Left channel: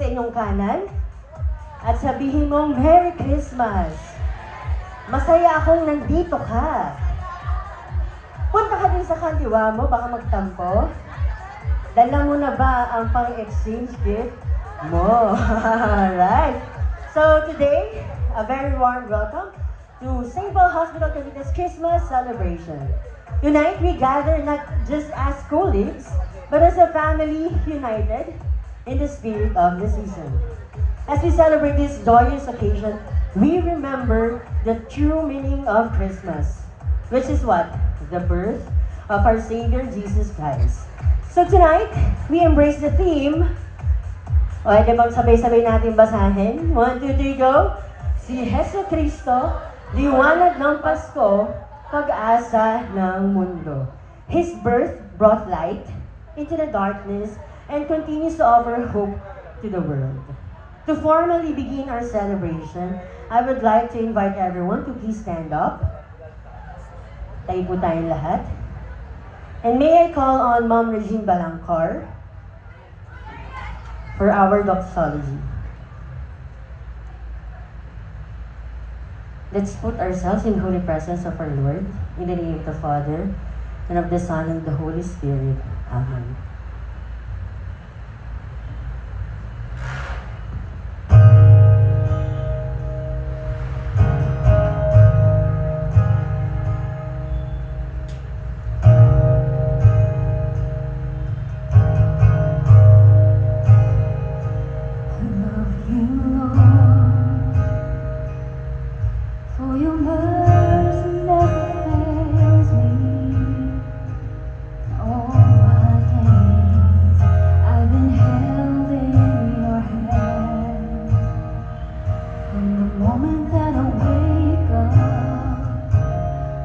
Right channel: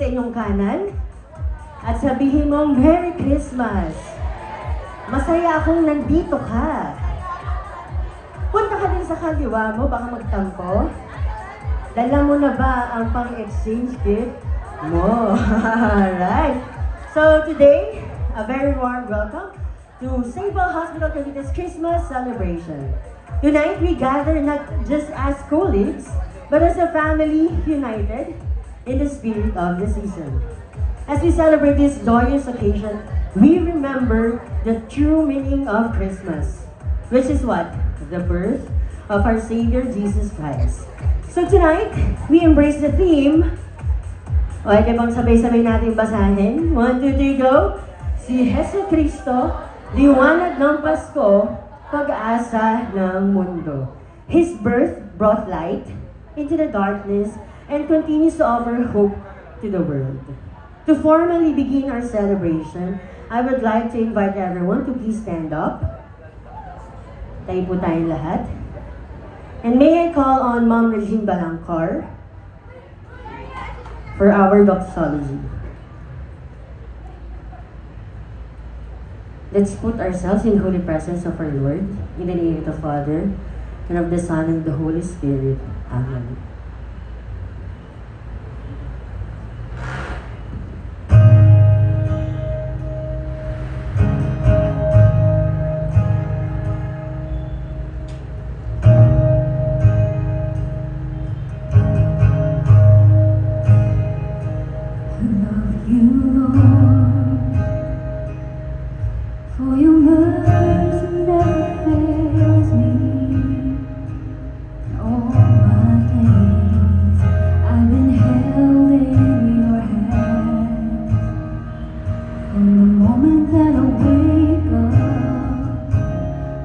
sa inyong kanan at sabihin mong Merry Christmas. Masaya akong nandito ka. Punta ka din sa kaliwa mo, baka magtampo. Dala mo na ba ang pang-exchange gift mo? Alright. So today, a very warm welcome to St. Paul Hospital Cavite's Christmas celebration. Tonight, we gather not just as colleagues, but as a family united in the spirit of the season. As we celebrate this glorious occasion, we remember the true meaning of Christmas, which is what? The birth of our Savior Jesus Christ. So tonight, we embrace the theme. O, ay bang sabay-sabay natin basahin? 1, 2, 3, go! Si Jesu Cristo, liwanag ng Pasko, pag-asa ng mundo. His birth brought light into the darkness and continues to offer hope to the world. To formally begin our celebration, I would like to invite everyone to please stand up. Tayo po tayong lahat. And may I call on Ma'am Regine Balangkar for our doxology. Let's put ourselves in holy presence of our Lord, in the name of the Father, and of the Son, and of the Holy Spirit. Amen. For your mercy never fails me. All my days I've been held in your hands. From the moment that I wake up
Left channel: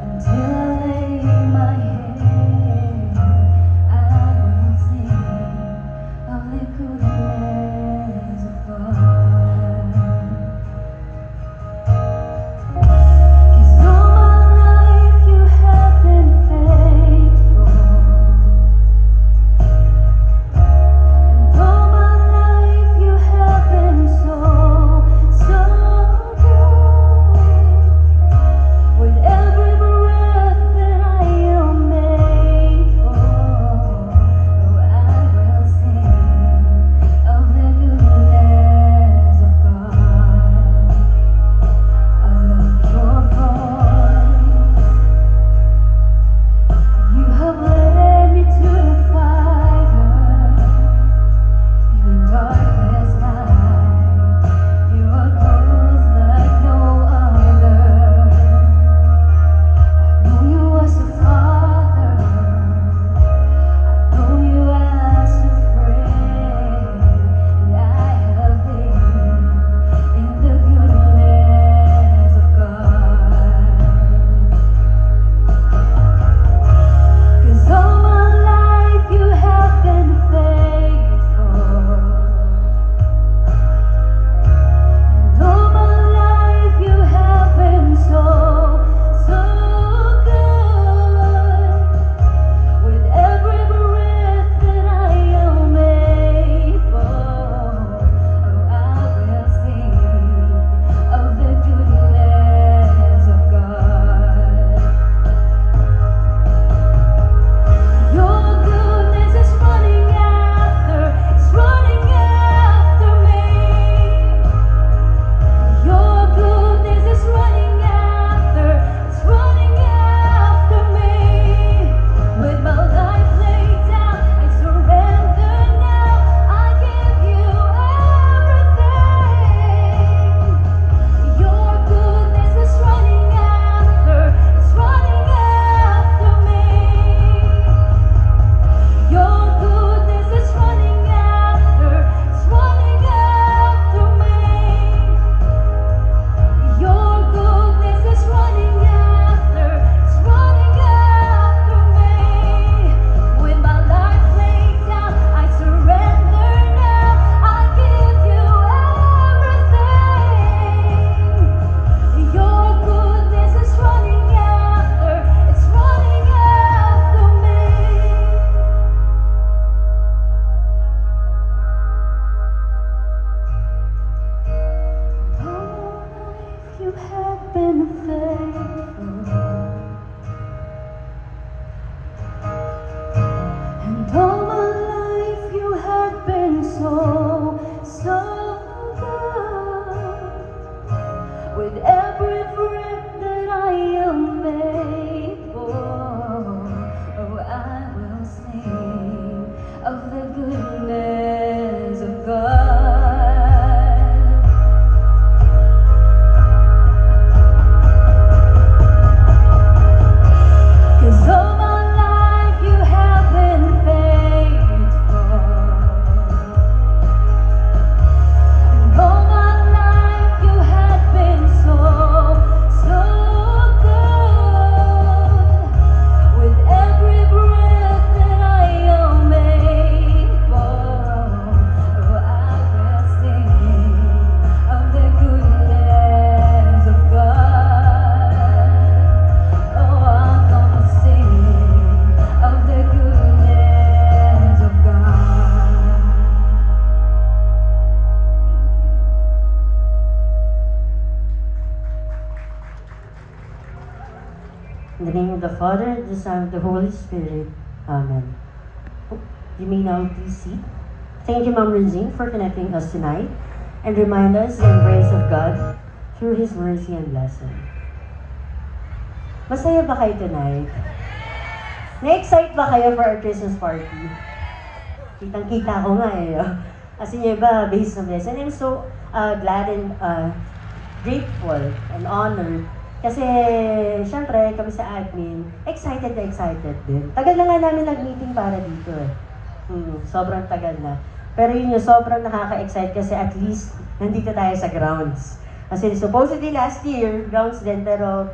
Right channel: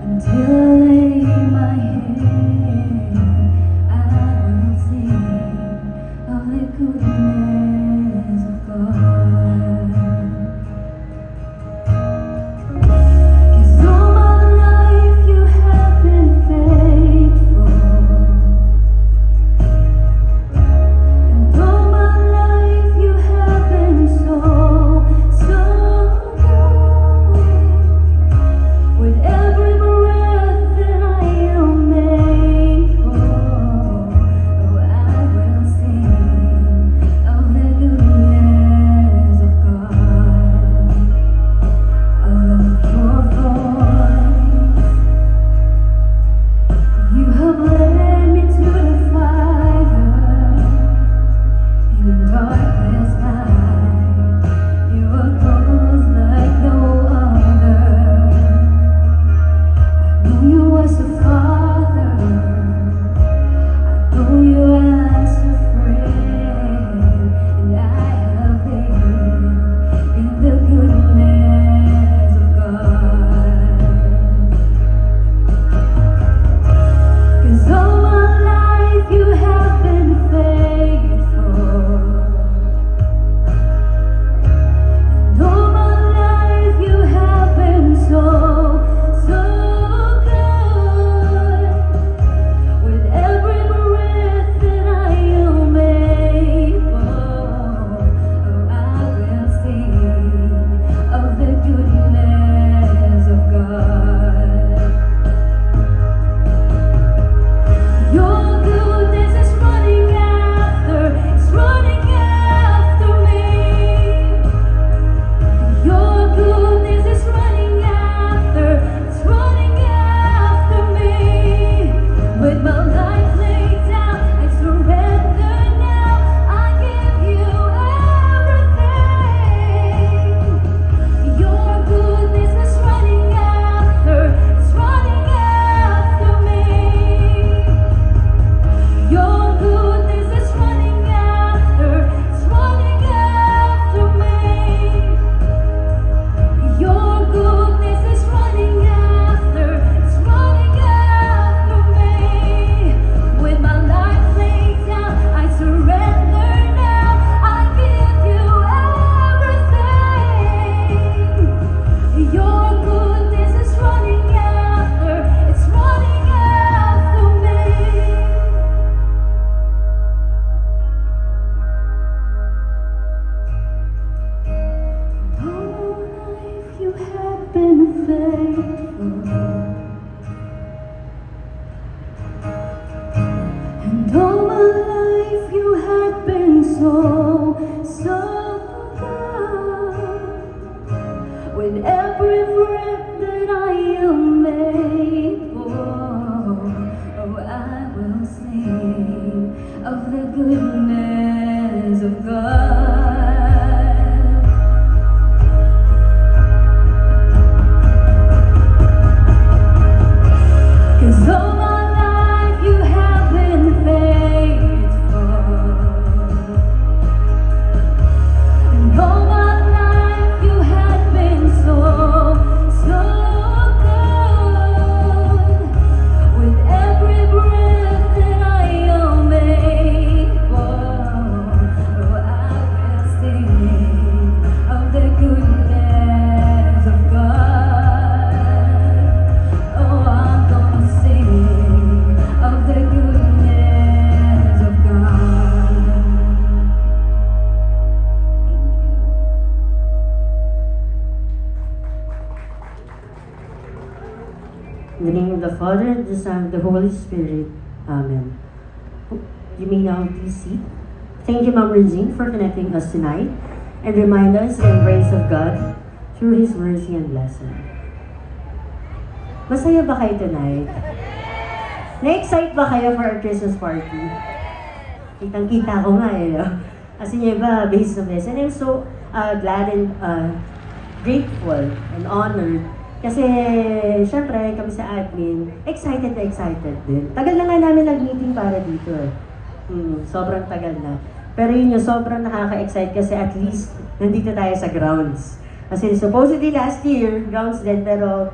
until I lay my head, I will sing of the goodness of God. faithful. And all my life you had been so good. With every breath that I am able, oh, I will sing of the goodness of God. 'Cause all my life you have been faithful. And all my life you have been so good. With every breath that I am able, oh, I will sing of the goodness of God. Oh, I'm gonna sing of the goodness of God. In the name of the Father, the Son, and the Holy Spirit. Amen. You may now please seat. Thank you, Ma'am Rinzing, for connecting us tonight and remind us the grace of God through His mercy and blessing. Masaya ba kayo tonight? Na-excite ba kayo for our Christmas party? Kitang-kita ko nga eh. Kasi yung iba, based on this. And I'm so glad and grateful and honored. Kasi, syempre, kami sa admin, excited na excited din. Tagal na nga namin nag-meeting para dito eh. Sobrang tagal na. Pero yun yung sobrang nakaka-excite kasi at least nandito tayo sa grounds. Kasi supposedly last year, grounds din, pero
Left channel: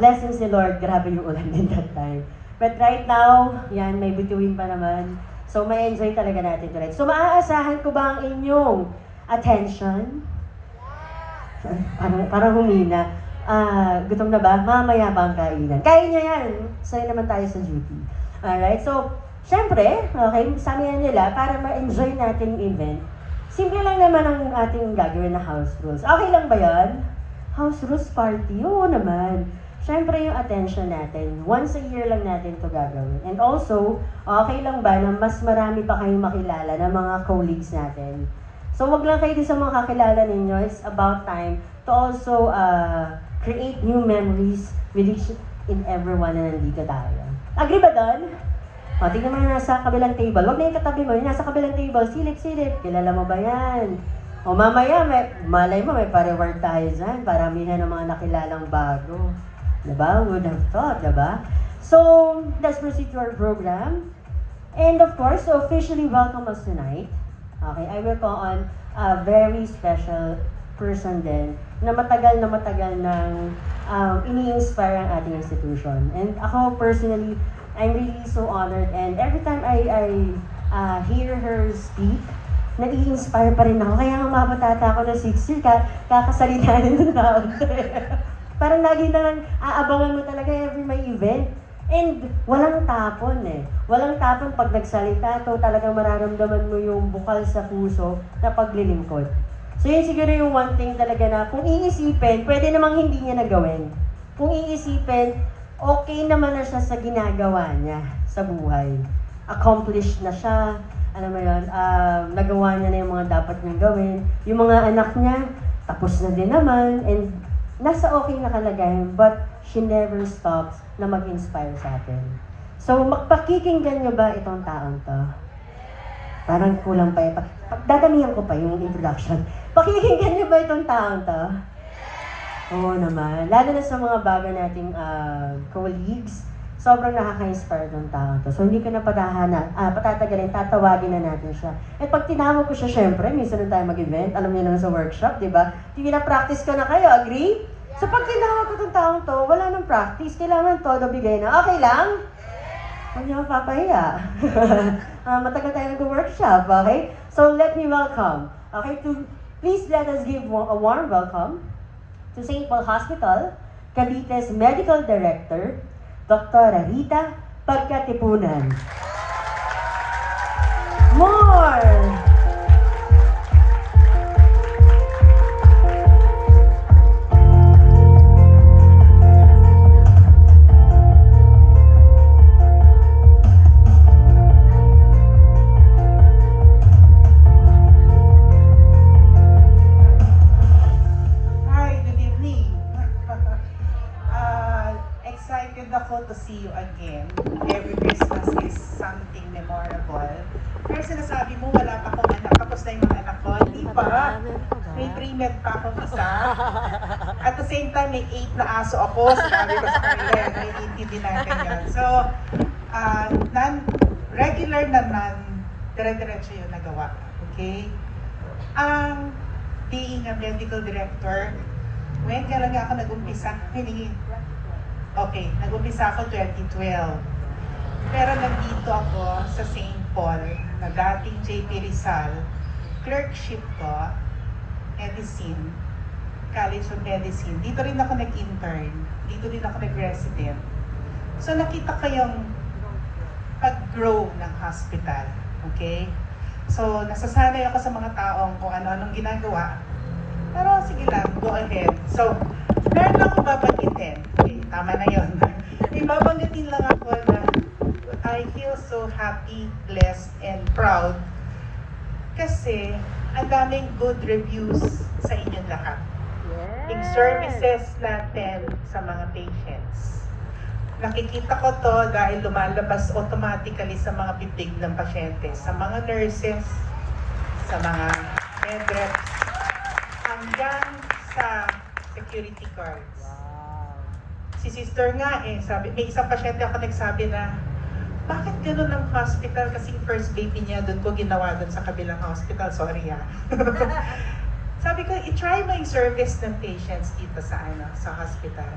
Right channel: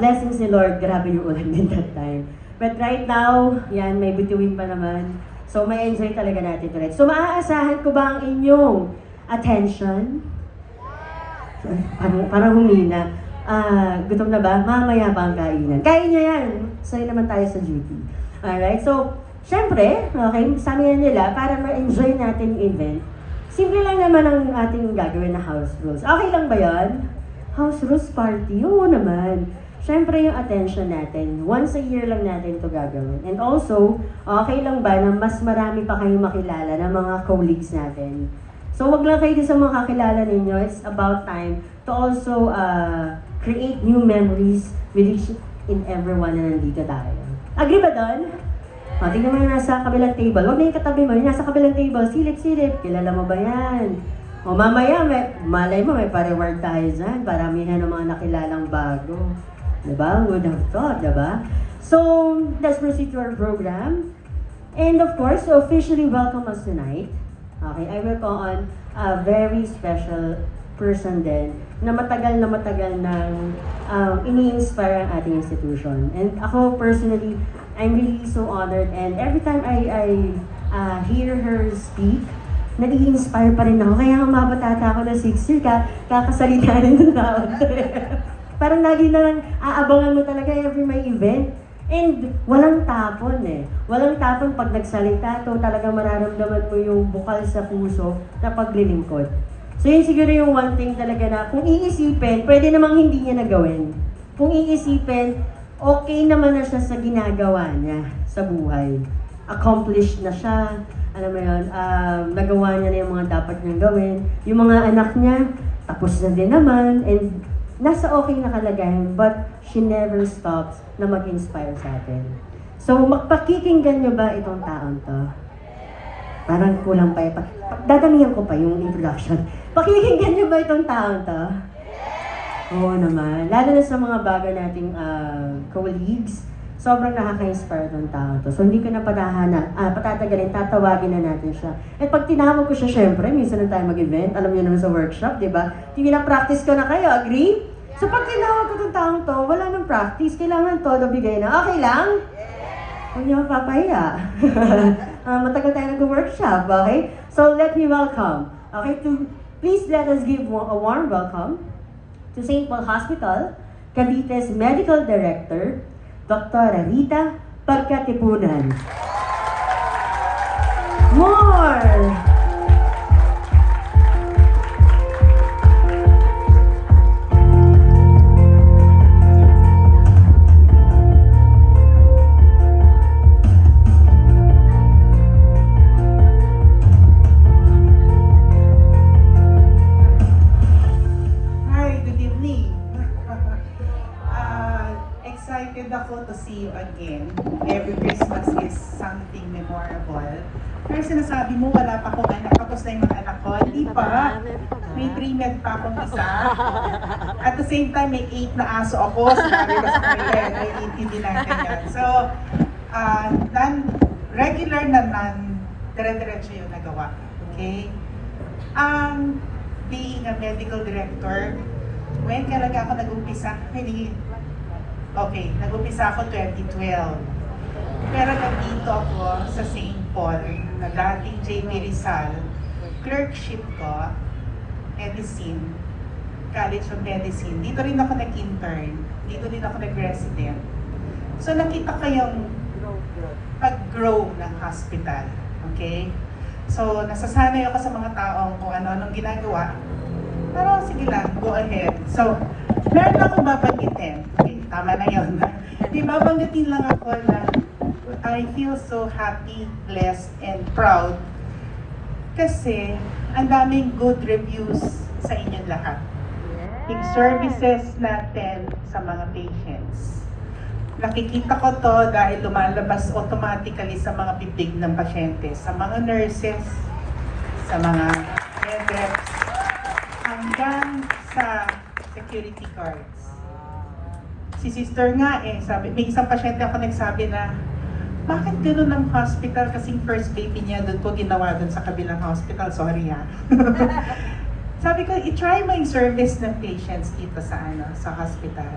blessings ni Lord, grabe yung ulan din that time. But right now, yan, may bituin pa naman. So, may enjoy talaga natin tonight. So, maaasahan ko ba ang inyong attention? Parang humina. Gutom na ba? Mamaya ba ang kainan? Kain niya yan. Sa'yo naman tayo sa duty. Alright, so, syempre, okay, sabi nila, para ma-enjoy natin yung event, simple lang naman ang ating gagawin na house rules. Okay lang ba yan? House rules party? Oo naman. Syempre yung attention natin, once a year lang natin ito gagawin. And also, okay lang ba na mas marami pa kayong makilala ng mga colleagues natin? So, wag lang kayo sa mga kakilala ninyo. It's about time to also create new memories with each and everyone na nandito tayo. Agree ba doon? Tingnan mo yung nasa kabilang table. Huwag na yung katabi mo, yung nasa kabilang table, silip-silip. Kilala mo ba yan? O mamaya, malay mo, may pa-reward tayo dyan. Paramihan ng mga nakilalang bago. Diba? Would have thought, diba? So, let's proceed to our program. And of course, to officially welcome us tonight, okay, I will call on a very special person din na matagal nang ini-inspire ang ating institution. And ako personally, I'm really so honored, and every time I hear her speak, nai-inspire pa rin ako. Kaya mapatata ako na 6 years, kakasalita rin ng tao. Parang lagi lang aabangan mo talaga every may event. And walang tapon eh. Walang tapon pag nagsalita, to talagang mararamdaman mo yung bukal sa puso na paglilingkod. So yun siguro yung one thing talaga na kung iisipin, pwede namang hindi niya nagawin. Kung iisipin, okay naman na siya sa ginagawa niya sa buhay. Accomplished na siya, alam mo yun, nagawa niya na yung mga dapat niyang gawin. Yung mga anak niya, tapos na din naman, and nasa okay na kalagayan, but she never stops na mag-inspire sa atin. So, pakikinggan niyo ba itong taong to? Parang kulang pa ito. Dadamihan ko pa yung introduction. Pakikinggan niyo ba itong taong to? Oo naman. Lalo na sa mga bago nating colleagues, sobrang nakaka-inspire ng taong to. So, hindi ko na patatagalin, tatawagin na natin siya. At pag tinawag ko siya, syempre, minsan na tayo mag-event, alam niyo naman sa workshop, di ba? Hindi na practice ko na kayo, agree? So, pag tinawag ko itong taong to, wala nang practice, kailangan todo bigay na. Okay lang? Hindi mo papahiya. Matagal tayo nag-workshop, okay? So, let me welcome, okay, please let us give a warm welcome to St. Paul Hospital, Cavite's Medical Director, Dr. Rita Pagkatipunan. More! excited ako to see you again. Every Christmas is something memorable. Pero sinasabi mo, wala pa akong anak, tapos na yung mga anak ko. Hindi pa. May pre-med pa akong isa. At the same time, may 8 na aso ako. Sinabi ko sa kanila, naiintindi natin yan. So, regular naman, dire-diretso yung nagawa. Okay? Being a medical director, when talaga ako nag-umpisa, nag-umpisa ako 2012. Pero nandito ako sa St. Paul, na dating Jamie Rizal, clerkship ko, medicine, College of Medicine. Dito rin ako nag-intern, dito rin ako nag-resident. So nakita ko yung pag-grow ng hospital, okay? So nasasanay ako sa mga taong kung ano-anong ginagawa. Pero sige lang, go ahead. So, meron akong babanggitin. Okay, tama na yun. Babanggitin lang ako na I feel so happy, blessed, and proud kasi ang daming good reviews sa inyo lahat. Yung services natin sa mga patients. Nakikita ko to dahil lumalabas automatically sa mga bibig ng pasyente, sa mga nurses, sa mga medreps, hanggang sa security guards. Si sister nga sabi, may isang pasyente ako nagsabi na, bakit gano'n ang hospital? Kasing first baby niya doon ko ginawa doon sa kabilang hospital. Sorry ha. Sabi ko, i-try mo yung service ng patients dito sa hospital.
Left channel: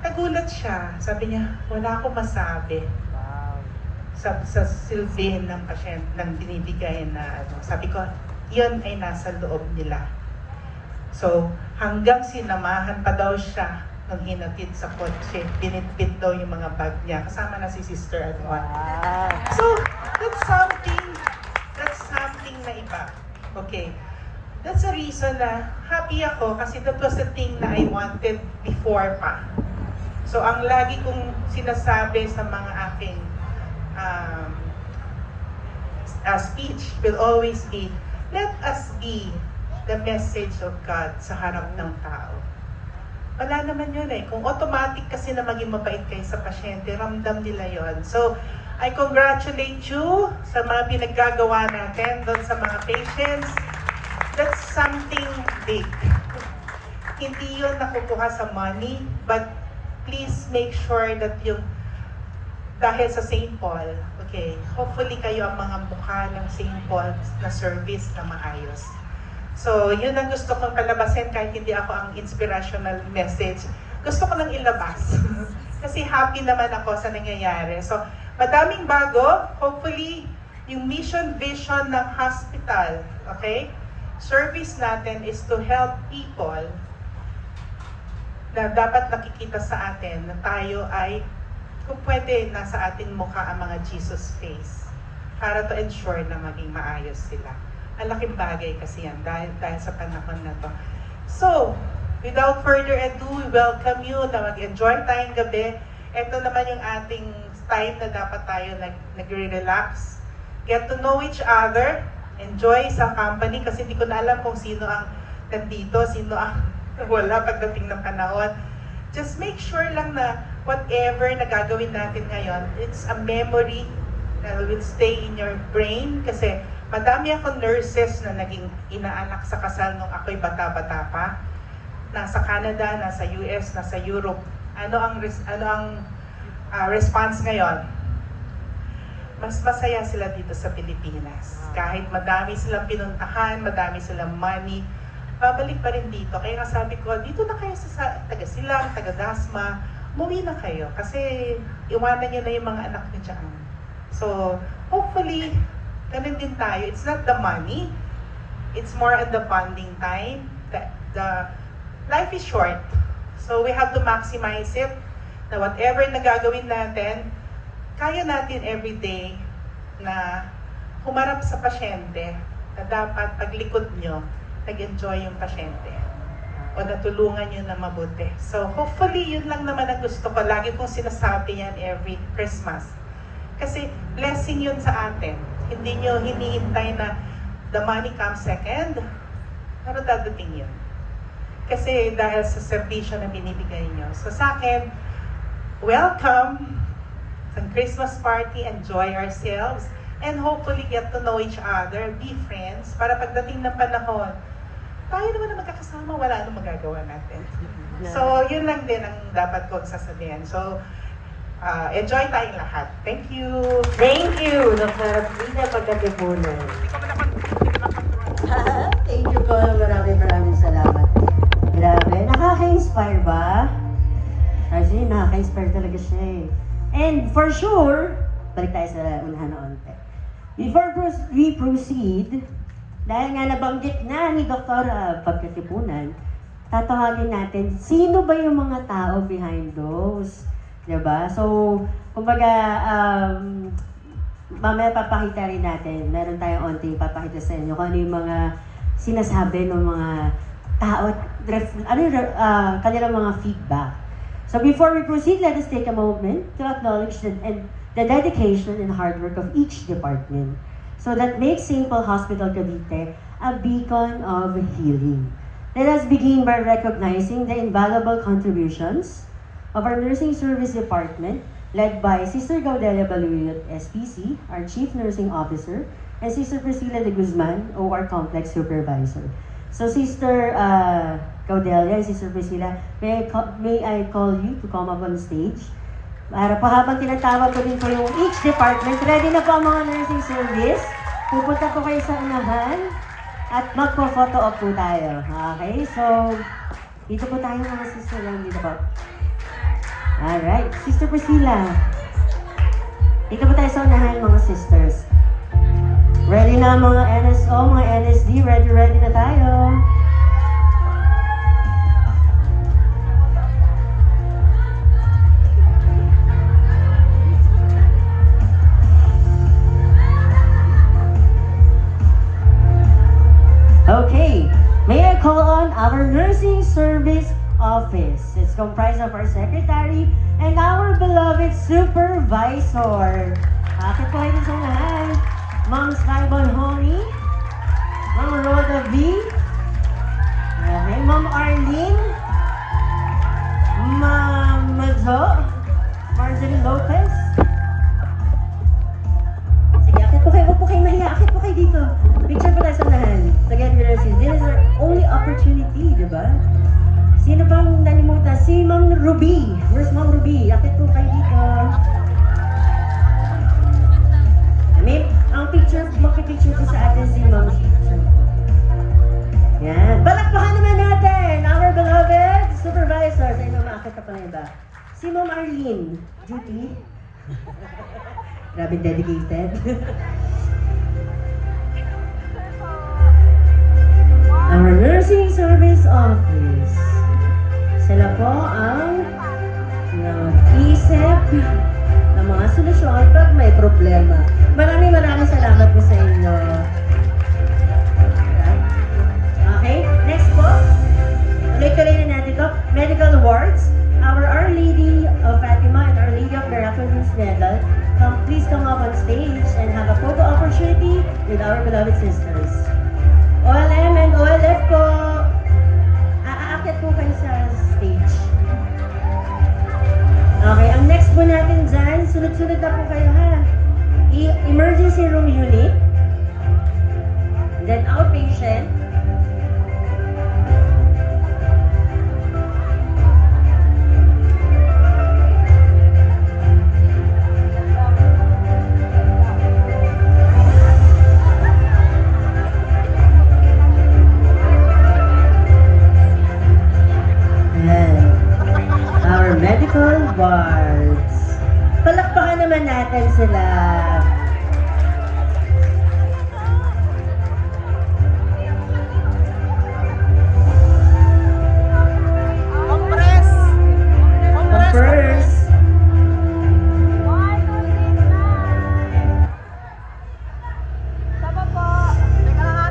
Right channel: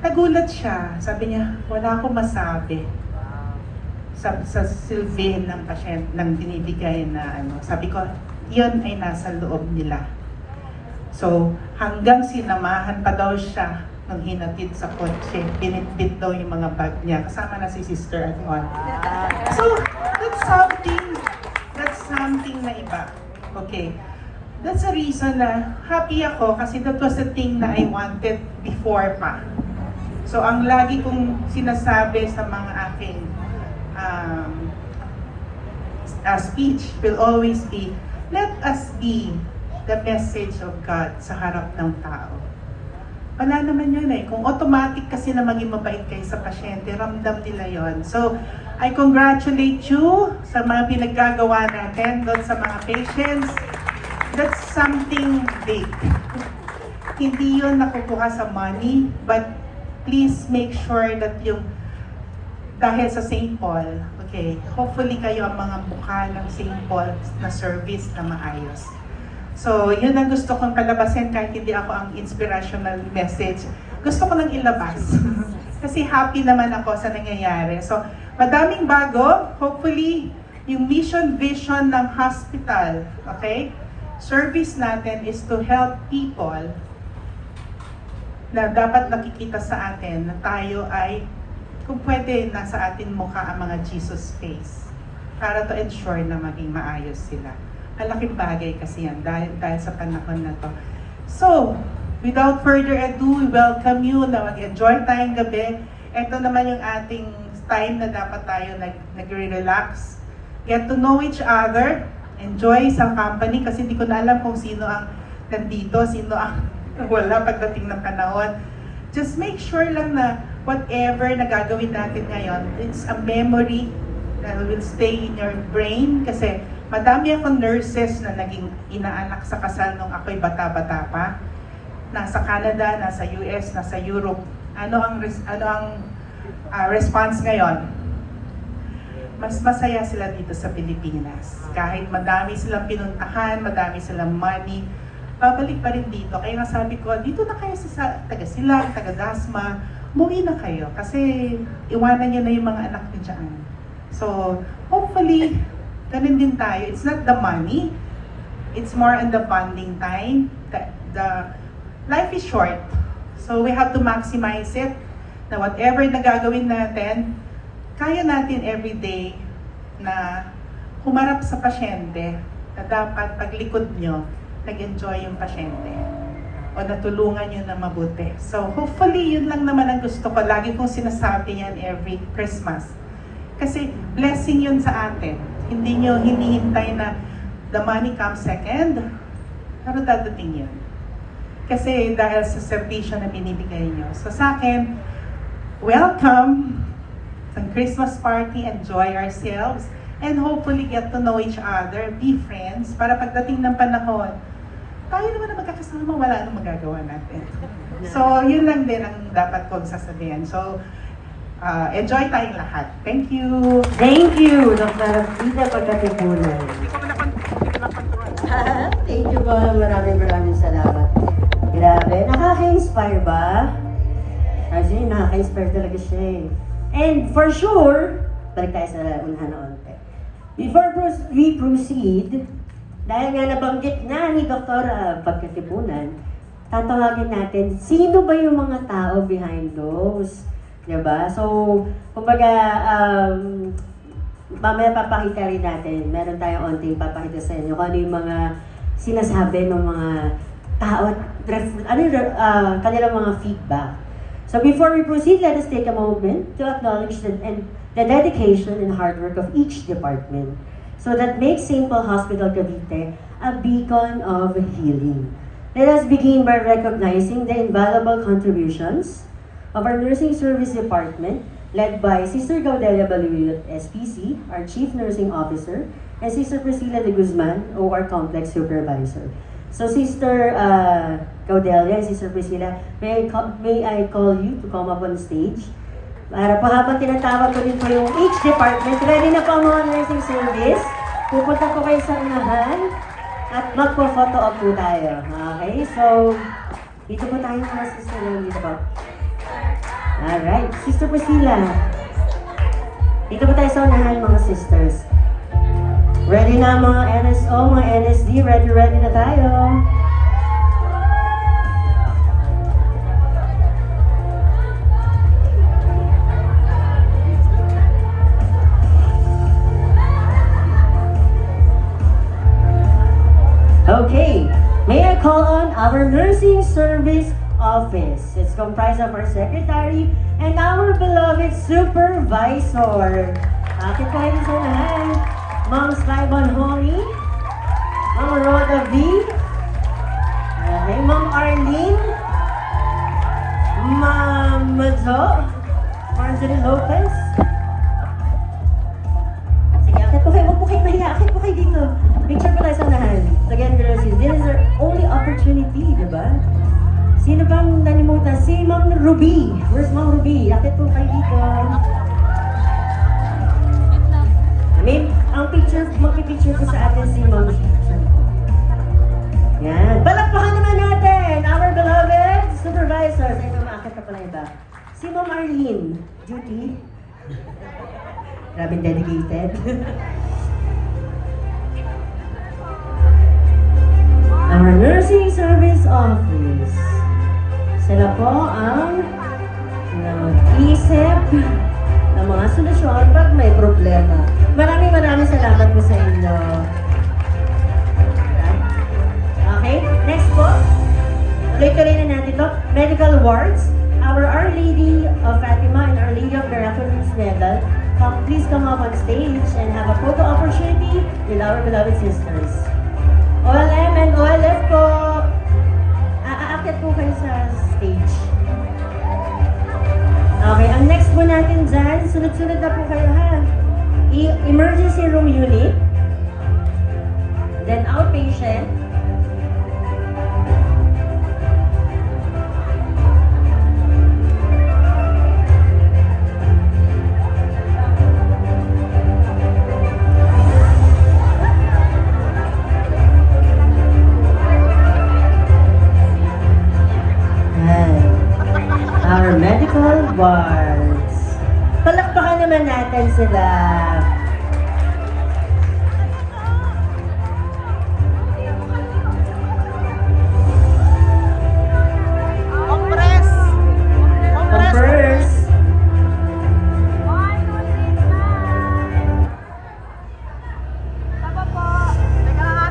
Nagulat siya. Sabi niya, wala akong masabi sa silbihin ng pasyente, ng binibigay na Sabi ko, yun ay nasa loob nila. So, hanggang sinamahan pa daw siya nung hinatid sa kotse, binitbit daw yung mga bag niya, kasama na si sister at one. So, that's something na iba. Okay. That's a reason na happy ako kasi that was the thing na I wanted before pa. So, ang lagi kong sinasabi sa mga aking speech will always be, let us be the message of God sa harap ng tao. Wala naman yun Kung automatic kasi na maging mabait kayo sa pasyente, ramdam nila yon. So, I congratulate you sa mga pinaggagawa natin doon sa mga patients. That's something big. Hindi yun nakukuha sa money, but please make sure that yung dahil sa St. Paul, okay, hopefully kayo ang mga mukha ng St. Paul na service na maayos. So, yun ang gusto kong palabasin kahit hindi ako ang inspirational message. Gusto ko nang ilabas. Kasi happy naman ako sa nangyayari. So, madaming bago. Hopefully, yung mission, vision ng hospital, okay? Service natin is to help people na dapat nakikita sa atin na tayo ay, kung pwede, nasa atin mukha ang mga Jesus face para to ensure na maging maayos sila. Malaking bagay kasi yan dahil sa panahon na to. So, without further ado, we welcome you na mag-enjoy tayong gabi. Ito naman yung ating time na dapat tayo nagre-relax. Get to know each other. Enjoy sa company kasi hindi ko na alam kung sino ang nandito, sino ang wala pagdating ng panahon. Just make sure lang na whatever na gagawin natin ngayon, it's a memory that will stay in your brain kasi madami akong nurses na naging inaanak sa kasal nung ako'y bata-bata pa. Nasa Canada, nasa US, nasa Europe. Ano ang response ngayon? Mas masaya sila dito sa Pilipinas. Kahit madami silang pinuntahan, madami silang money, babalik pa rin dito. Kaya nga sabi ko, dito na kayo sa taga-Silang, taga-Dasma, umuwi na kayo. Kasi iwanan niyo na yung mga anak niyo dyan. So, hopefully, ganun din tayo. It's not the money. It's more on the bonding time. The life is short. So we have to maximize it. Na whatever na gagawin natin, kaya natin every day na humarap sa pasyente na dapat paglikod nyo, nag-enjoy yung pasyente. O natulungan nyo na mabuti. So hopefully, yun lang naman ang gusto ko. Lagi kong sinasabi yan every Christmas. Kasi blessing yun sa atin. Hindi nyo hinihintay na the money comes second, pero dadating yun. Kasi dahil sa servisyo na binibigay nyo. So sa akin, welcome sa Christmas party, enjoy ourselves, and hopefully get to know each other, be friends, para pagdating ng panahon, tayo naman na magkakasama, wala nang magagawa natin. So, yun lang din ang dapat kong sasabihin. So, enjoy tayong lahat. Thank you! Thank you, Dr. Rita Pagkatipunan. Thank you po, maraming salamat. Grabe, nakaka-inspire ba? Actually, nakaka-inspire talaga siya eh. And for sure, balik tayo sa unahan onte. Before we proceed, dahil nga nabanggit na ni Dr. Pagkatipunan, tatawagin natin, sino ba yung mga tao behind those? Diba? So, kumbaga, mamaya papakita rin natin, meron tayong onting papakita sa inyo kung ano yung mga sinasabi ng mga tao at kanilang mga feedback. So before we proceed, let us take a moment to acknowledge the dedication and hard work of each department so that makes St. Paul Hospital Cavite a beacon of healing. Let us begin by recognizing the invaluable contributions of our Nursing Service Department led by Sister Gaudelia Baluyot, SPC, our Chief Nursing Officer, and Sister Priscilla de Guzman, OR Complex Supervisor. So Sister Gaudelia and Sister Priscilla, may I call you to come up on stage? Para pa habang tinatawag ko rin po yung each department, ready na po ang mga nursing service. Pupunta po kayo sa unahan at magpo-photo op po tayo. Okay, so dito po tayo mga sister lang dito po. Alright, Sister Priscilla. Dito po tayo sa unahan mga sisters. Ready na mga NSO, mga NSD, ready na tayo. Okay, may I call on our Nursing Service Office. It's comprised of our secretary and our beloved supervisor. Bakit po kayo sa unahan? Ma'am Sky Bonhoni, Ma'am Rhoda B, okay, Ma'am Arlene, Ma'am Manzo, Marjorie Lopez. Sige, akit po kayo, huwag po kayo mahiya, akit po kayo dito. Picture po tayo sa unahan. Again, this is our only opportunity, diba? Sino bang nalimutan? Si Ma'am Ruby. Where's Ma'am Ruby? Akit po kayo dito. Ang picture, makipicture ko sa atin si Ma'am. Yan. Palakpakan naman natin our beloved supervisor. Sa inyo makakit ka pala iba. Si Ma'am Arlene. Duty. Grabe dedicated. Our Nursing Service Office. Sila po ang nag-isip ng mga solusyon pag may problema. Maraming salamat po sa inyo. Okay, next po. Ulit-ulitin natin po. Medical wards. Our Our Lady of Fatima and Our Lady of Miraculous Medal. Please come up on stage and have a photo opportunity with our beloved sisters. OLM and OLF po. Aakit po kayo sa stage. Okay, ang next po natin dyan, sunod-sunod na po kayo ha. Emergency room unit, then outpatient, and our medical wards. Palakpakan naman natin sila.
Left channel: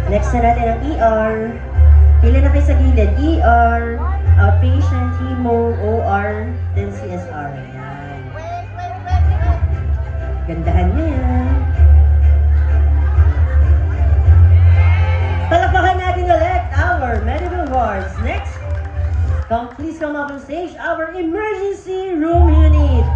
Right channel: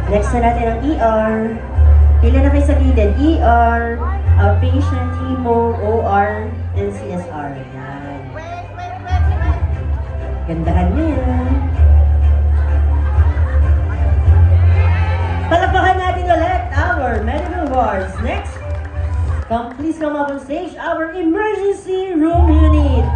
Next na natin ang ER. Pila na kayo sa gilid. ER, outpatient, chemo, OR, then CSR. Yan. Gandahan nyo yan. Palakpakan natin ulit our medical wards. Next, please come up on stage, our emergency room unit.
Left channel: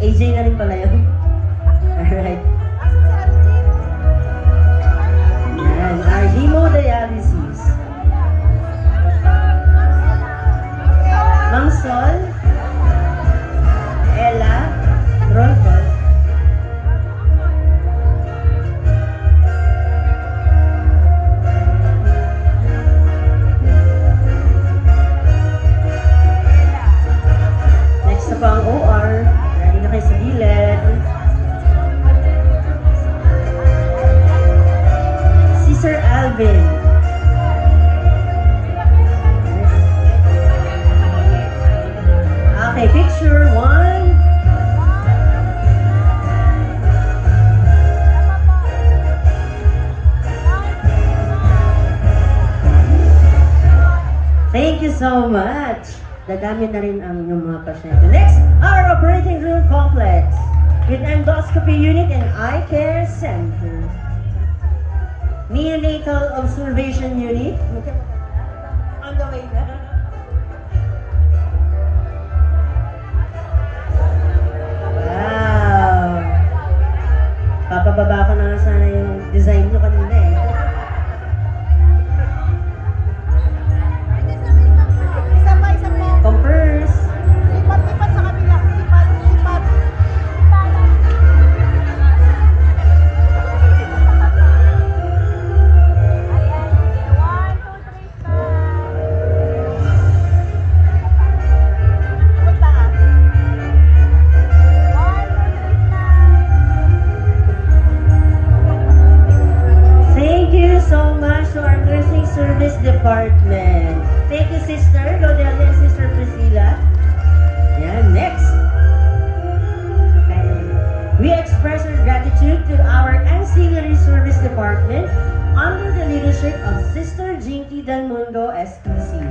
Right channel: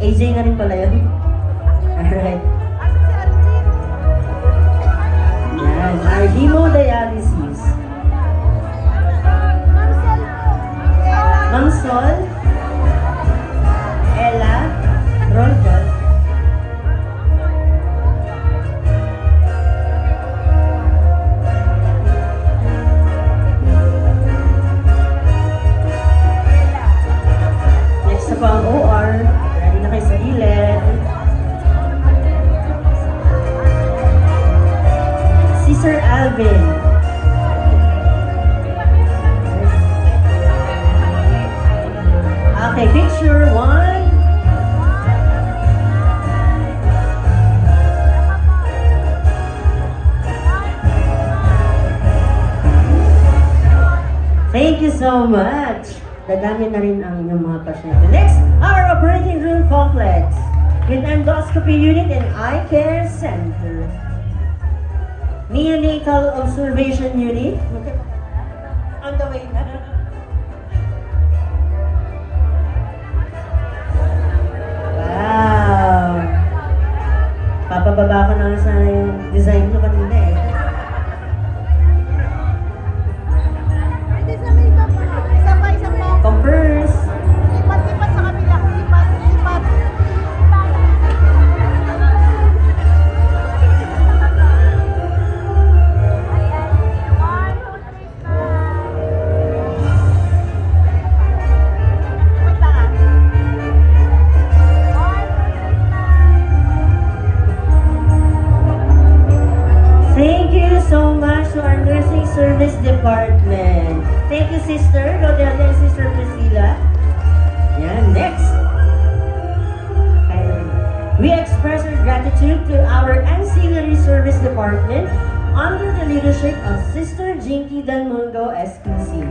AJ na rin pala yun. Alright. Yan, our hemodialysis. Ma'am Sol, Ella, Rodolfo. Next na po ang OR. Ready na kayo sa gilid. Si Sir Alvin. Okay, picture one. Thank you so much. Dadami na rin ang inyong mga pasyente. Next, our operating room complex with endoscopy unit and eye care center. Neonatal observation unit. On the way na. Wow! Papababa ko na lang sa design mo kanina eh. Converse. Thank you so much to our nursing service department. Thank you, Sister Rodel and Sister Priscilla. Yeah, next. We express our gratitude to our ancillary service department under the leadership of Sister Jinky Del Mundo, SPC.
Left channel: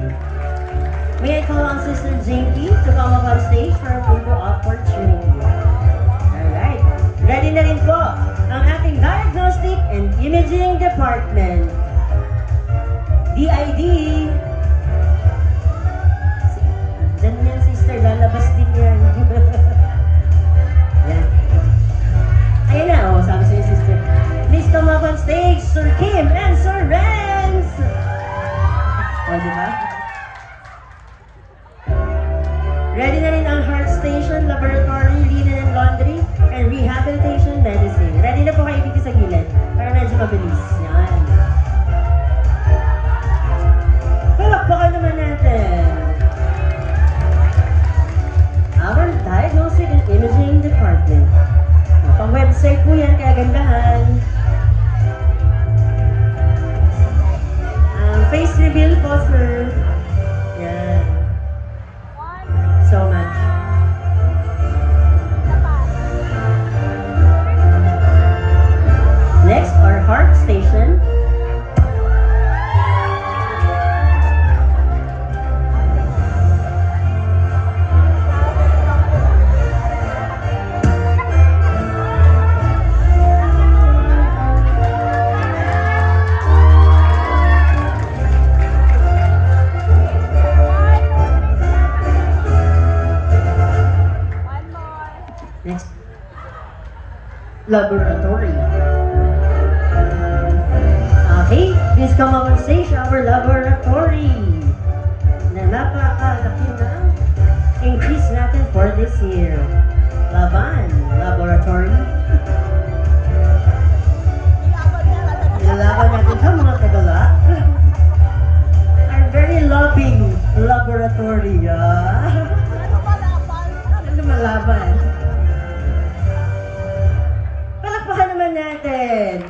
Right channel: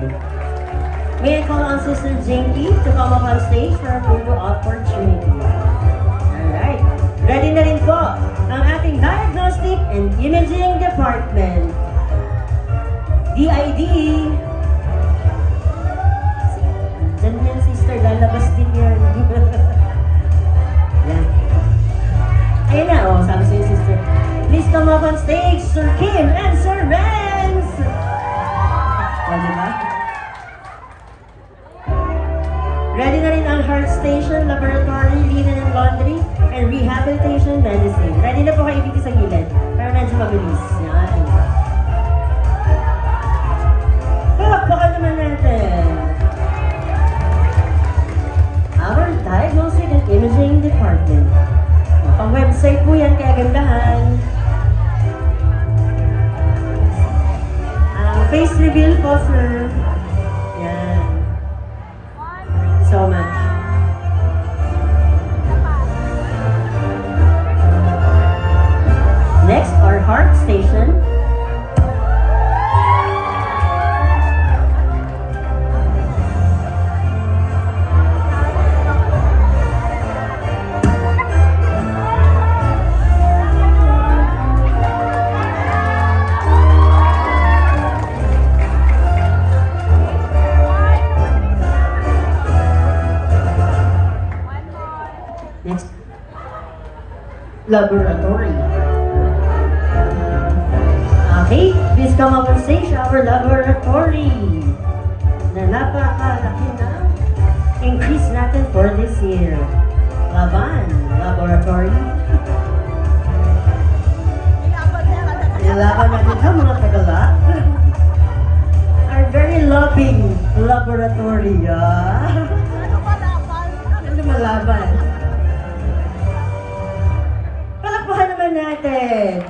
May I call on Sister Jinky to come up on stage for a photo opportunity. Alright. Ready na rin po ang ating diagnostic and imaging department. DID. Diyan yan, sister. Lalabas din yan. Yan. Ayun na, oh, sabi sa'yo, sister. Please come up on stage, Sir Kim and Sir Renz. O, diba? Ready na rin ang heart station, laboratory, linen and laundry, and rehabilitation medicine. Ready na po kayo dito sa gilid. Para medyo mabilis. Yan. Palakpakan naman natin. Our diagnostic and imaging department. Ang website po yan, kagandahan. Face reveal po, sir. Yan. So much. Next, our heart station. Next, laboratory. Okay, please come up and say our laboratory. Na napakalaki na increase natin for this year. Laban, laboratory. Nilaban natin ka mga tagala. Our very loving laboratory. Ano malaban? Palakpakan naman natin.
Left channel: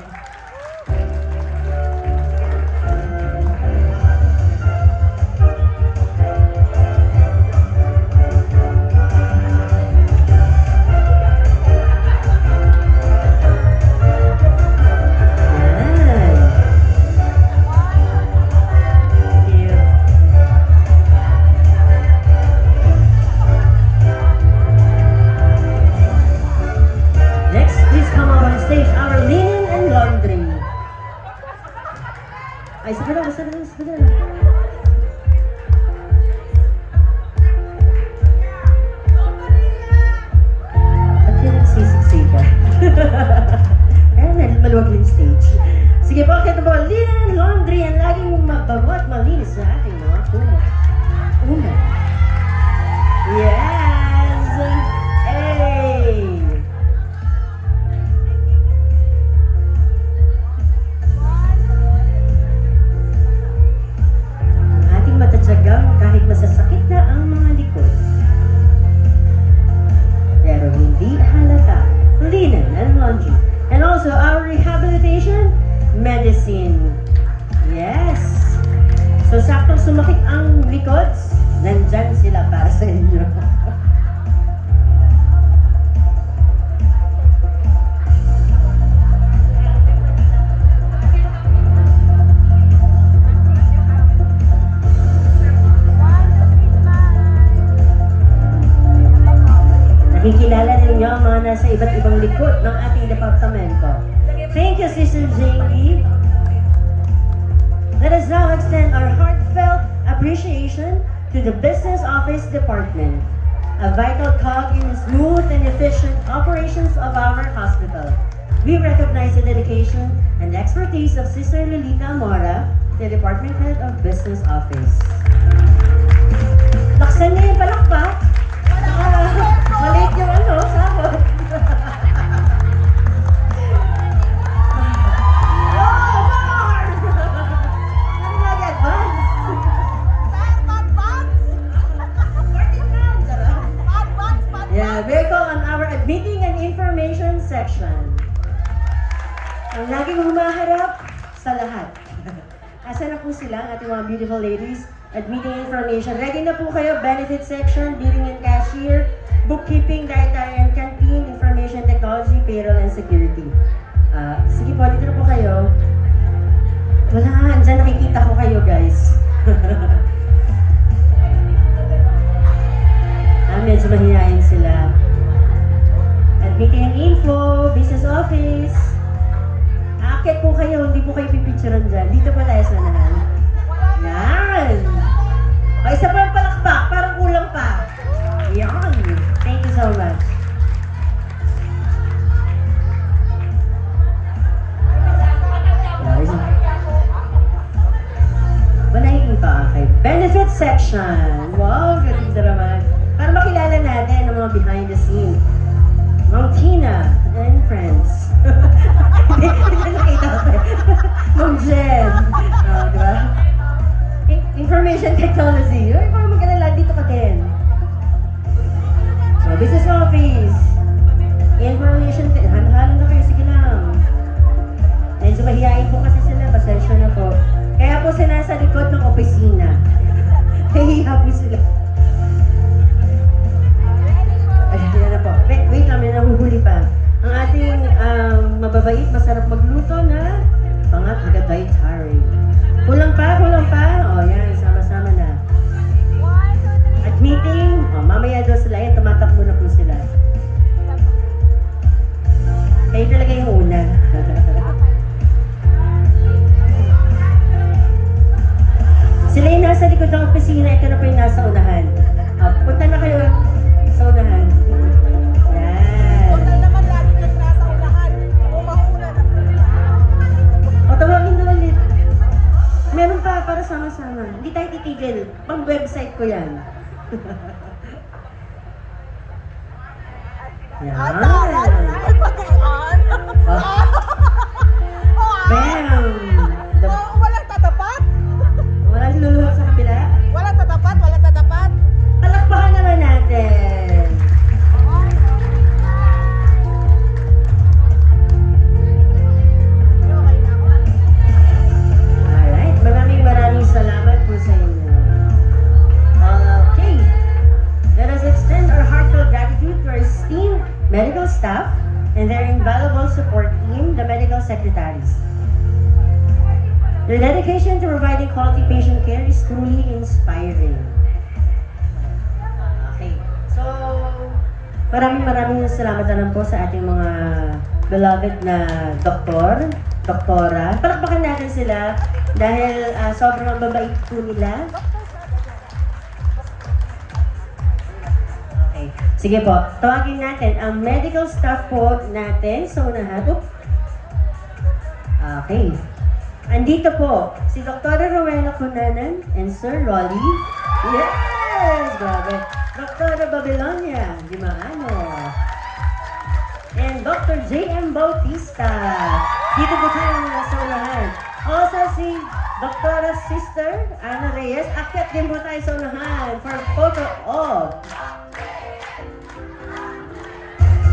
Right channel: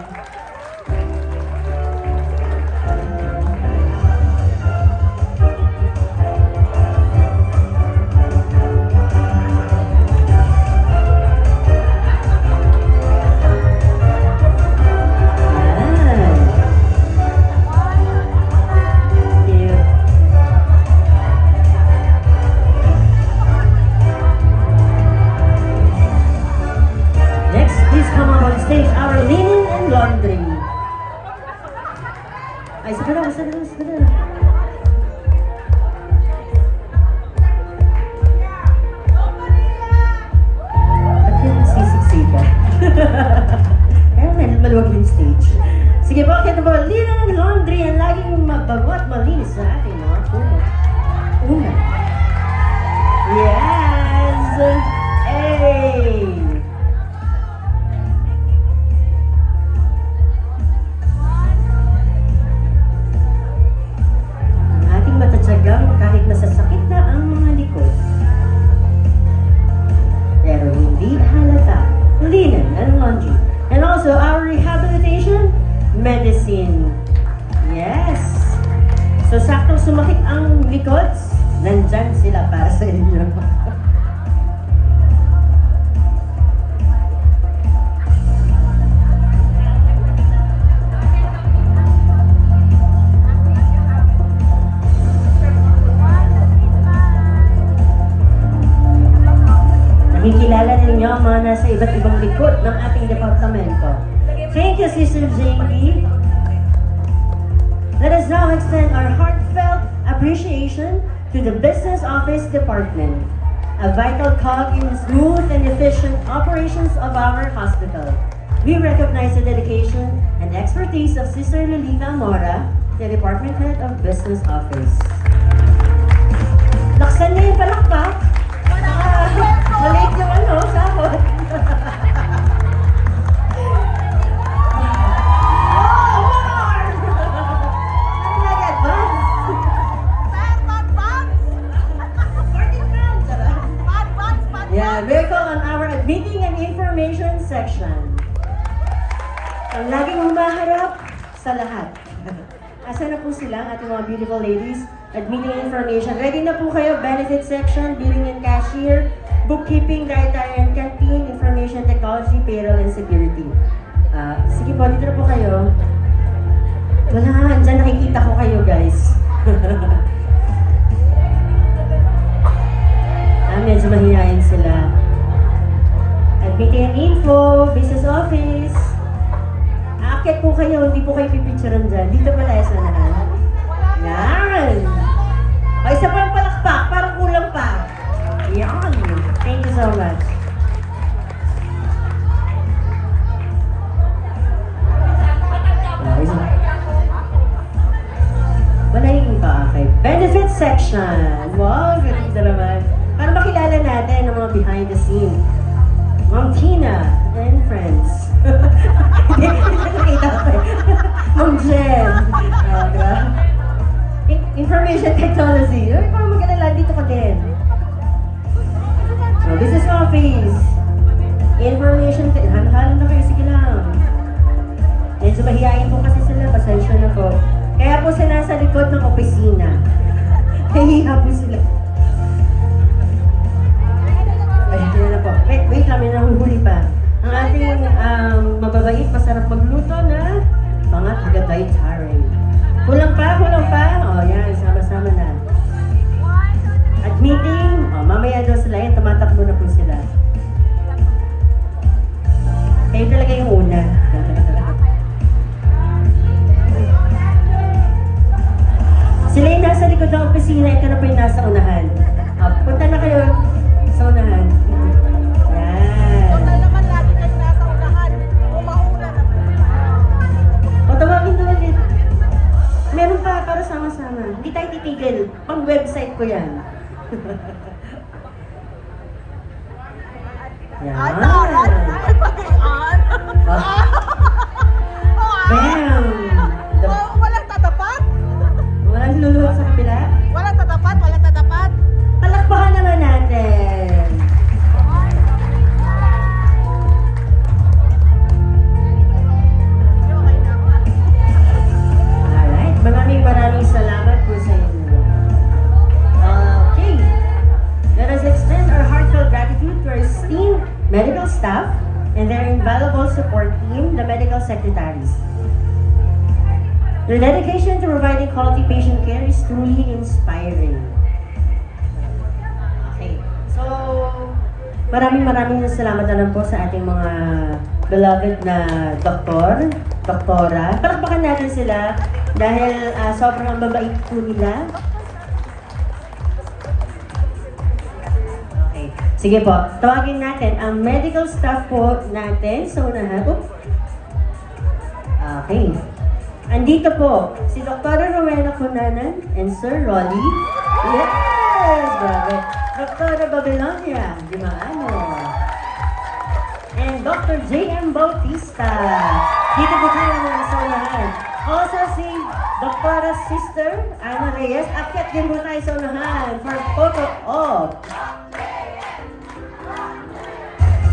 department, a vital cog in smooth and efficient operations of our hospital. We recognize the dedication and expertise of Sister Lolita Amora, the Department Head of Business Office. Laksan niyo yung palakpak. Maliit yung sahod. Yeah, welcome on our admitting and information section. Ang laging humaharap sa lahat. Asa na po sila, ang ating mga beautiful ladies, admitting information. Ready na po kayo, benefit section, billing and cashier, bookkeeping, dietary and canteen, information technology, payroll and security. Sige po, dito na po kayo. Wala, dyan nakikita ko kayo guys. Medyo mahihayin sila. Admitting and info, business office. Aakit po kayo, hindi po kayo pipicturean dyan. Dito pala sa nahan. Yan! O, isa pa ang palakpak, parang kulang pa. Yan! Thank you so much. Malaking pa, okay. Benefit section. Wow, galing na naman. Para makilala natin ang mga behind the scene. Ma'am Tina and friends. Hindi nakita ko. Ma'am Jen. Diba? Information technology. Para makilala, dito ka din. So, business office. Information technology. Halang na kayo, sige lang. Medyo mahihain po kasi sila. Pasensya na po. Kaya po sila sa likod ng opisina. Nahiha po sila. Wait lang, may nahuhuli pa. Ang ating mababait, masarap magluto na mga taga-dietary. Kulang pa? O yan, sama-sama na. Admitting, mamaya daw sila yan, tumatakbo na po sila. Kayo talaga yung una. Sila yung nasa likod ng opisina, ito na po yung nasa unahan. Punta na kayo sa unahan. Meron pa para sama-sama. Hindi tayo titigil. Pang-website ko yan. Yan. Bam! Walang tatapat? Walang lulot sa kapila. Walang tatapat? Walang tatapat? Palakpakan na lang natin. Alright, maraming salamat po sa inyo. Okay, let us extend our heartfelt gratitude to our esteemed medical staff and their invaluable support team, the medical secretaries. Their dedication to providing quality patient care is truly inspiring. Okay, so maraming salamat na lang po sa ating mga beloved na doktora. Palakpakan natin sila dahil sobrang babait po nila. Okay, sige po, tawagin natin ang medical staff po natin. So, okay. Andito po si Dr. Rowena Cunanan and Sir Rolly. Yes! Grabe. Dr. Babylonia, di ba? And Dr. J.M. Bautista. Dito po tayo mga saunahan. Also si Dr. Sister Ana Reyes. Akit din mo tayo saunahan for photo op.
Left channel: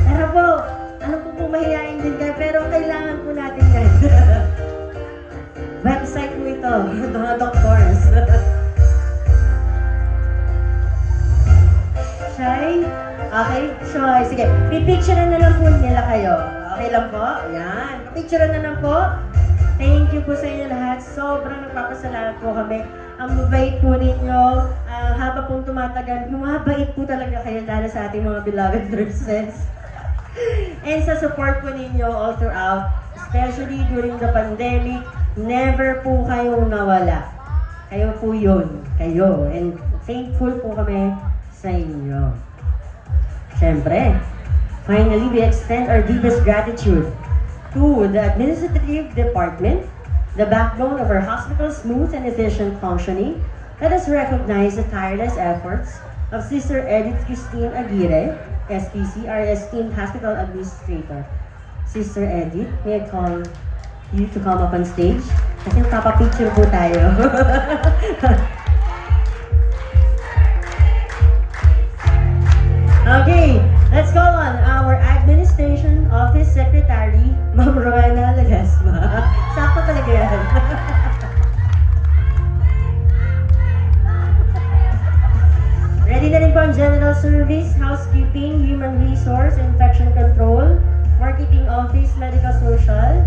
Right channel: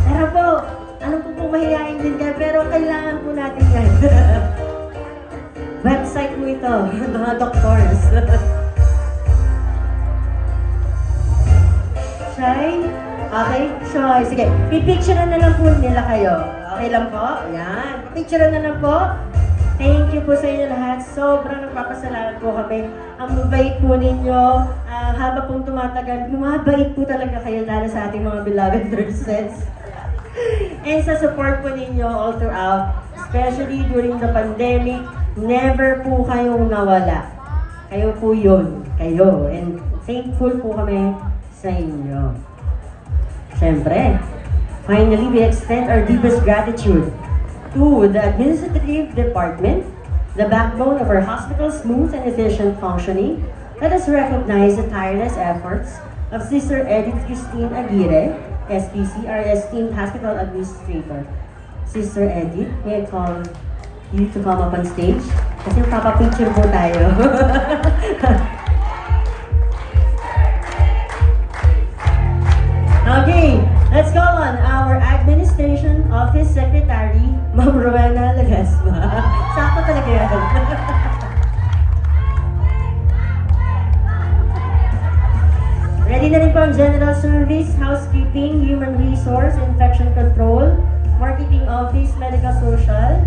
Pero po, ano po mahihain din kayo, pero kailangan po natin yan. Website mo ito, mga doctors. Shy? Okay, Shy. Sige, pipicturean na lang po nila kayo. Okay lang po? Ayan. Picturean na lang po. Thank you po sa inyo lahat. Sobrang nagpapasalamat po kami. Ang mabait po ninyo. Habang pong tumatagal, bumabait po talaga kayo lalo sa ating mga beloved nurses. And sa support po ninyo all throughout, especially during the pandemic, never po kayong nawala. Kayo po yun. Kayo. And thankful po kami sa inyo. Siyempre, finally, we extend our deepest gratitude to the administrative department, the backbone of our hospital's smooth and efficient functioning. Let us recognize the tireless efforts of Sister Edith Christine Aguirre, SPC, our esteemed hospital administrator. Sister Edith, may I call you to come up on stage? Kasi papapicture po tayo. Okay, let's call on our Administration Office Secretary, Ma'am Rowena Legasma. Sakto talaga yan. Ready na rin po ang General Service, Housekeeping, Human Resource, Infection Control, Marketing Office, Medical Social,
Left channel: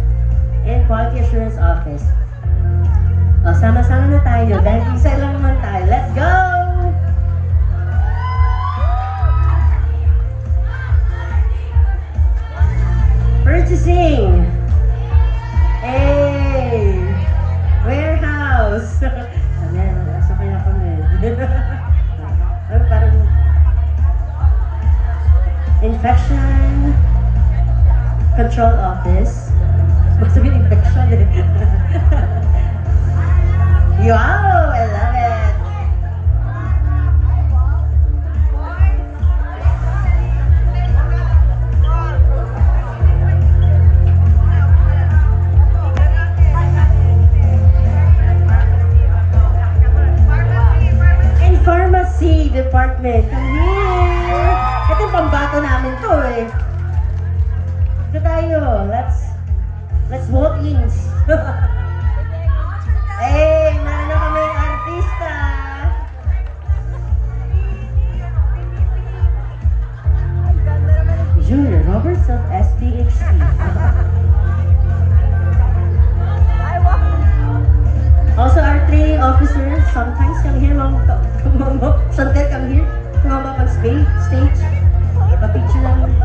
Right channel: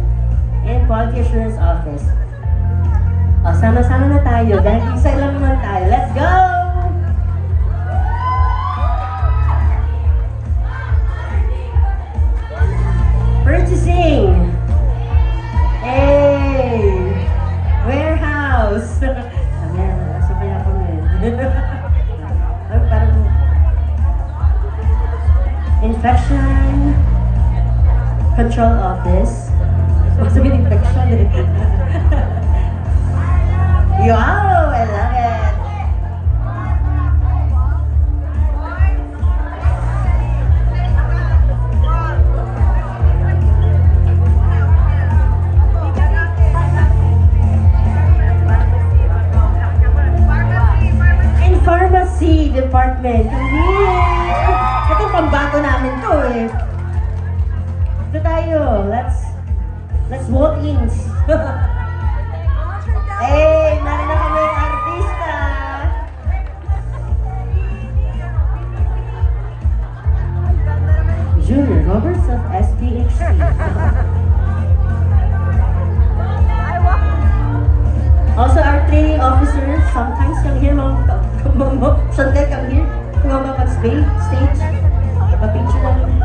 and Quality Assurance Office. O, sama-sama na tayo. Dahil isa lang naman tayo. Let's go! Purchasing. Hey! Warehouse. Warehouse. Okay na po yun. Infection Control Office. Sabi infection eh. Wow! I love it! And Pharmacy Department. Yay! Ito pambato namin to eh. Ito tayo. Let's vote in. Hey, meron na kami artista. Junior Roberts of SPHC. Also, our training officers sometimes come here, sometimes come here, come up on stage. A-picture lang.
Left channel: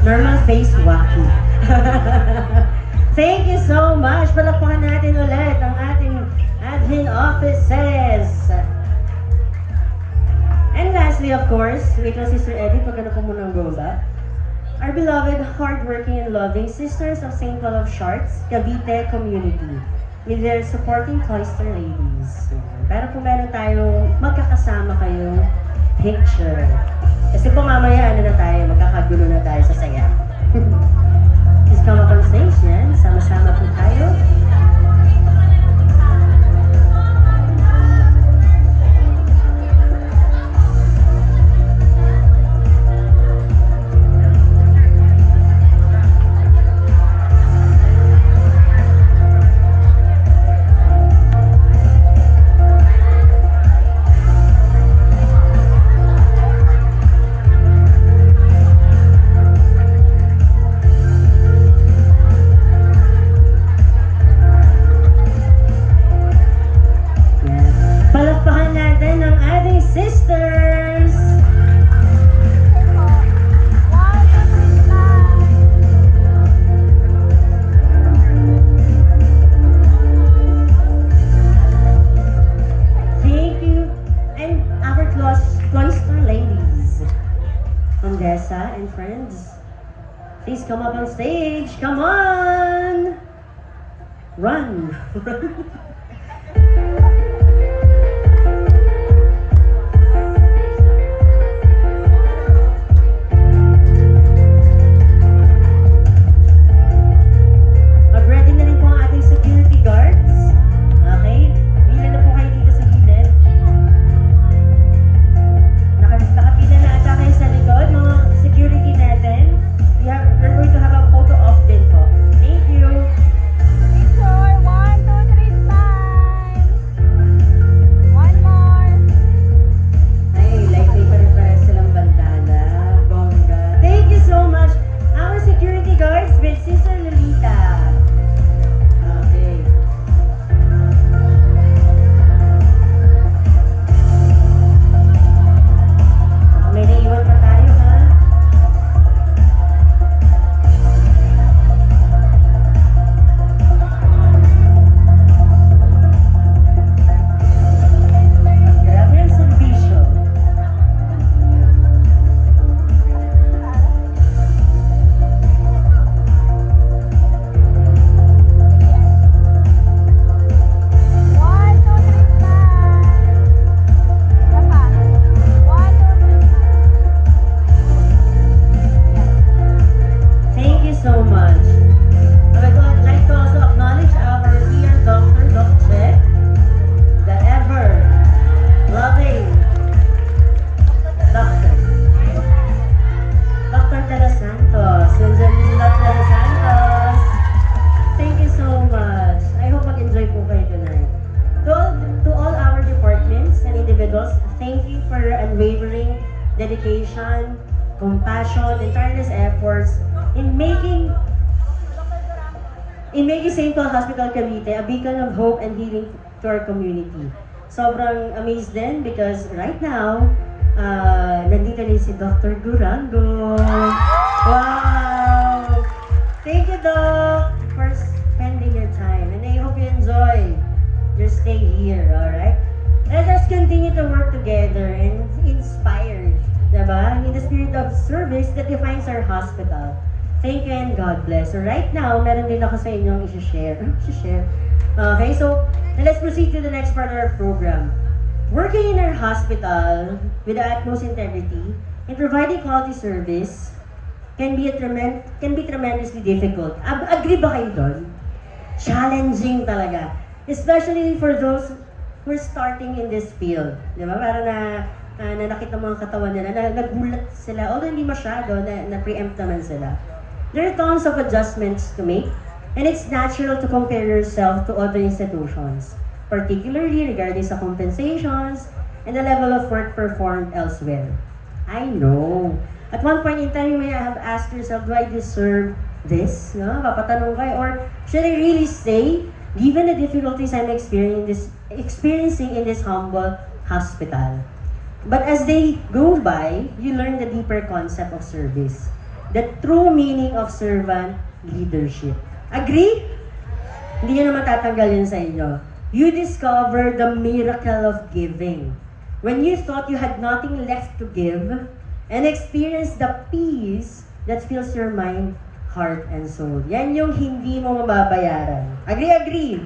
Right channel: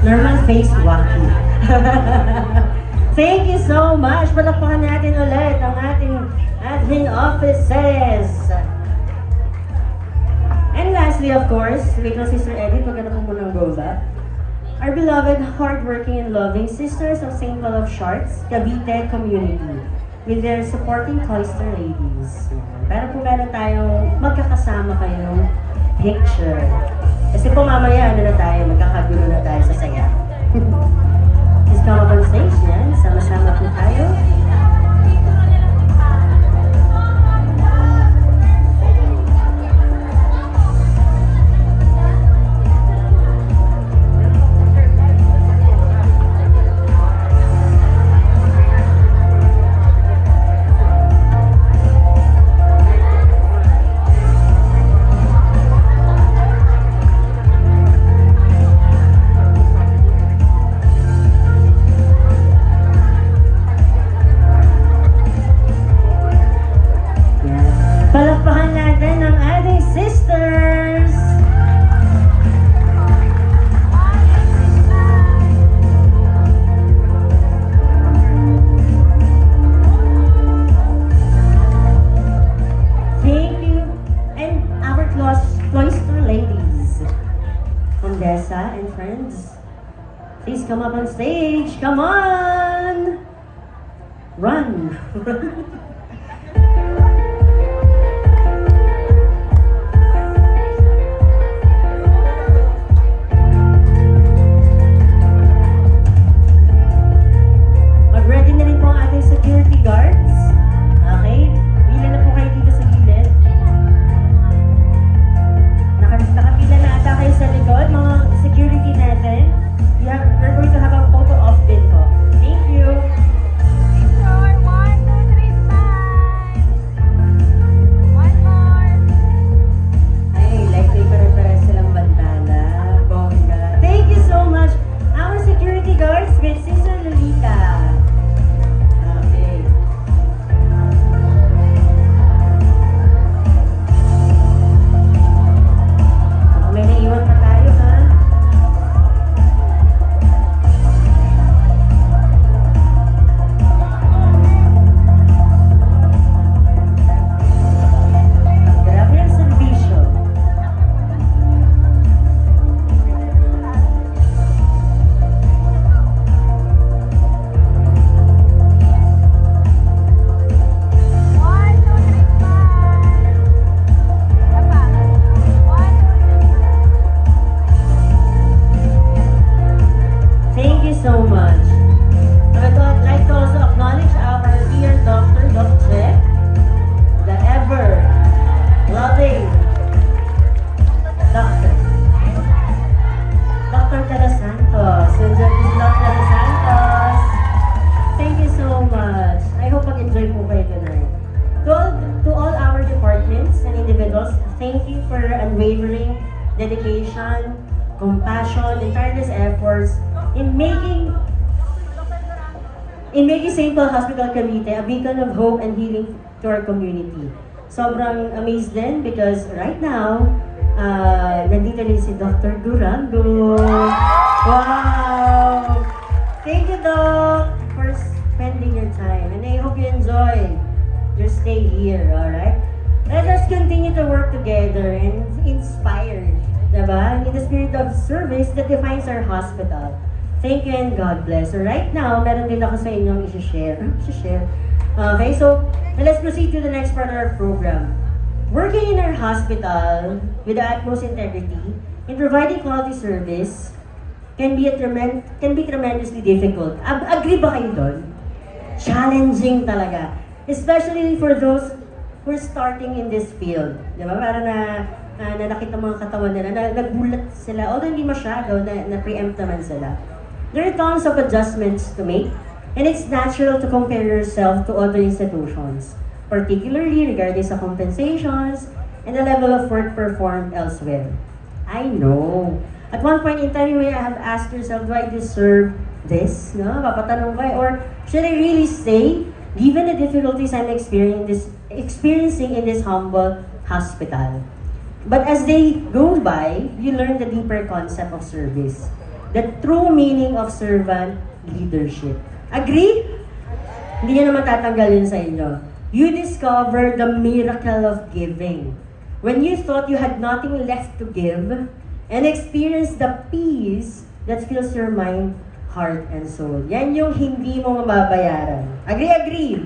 Normal face walking. Thank you so much. Palakpakan natin ulit ang ating admin offices. And lastly, of course, because Sister Edith, maganda po muna goza. Our beloved, hardworking, and loving Sisters of St. Paul of Sharks, Cavite community, with their supporting cloister ladies. Pero po gano'n tayong magkakasama kayong picture. Kasi po mamaya, ano na tayo, magkakagulo na tayo sa saya. Please come up on stage yan. Sama-sama po tayo. Palakpakan natin ang ating sisters! Thank you, and our cloister ladies, Condessa and friends, please come up on stage. Come on! Run! Mag-ready na rin po ang ating security guards. Okay? Bilang na po kayo dito sa gilid. Nakapila na ata kayo sa likod, mga security natin. We're going to have a photo op din po. Thank you! Picture, 1, 2, 3, compassion, and tireless efforts in making St. Paul Hospital Cavite a beacon of hope and healing to our community. Sobrang amazed din because right now, nandito rin si Dr. Durango. Wow! Thank you, Doc, for spending your time. And I hope you enjoy your stay here, alright? Let us continue to work together and inspire, diba? In the spirit of service that defines our hospital. Thank you and God bless. So right now, meron din ako sa inyo ang isi-share. Okay, so let's proceed to the next part of our program. Working in our hospital with the utmost integrity in providing quality service can be tremendously difficult. Agree ba kayo doon? Challenging talaga. Especially for those who are starting in this field. Di ba? Parang na nakita mga katawan nila, nagulat sila. Although hindi masyado, na-preempt naman sila. There are tons of adjustments to make, and it's natural to compare yourself to other institutions, particularly regarding sa compensations and the level of work performed elsewhere. I know. At one point in time, you may have asked yourself, do I deserve this? No? Papatanong ba? Or should I really stay, given the difficulties I'm experiencing in this humble hospital? But as they go by, you learn the deeper concept of service, the true meaning of servant leadership. Agree? Hindi nyo naman tatanggalin sa inyo. You discover the miracle of giving. When you thought you had nothing left to give, and experience the peace that fills your mind, heart, and soul. Yan yung hindi mo mababayaran. Agree?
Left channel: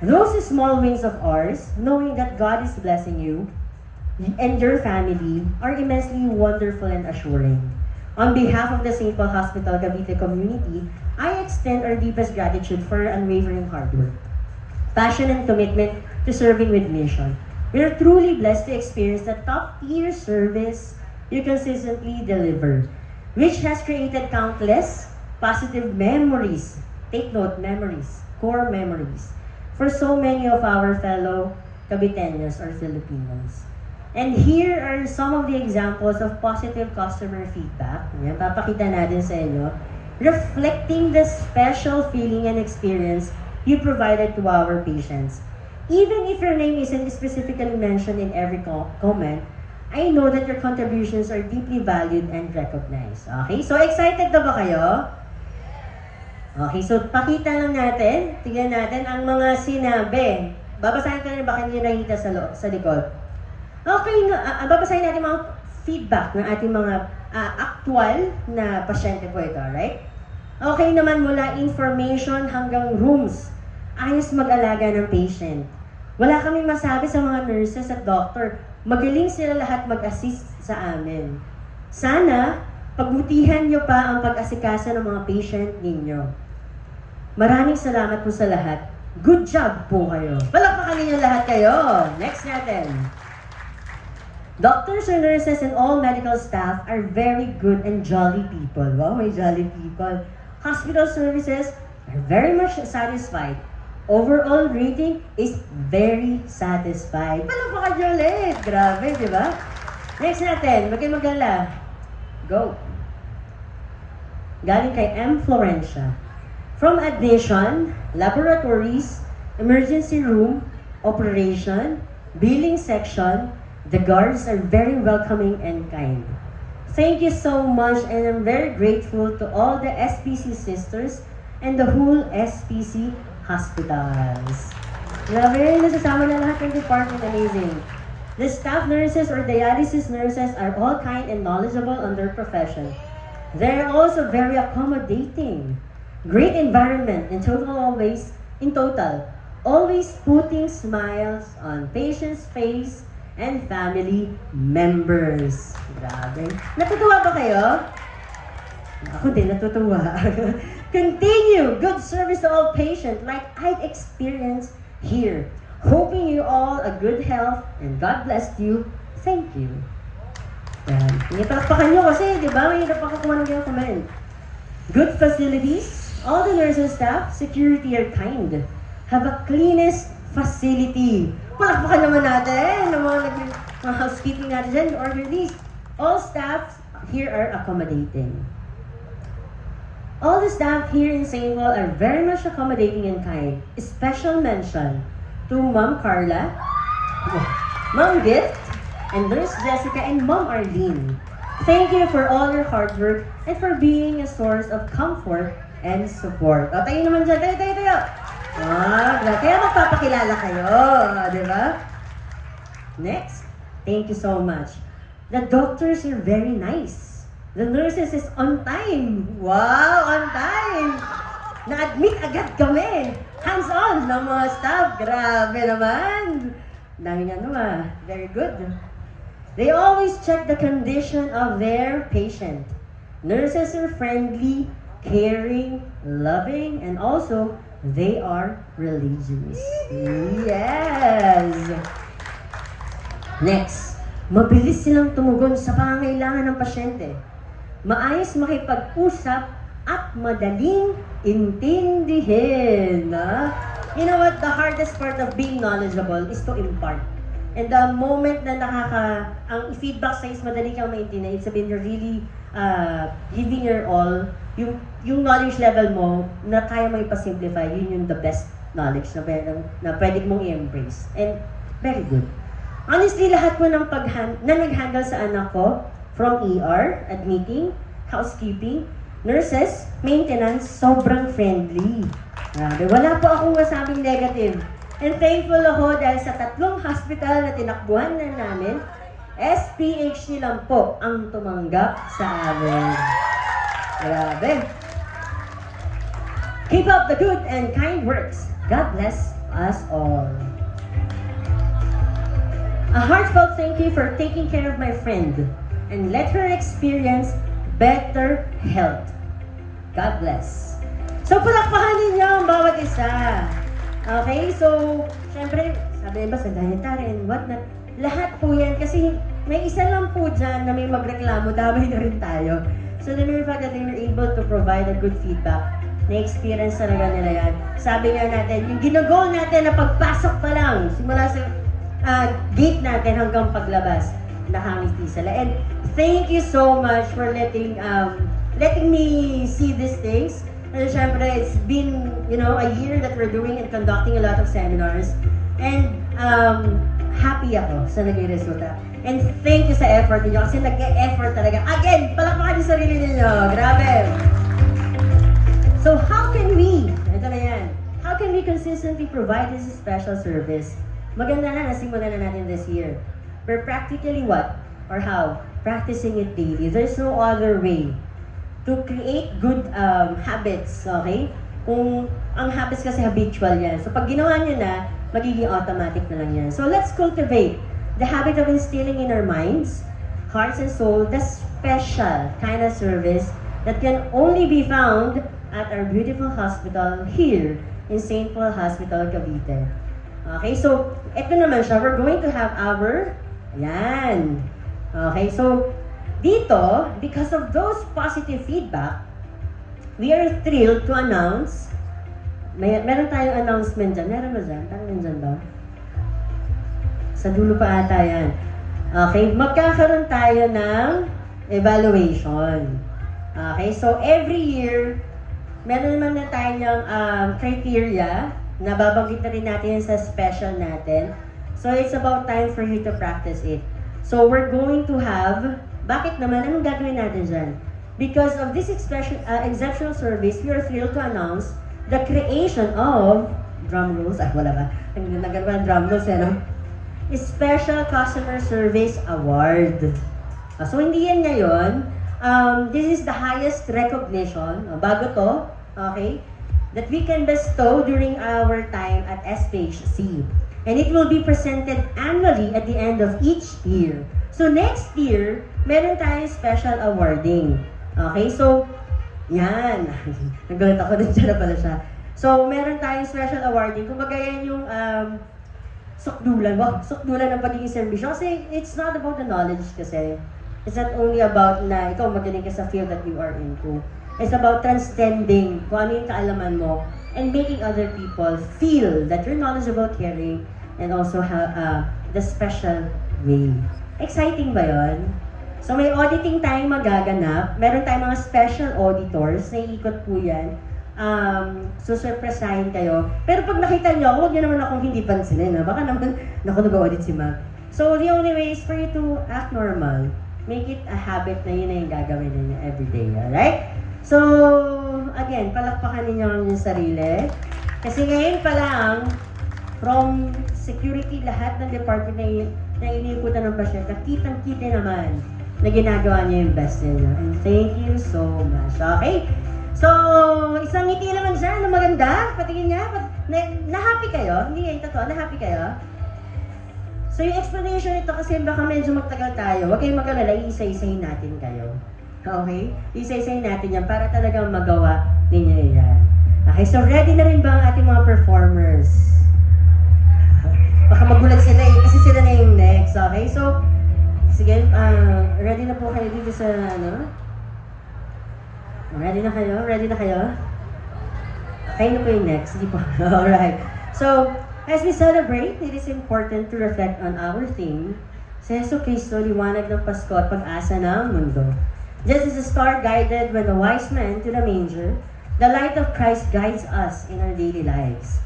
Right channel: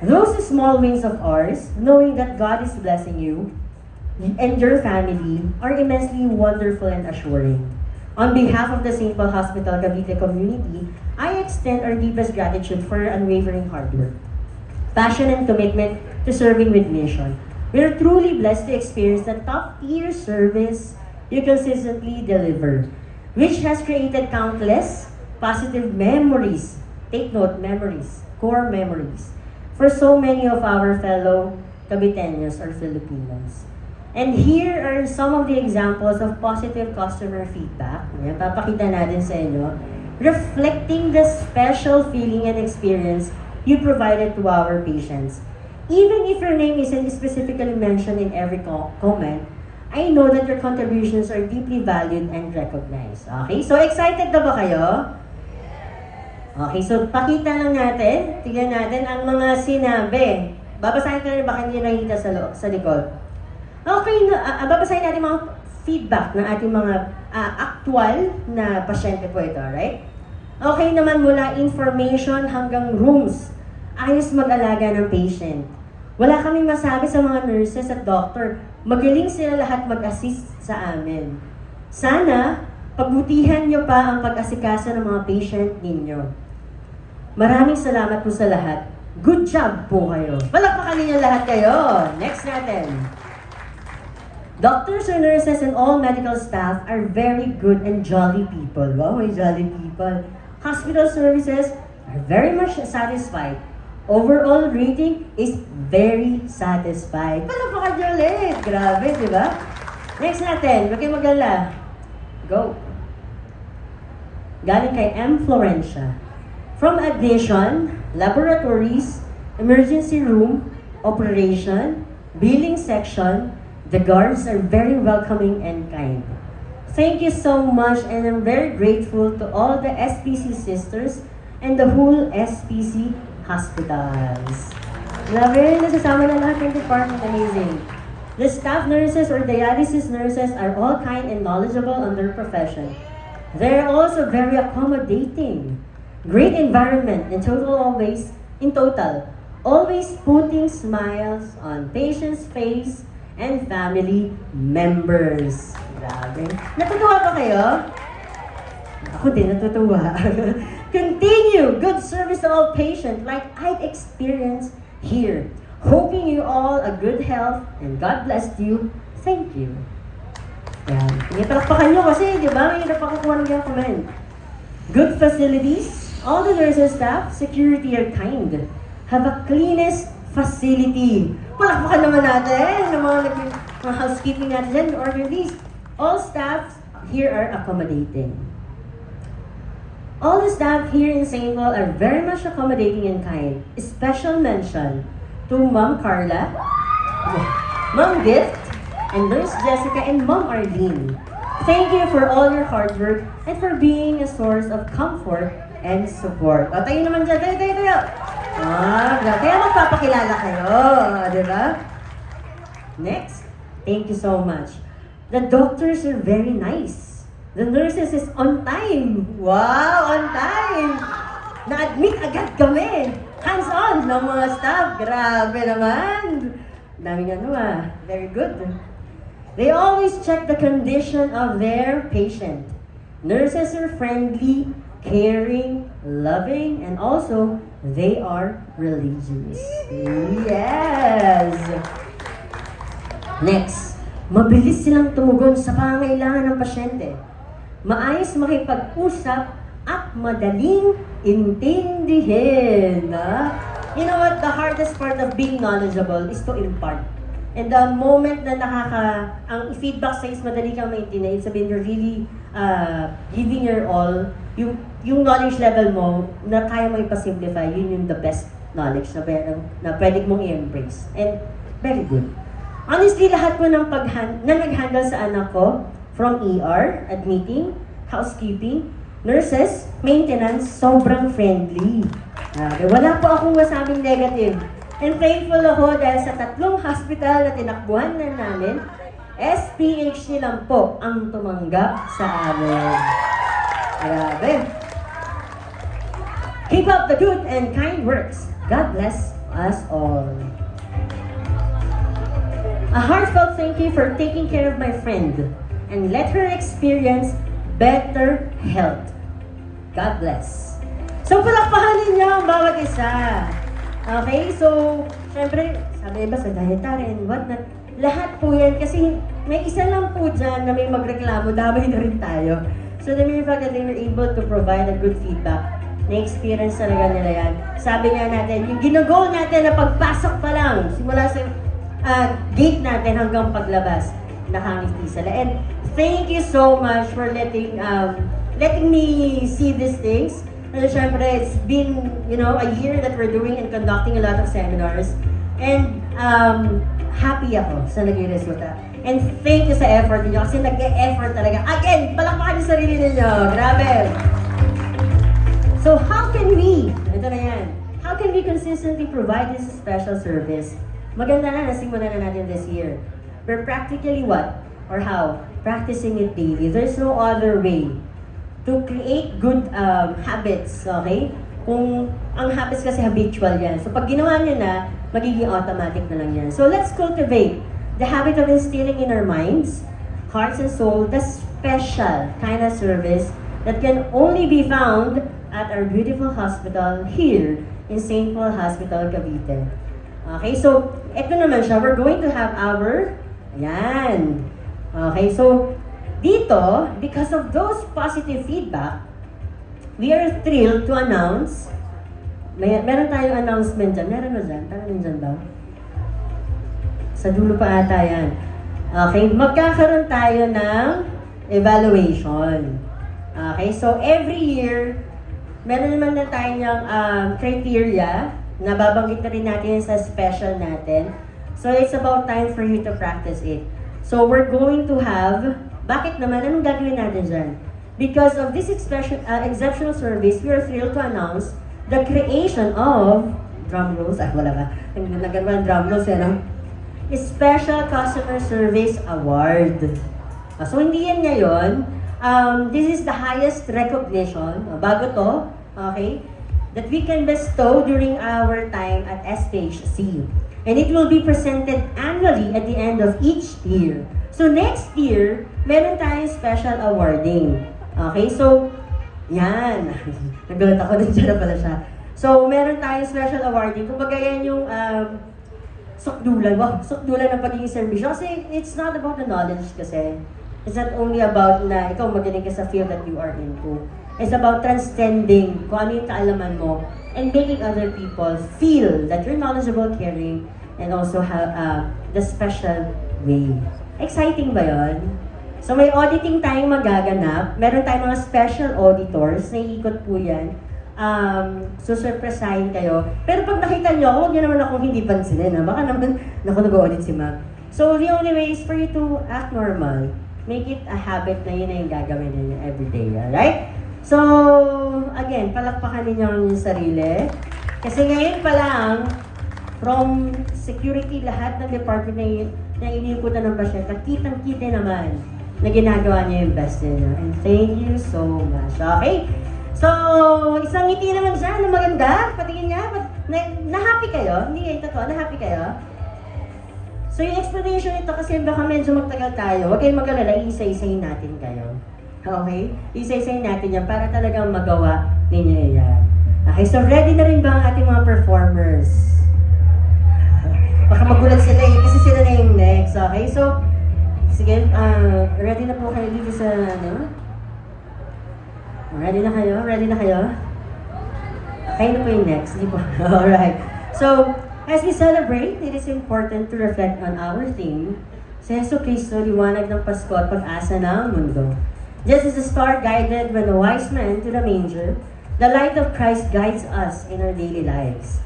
Those small wins of ours, knowing that God is blessing you and your family, are immensely wonderful and assuring. On behalf of the St. Paul Hospital Cavite community, I extend our deepest gratitude for your unwavering hard work, passion, and commitment to serving with mission. We are truly blessed to experience the top-tier service you consistently deliver, which has created countless positive memories. Take note, memories, core memories, for so many of our fellow Caviteños or Filipinos. And here are some of the examples of positive customer feedback. Ayan, papakita natin sa inyo. Reflecting the special feeling and experience you provided to our patients. Even if your name isn't specifically mentioned in every comment, I know that your contributions are deeply valued and recognized. Okay, so excited na ba kayo? Okay, so pakita lang natin, tingnan natin ang mga sinabi. Babasahin ka rin ba kayo nakita sa likod? Okay, babasahin natin mga feedback ng ating mga actual na pasyente po ito, right? Okay naman mula information hanggang rooms. Ayos mag-alaga ng patient. Wala kaming masabi sa mga nurses at doctor. Magaling sila lahat mag-assist sa amin. Sana, pagbutihan nyo pa ang pag-asikasa ng mga patient ninyo. Maraming salamat po sa lahat. Good job po kayo. Palakpakan ninyo lahat kayo. Next natin. Doctors and nurses and all medical staff are very good and jolly people. Wow, may jolly people. Hospital services are very much satisfied. Overall rating is very satisfied. Palakpakan nyo ulit. Grabe, di ba? Next natin, magala. Go. Galing kay M. Florencia. From admission, laboratories, emergency room, operation, billing section, the guards are very welcoming and kind. Thank you so much, and I'm very grateful to all the SPC sisters and the whole SPC hospitals. Grabe, nasasama na lahat ng department, amazing. The staff nurses or dialysis nurses are all kind and knowledgeable on their profession. They're also very accommodating. Great environment in total, always putting smiles on patients' face and family members. Grabe. Natutuwa ba kayo? Ako din, natutuwa. Continue good service to all patients like I've experienced here. Hoping you all a good health and God bless you. Thank you. Yan. Ipalakpakan nyo kasi, di ba? May napakakuha ng yung comment. Good facilities. All the nurses, staff, security are kind. Have a cleanest facility. Palakpakan naman natin. Mga housekeeping natin, order these. All staff here are accommodating. All the staff here in St. Paul are very much accommodating and kind. Special mention to Ma'am Carla, Ma'am Gift, and Nurse Jessica, and Ma'am Arlene. Thank you for all your hard work and for being a source of comfort and support. O, tayo naman dyan. Tayo. Kaya magpapakilala kayo. Di ba? Next. Thank you so much. The doctors are very nice. The nurses is on time. Wow, on time. Na-admit agad kami. Hands-on ng mga staff. Grabe naman. Daming very good. They always check the condition of their patient. Nurses are friendly, caring, loving, and also they are religious. Yes! Next, mabilis silang tumugon sa pangangailangan ng pasyente. Maayos makipag-usap at madaling intindihin. You know what? The hardest part of being knowledgeable is to impart. And the moment na ang feedback says madali kang maintindihan, sabihin you're really giving your all, yung knowledge level mo na kaya mo ipasimplify, yun yung the best knowledge na pwede mong i-embrace. And very good. Honestly, lahat mo ng nag-handle sa anak ko, from ER, admitting, housekeeping, nurses, maintenance, sobrang friendly. Wala po akong masabing negative. And thankful ako dahil sa 3 hospital na tinakbuhan na namin, SPHC lang po ang tumanggap sa amin. Grabe. Keep up the good and kind works. God bless us all. A heartfelt thank you for taking care of my friend and let her experience better health. God bless. So, palakpakan ninyo ang bawat isa. Okay, so, syempre, sabi ba sa dietary and whatnot, lahat po yan, kasi may isa lang po dyan na may magreklamo, dami na rin tayo. So, the mere fact that they were able to provide a good feedback, na-experience talaga nila yan. Sabi nga natin, yung ginagol natin na pagpasok pa lang, simula sa gate natin hanggang paglabas, nakangiti sila. And thank you so much for letting me see these things. And syempre, it's been, a year that we're doing and conducting a lot of seminars. And happy ako sa naging resulta. And thank you sa effort niyo kasi nag-e-effort talaga. Again, palakpakan yung sarili niyo. Grabe! So how can we, ito na yan, how can we consistently provide this special service? Maganda na, nasimulan na natin this year. We're practically what? Or how? Practicing it daily. There's no other way to create good habits, okay? Kung ang habits kasi habitual yan. So pag ginawa nyo na, magiging automatic na lang yan. So let's cultivate the habit of instilling in our minds, hearts and soul, the special kind of service that can only be found at our beautiful hospital here in St. Paul Hospital, Cavite. Okay, so ito naman siya. We're going to have our, yan. Okay, so dito, because of those positive feedback, we are thrilled to announce, meron tayong announcement dyan. Meron mo dyan? Parang dyan ba? Sa dulo pa ata yan. Okay, magkakaroon tayo ng evaluation. Okay, so every year, meron naman na tayong criteria na babanggit na rin natin sa special natin. So it's about time for you to practice it. So we're going to have, bakit naman? Anong gagawin natin dyan? Because of this exceptional service, we are thrilled to announce the creation of, drum rolls, wala ba? Nagagawa drum rolls, Special Customer Service Award. So hindi yan ngayon. This is the highest recognition, bago to, okay, that we can bestow during our time at SPHC. And it will be presented annually at the end of each year. So next year, meron tayong special awarding. Okay, so, yan. Nagulat ako, nandiyan na pala siya. So, meron tayong special awarding. Kumbaga yan yung sukdulan. Wow, sukdulan ng pagiging serbisyo. Kasi it's not about the knowledge kasi. It's not only about na ikaw magaling ka sa field that you are into. It's about transcending kung ano yung kaalaman mo and making other people feel that you're knowledgeable, caring, and also have the special way. Exciting ba yun? So may auditing tayong magaganap. Meron tayong mga special auditors na iikot po yan. Susurpresahin kayo. Pero pag nakita nyo, huwag nyo naman akong hindi pansinin. Ha? Baka naman, nag-audit si Ma'am. So the only way is for you to act normal. Make it a habit na yun na yung gagawin ninyo everyday. Alright? So, again, palakpakan ninyo ang inyong sarili. Kasi ngayon pa lang, from security, lahat ng department na iniikutan ng pasyente, kitang-kita naman na ginagawa niya yung best niya. And thank you so much. Okay? So, isang ngiti naman siya na maganda. Patingin niya. Na-happy kayo? Hindi kayo totoo. Na-happy kayo? So, yung explanation nito kasi baka medyo magtagal tayo. Huwag kayong mag-alala. Isa-isayin natin kayo. Okay? Isa-isayin natin yan para talagang magawa ninyo yan. Okay, so ready na rin ba ang ating mga performers? Baka magulat sila eh, kasi sila na yung next. Okay, so, sige, ready na po kayo dito sa, ano? Ready na kayo? Ready na kayo? Kayo na po yung next, di ba? Alright. So, as we celebrate, it is important to reflect on our theme, si Jesu Cristo, liwanag ng Pasko at pag-asa ng mundo. Just as the star guided when the wise men to the manger, the light of Christ guides us in our daily lives,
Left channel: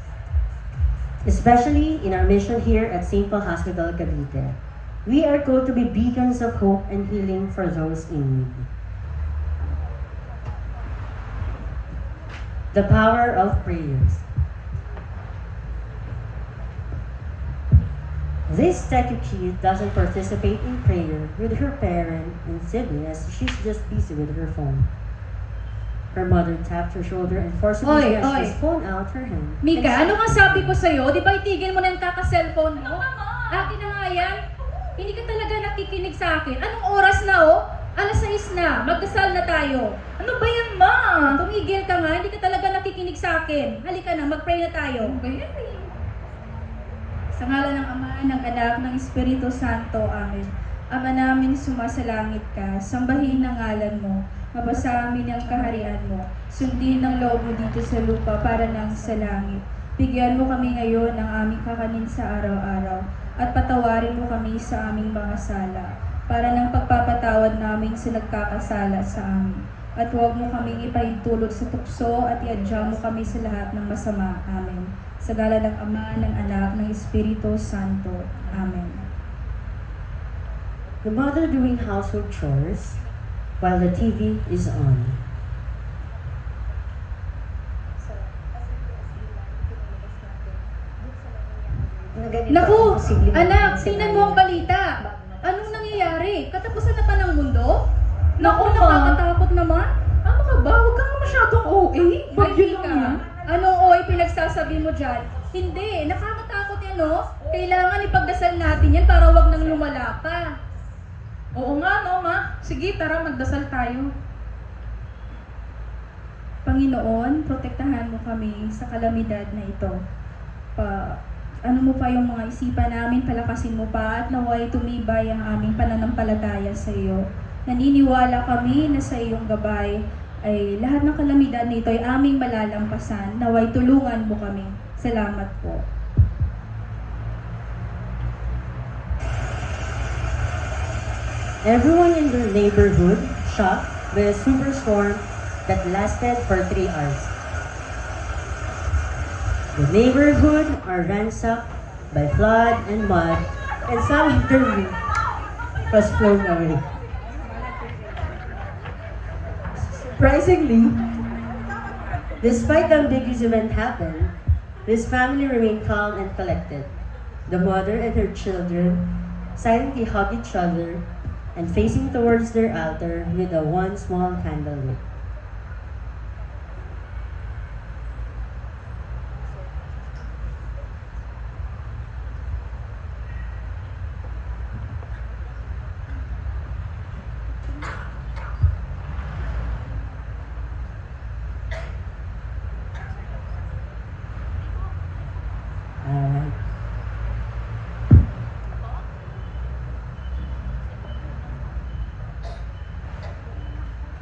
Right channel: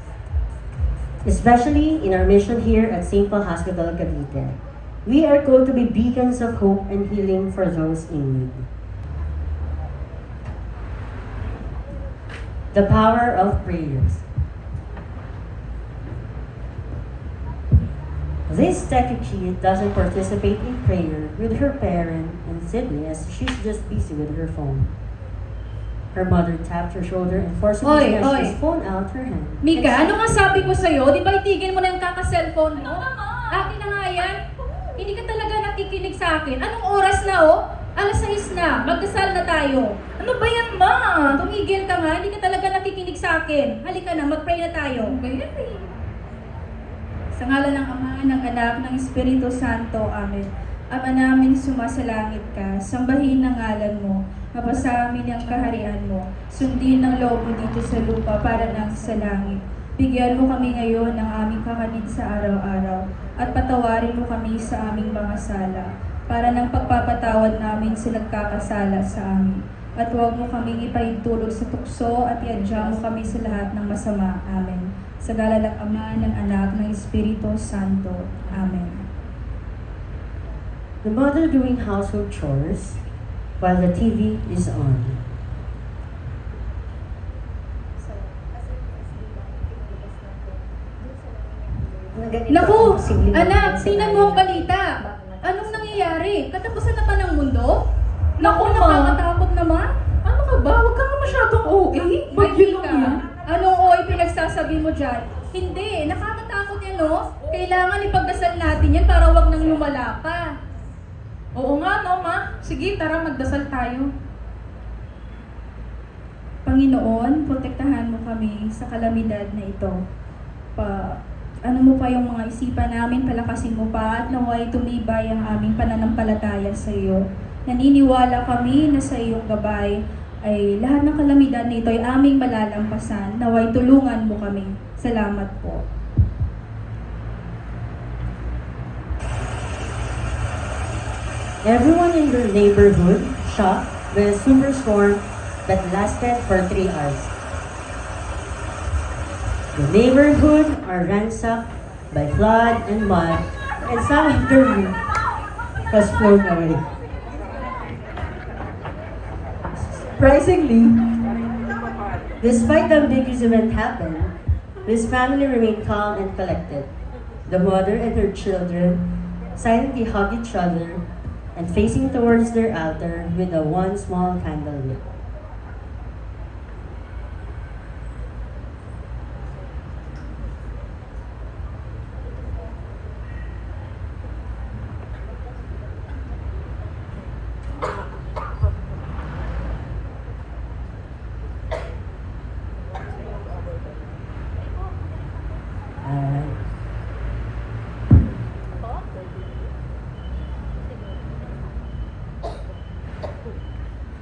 especially in our mission here at St. Paul Hospital, Cavite. We are called to be beacons of hope and healing for those in need. The power of prayers. This statue kid doesn't participate in prayer with her parent in Sydney as she's just busy with her phone. Her mother tapped her shoulder and forcibly snatched his phone out her hand. Mika, ano nga sabi ko sa'yo? Di ba itigil mo na yung kaka-cellphone mo? Akin na nga yan. Hindi ka talaga nakikinig sa akin. Anong oras na oh? 6:00 na. Magdasal na tayo. Ano ba yan, ma? Tumigil ka nga. Hindi ka talaga nakikinig sa akin. Halika na, mag-pray na tayo. Okay? Sa ngalan ng Ama, ng Anak, ng Espiritu Santo. Amen. Ama namin sumasalangit ka, sambahin ang ngalan mo, mapasa amin ang kaharian mo, sundin ang loob mo dito sa lupa para nang sa langit. Bigyan mo kami ngayon ng aming kakanin sa araw-araw, at patawarin mo kami sa aming mga sala, para ng pagpapatawad namin sa nagkakasala sa amin. At huwag mo kaming ipahintulog sa tukso at iadya mo kami sa lahat ng masama. Amen. Sa ngalan ng Ama, ng Anak, ng Espiritu Santo. Amen. The mother doing household chores while the TV is on. Naku! Anak, tingnan mo ang balita. Anong nangyayari? Katapusan na ba ng mundo? Naku, nakakatakot naman. Ano ka ba? Huwag kang masyadong OA. Bagyo lang yan. Anong OA pinagsasabi mo dyan? Hindi, nakakatakot yan, no? Kailangan ipagdasal natin yan para wag nang lumala pa. Oo nga, no, ma? Sige, tara, magdasal tayo. Panginoon, protektahan mo kami sa kalamidad na ito. Ano mo pa yung mga isipan namin, palakasin mo pa at naway tumibay ang aming pananampalataya sa iyo. Naniniwala kami na sa iyong gabay ay lahat ng kalamidad na ito ay aming malalampasan. Naway tulungan mo kami. Salamat po. Everyone in the neighborhood shocked by a superstorm that lasted for 3 hours. The neighborhood are ransacked by flood and mud, and some of the roof was full already. Surprisingly, despite the ambiguous event happened, this family remained calm and collected. The mother and her children silently hugged each other and facing towards their altar with the one small candle lit.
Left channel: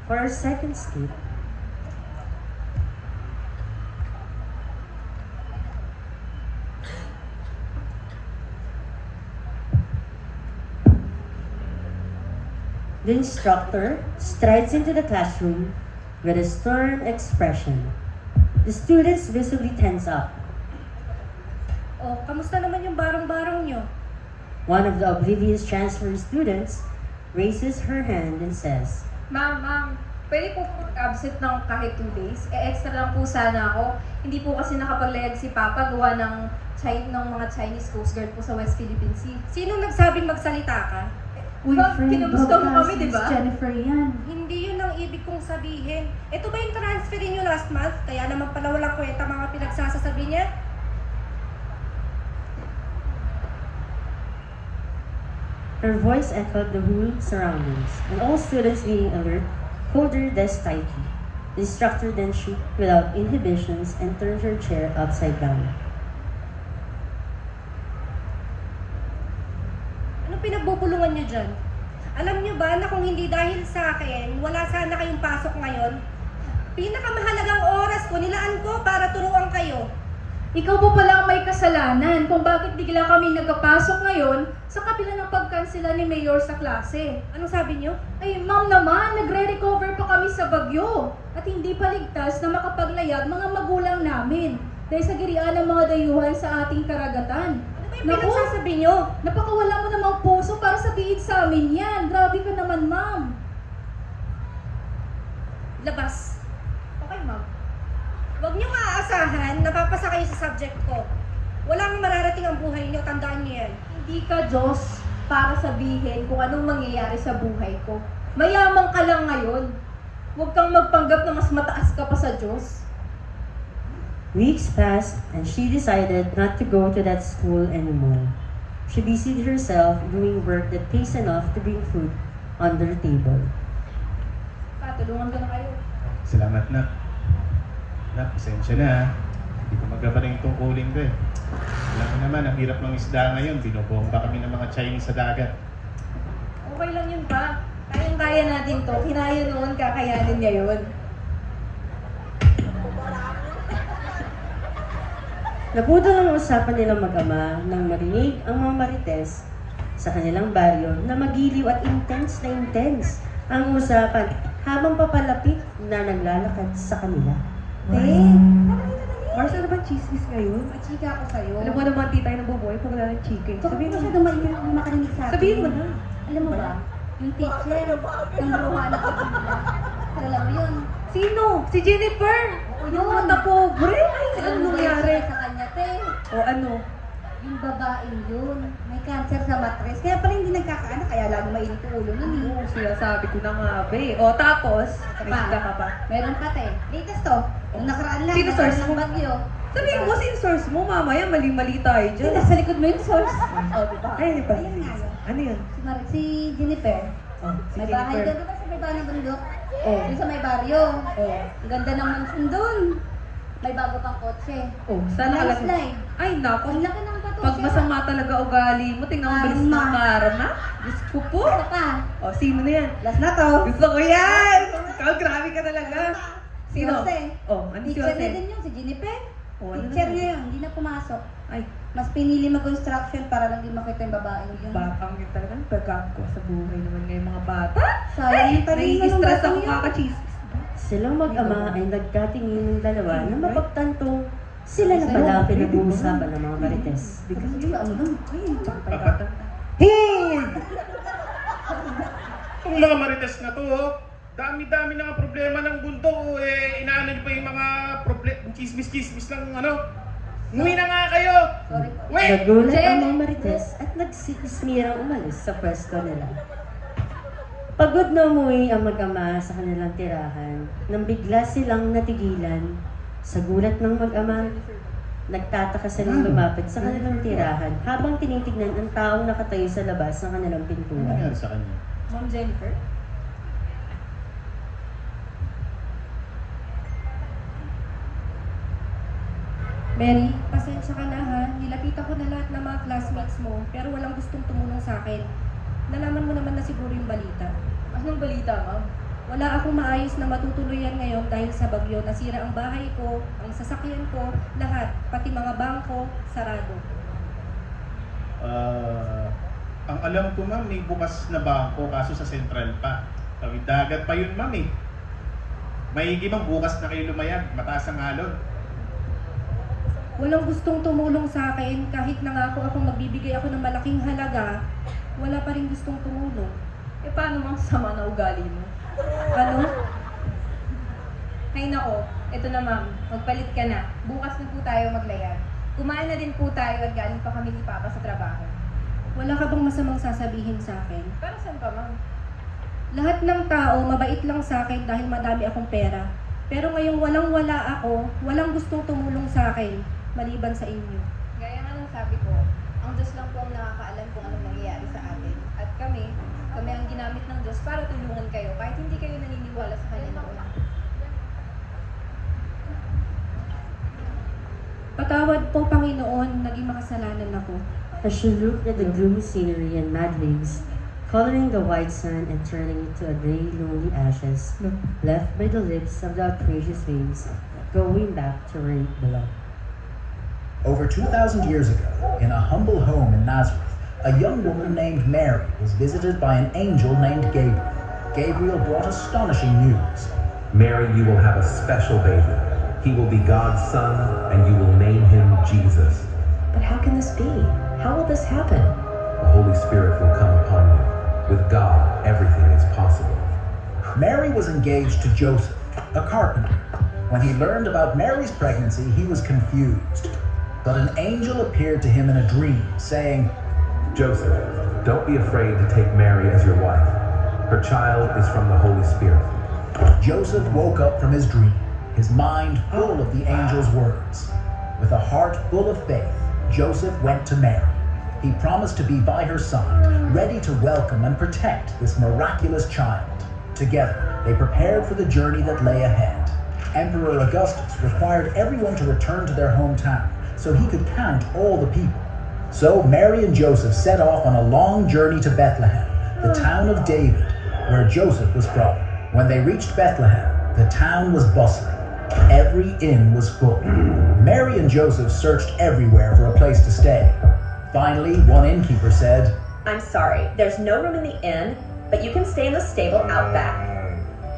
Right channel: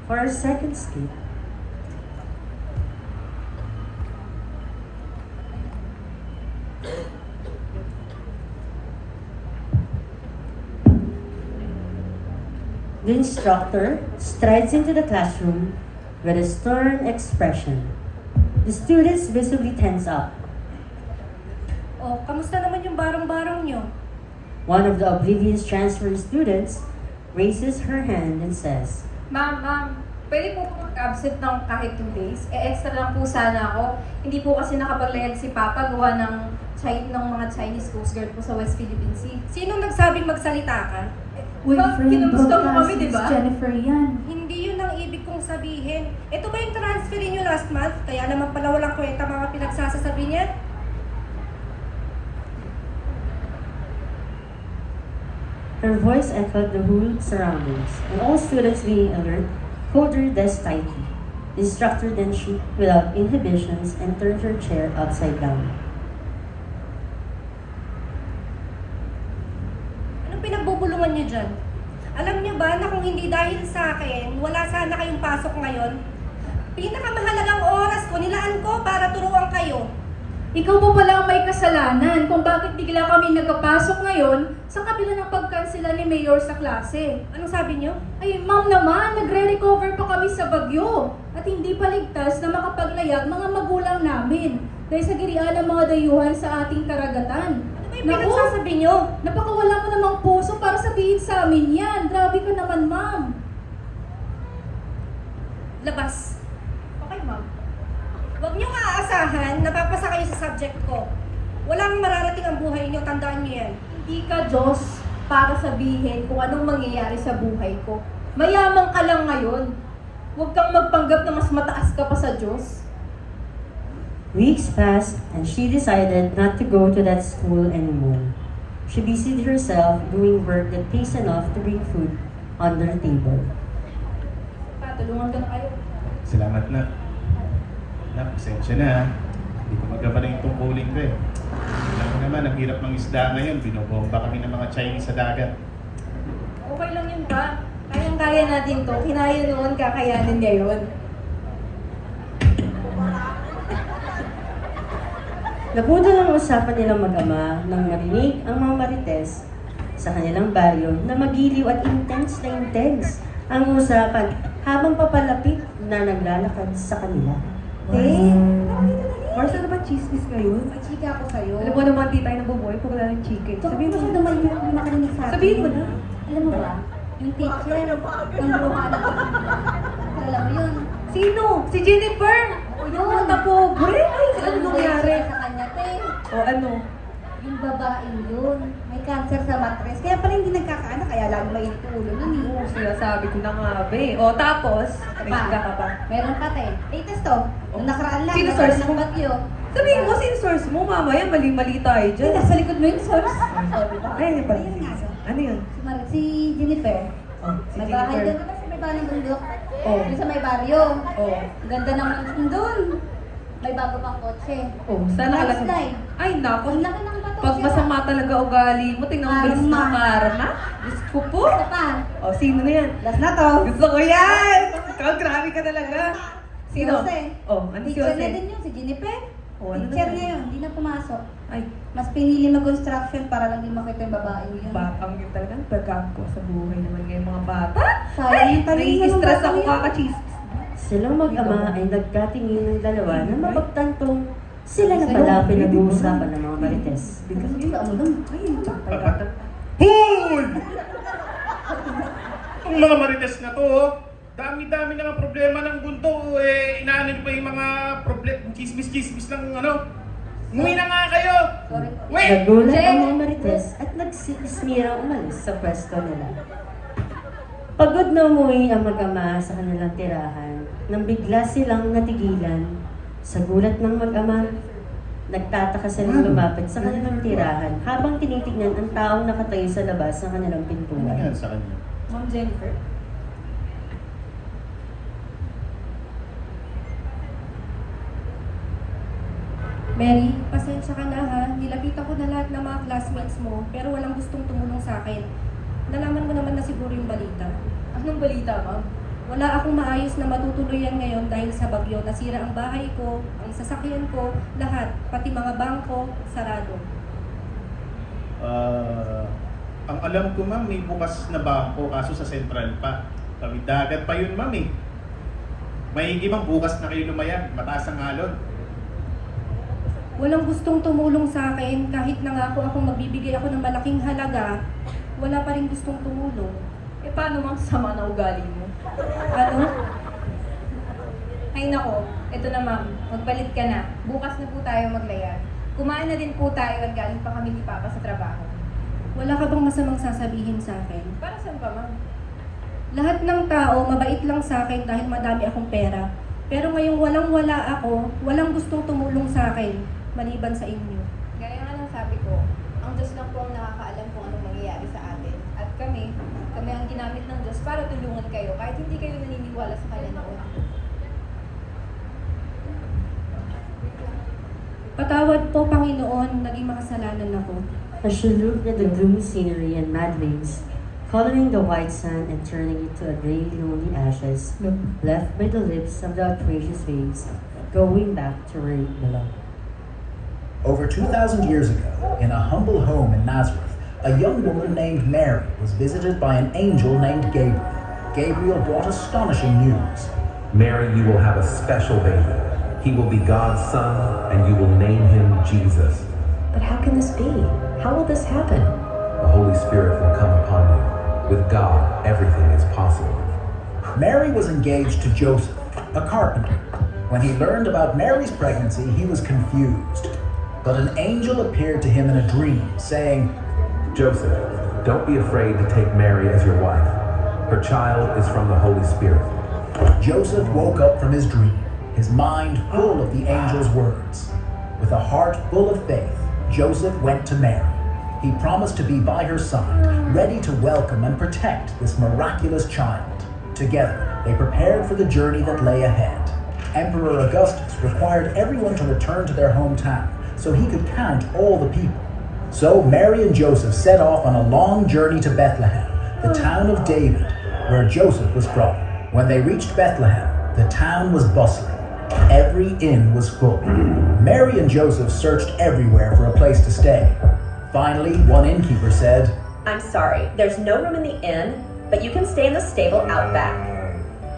For our second skit, The instructor strides into the classroom with a stern expression. The students visibly tense up. O, kamusta naman yung barang-barang nyo? One of the oblivious transfer students raises her hand and says, Ma'am, pwede po mag-absent ng kahit 2 days? Extra lang po sana ako. Hindi po kasi nakapaglayag si Papa gawa ng mga Chinese Coast Guard po sa West Philippine Sea. Sino nagsabing magsalita ka? Ma'am, kinumusta mo kami, di ba? Jennifer yan. Hindi yun ang ibig kong sabihin. Ito ba yung transfer niyo last month? Kaya naman pala walang kwenta mga pinagsasasabi niya? Her voice echoed the whole surroundings, and all students being alert hold their desk tightly. The instructor then shook without inhibitions and turned her chair upside down. Anong pinagbubulungan niyo dyan? Alam niyo ba na kung hindi dahil sa akin, wala sana kayong pasok ngayon? Pinakamahalagang oras ko, nilaan ko para turuan kayo. Ikaw po pala ang may kasalanan kung bakit bigla kami nagkapasok ngayon sa kabila ng pagkansela ni Mayor sa klase. Anong sabi niyo? Ay, ma'am naman, nagre-recover pa kami sa bagyo at hindi pa ligtas na makapaglayag mga magulang namin dahil sa girian ng mga dayuhan sa ating karagatan. Ano yung pinagsasabi niyo? Napakawala mo namang puso para sabihin sa amin yan. Grabe ka naman, ma'am. Labas. Okay, ma'am. Huwag niyo maaasahan na papasa kayo sa subject ko. Walang mararating ang buhay niyo, tandaan niyo yan. Hindi ka Diyos para sabihin kung anong mangyayari sa buhay ko. Mayaman ka lang ngayon. Huwag kang magpanggap na mas mataas ka pa sa Diyos. Weeks passed, and she decided not to go to that school anymore. She busied herself doing work that pays enough to bring food on their table. Patulungan ko na kayo. Salamat na. Pasensya na. Hindi ko magkaba na yung tungkulin ko eh. Alam mo naman, ang hirap ng isda ngayon. Binobomba kami ng mga Chinese sa dagat. Okay lang yun pa. Kayang-kaya natin to. Kinaya noon, kakayanin ngayon. Nabudol ang usapan nilang mag-ama nang marinig ang mga marites sa kanilang baryo na magiliw at intense na intense ang usapan habang papalapit na naglalakad sa kanila. Marcel, ba chismis kayo? Chika ako sa'yo. Alam mo naman, di tayo nabubuhay kung wala ng chika. Sabihin mo siya naman yung nakarinig sa akin. Sabihin mo na. Alam mo ba? Yung teacher, ang luha na alam mo yun. Sino? Si Jennifer! O yun. Ang napobre! Ay, Alam ano mo ba nangyari? yung sa kanya, te? O ano? Yung babaeng yun. May cancer sa mattress. Kaya pa rin hindi nagkakaanak. Kaya lalo mainit ang ulo yun. eh. Sinasabi ko na nga, be. O tapos, may Pa, ka pa. meron pa, te. Latest to. Yung nakaraan lang. Sino nagkaroon source ng mo? bagyo. Sabihin mo, sin source mo, mamaya mali-mali tayo Ay, dyan. nasa likod mo yung source. Ay, di ba? Ayun nga. Ano yun? Si Jennifer. Si May bahay Jennifer. doon sa may bahay bundok. Oo. Doon sa may baryo. Oo. Ang ganda naman doon. May bago pang kotse. Oh, sana alam. Landslide. Ay, nako. Ang laki ng bato. Pag masama talaga ugali mo, tingnan mo bilis mo karma. Diyos ko po. Isa pa. O, sino na yan? Last na to. Gusto ko yan! Ikaw, grabe ka talaga. Sino? Si Jose. Oh, ano si Teacher na Jose? din yun, si Jennifer. Oh, ano? Teacher niya yun, hindi na pumasok. Ay, Mas pinili mag-construction para lang di makita yung babae yun. batang kita lang. Pagkako sa buhay naman ngayong mga bata. Sayang pa rin Nai-stress naman ako yun. kakachismis. Silang mag-ama ay nagkatingin ng dalawa nang mapagtantong sila na pala ang pinag-uusapan ng mga marites. Hoy! Itong mga marites na to, oh. Dami-dami na nga problema ng mundo. Inaano nyo pa yung mga chismis-chismis lang, ano? Umuwi na nga kayo! Uwi! Nagulat ang mga marites at nagsitismirang umalis sa pwesto nila. Pagod na umuwi ang mag-ama sa kanilang tirahan nang bigla silang natigilan. Sa gulat ng mag-ama, nagtataka silang lumapit sa kanilang tirahan habang tinitignan ang taong nakatayo sa labas ng kanilang Ano pintuan. yan sa kanya? Ma'am Jennifer. Mary, pasensya ka na ha. Nilapitan ko na lahat ng mga classmates mo, pero walang gustong tumulong sa akin. Nalaman mo naman na siguro yung balita. Anong balita, ma'am? Wala akong maayos na matutuluyan ngayon dahil sa bagyo. Nasira ang bahay ko, ang sasakyan ko, lahat, pati mga bangko, sarado. Ang alam ko ma'am, may bukas na bangko kaso sa Central pa. Tawid dagat pa yun ma'am eh. Maigi ma'am, bukas na kayo lumayan, mataas ang alon. Walang gustong tumulong sa akin kahit nangako akong magbibigay ako ng malaking halaga, wala pa rin gustong tumulong. Eh paano mang sama na ugali mo? Ano? Ay nako, ito na ma'am, magpalit ka na. Bukas na po tayo maglayar. Kumain na din po tayo at galing pa kami ni Papa sa trabaho. Wala ka bang masamang sasabihin sa akin? Para saan ba ma'am? Lahat ng tao mabait lang sa akin dahil madami akong pera. Pero ngayong walang-wala ako, walang gustong tumulong sa akin, maliban sa inyo. Gaya nga ng sabi ko, ang Diyos lang po ang nakakaalam kung anong mangyayari sa atin. At kami ang ginamit ng Diyos para tulungan kayo kahit hindi kayo naniniwala sa kalendaran. Patawad po, Panginoon, naging makasalanan ako. As she looked at the gloomy scenery and mad waves, coloring the white sand and turning it to a gray, lonely ashes, left by the lips of the precious waves, going back to where it belonged. Over 2,000 years ago, in a humble home in Nazareth, a young woman named Mary was visited by an angel named Gabriel. Gabriel brought astonishing news. Mary, you will have a special baby. He will be God's son, and you will name him Jesus. But how can this be? How will this happen? The Holy Spirit will come upon you. With God, everything is possible. Mary was engaged to Joseph, a carpenter. When he learned about Mary's pregnancy, he was confused. But an angel appeared to him in a dream, saying, Joseph, don't be afraid to take Mary as your wife. Her child is from the Holy Spirit. Joseph woke up from his dream, his mind full of the angel's words. With a heart full of faith, Joseph went to Mary. He promised to be by her side, ready to welcome and protect this miraculous child. Together, they prepared for the journey that lay ahead. Emperor Augustus required everyone to return to their hometown so he could count all the people. So Mary and Joseph set off on a long journey to Bethlehem, the town of David, where Joseph was from. When they reached Bethlehem, the town was bustling. Every inn was full. Mary and Joseph searched everywhere for a place to stay. Finally, one innkeeper said, I'm sorry, there's no room in the inn, but you can stay in the stable out back.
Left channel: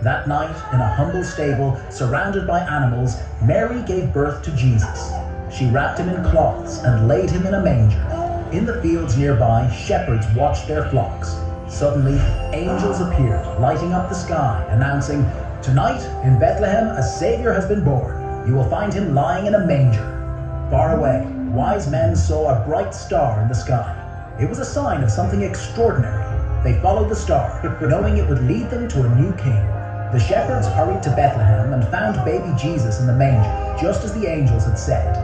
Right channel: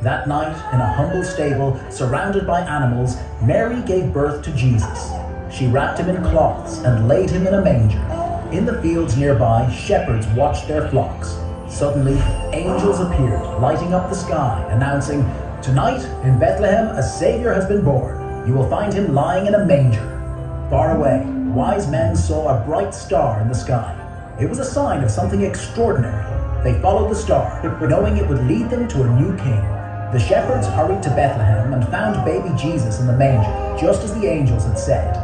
That night, in a humble stable, surrounded by animals, Mary gave birth to Jesus. She wrapped him in cloths and laid him in a manger. In the fields nearby, shepherds watched their flocks. Suddenly, angels appeared, lighting up the sky, announcing, Tonight, in Bethlehem, a Savior has been born. You will find him lying in a manger. Far away, wise men saw a bright star in the sky. It was a sign of something extraordinary. They followed the star, knowing it would lead them to a new king. The shepherds hurried to Bethlehem and found baby Jesus in the manger, just as the angels had said.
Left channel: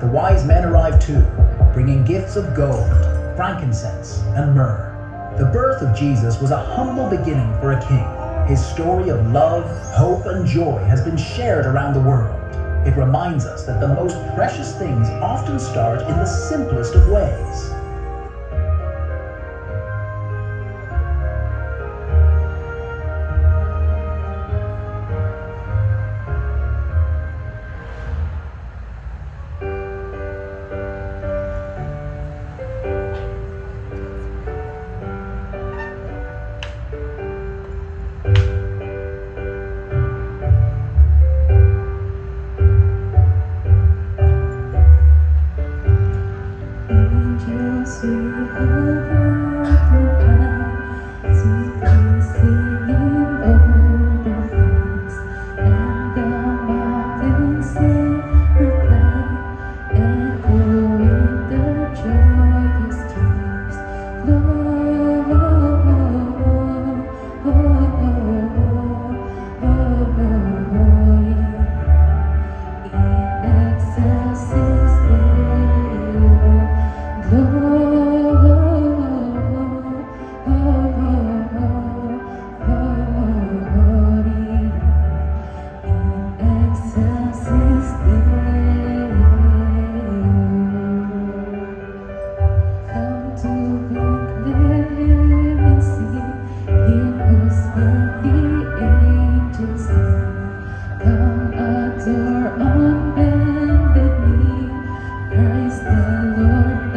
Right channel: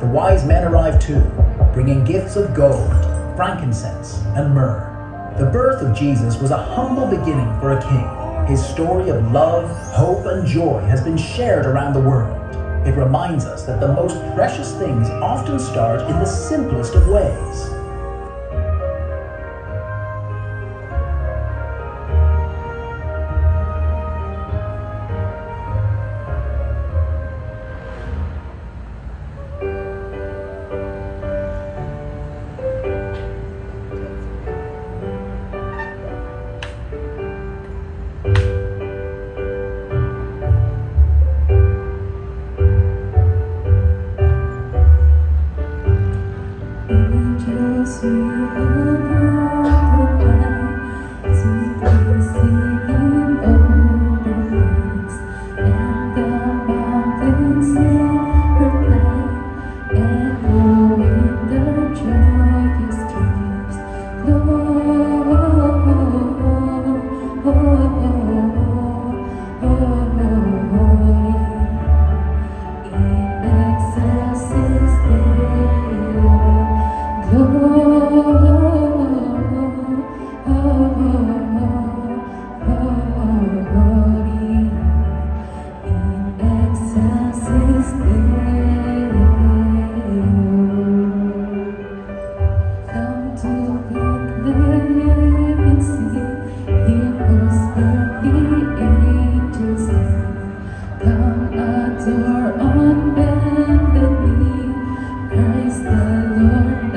The wise men arrived too, bringing gifts of gold, frankincense, and myrrh. The birth of Jesus was a humble beginning for a king. His story of love, hope, and joy has been shared around the world. It reminds us that the most precious things often start in the simplest of ways. Christ the Lord,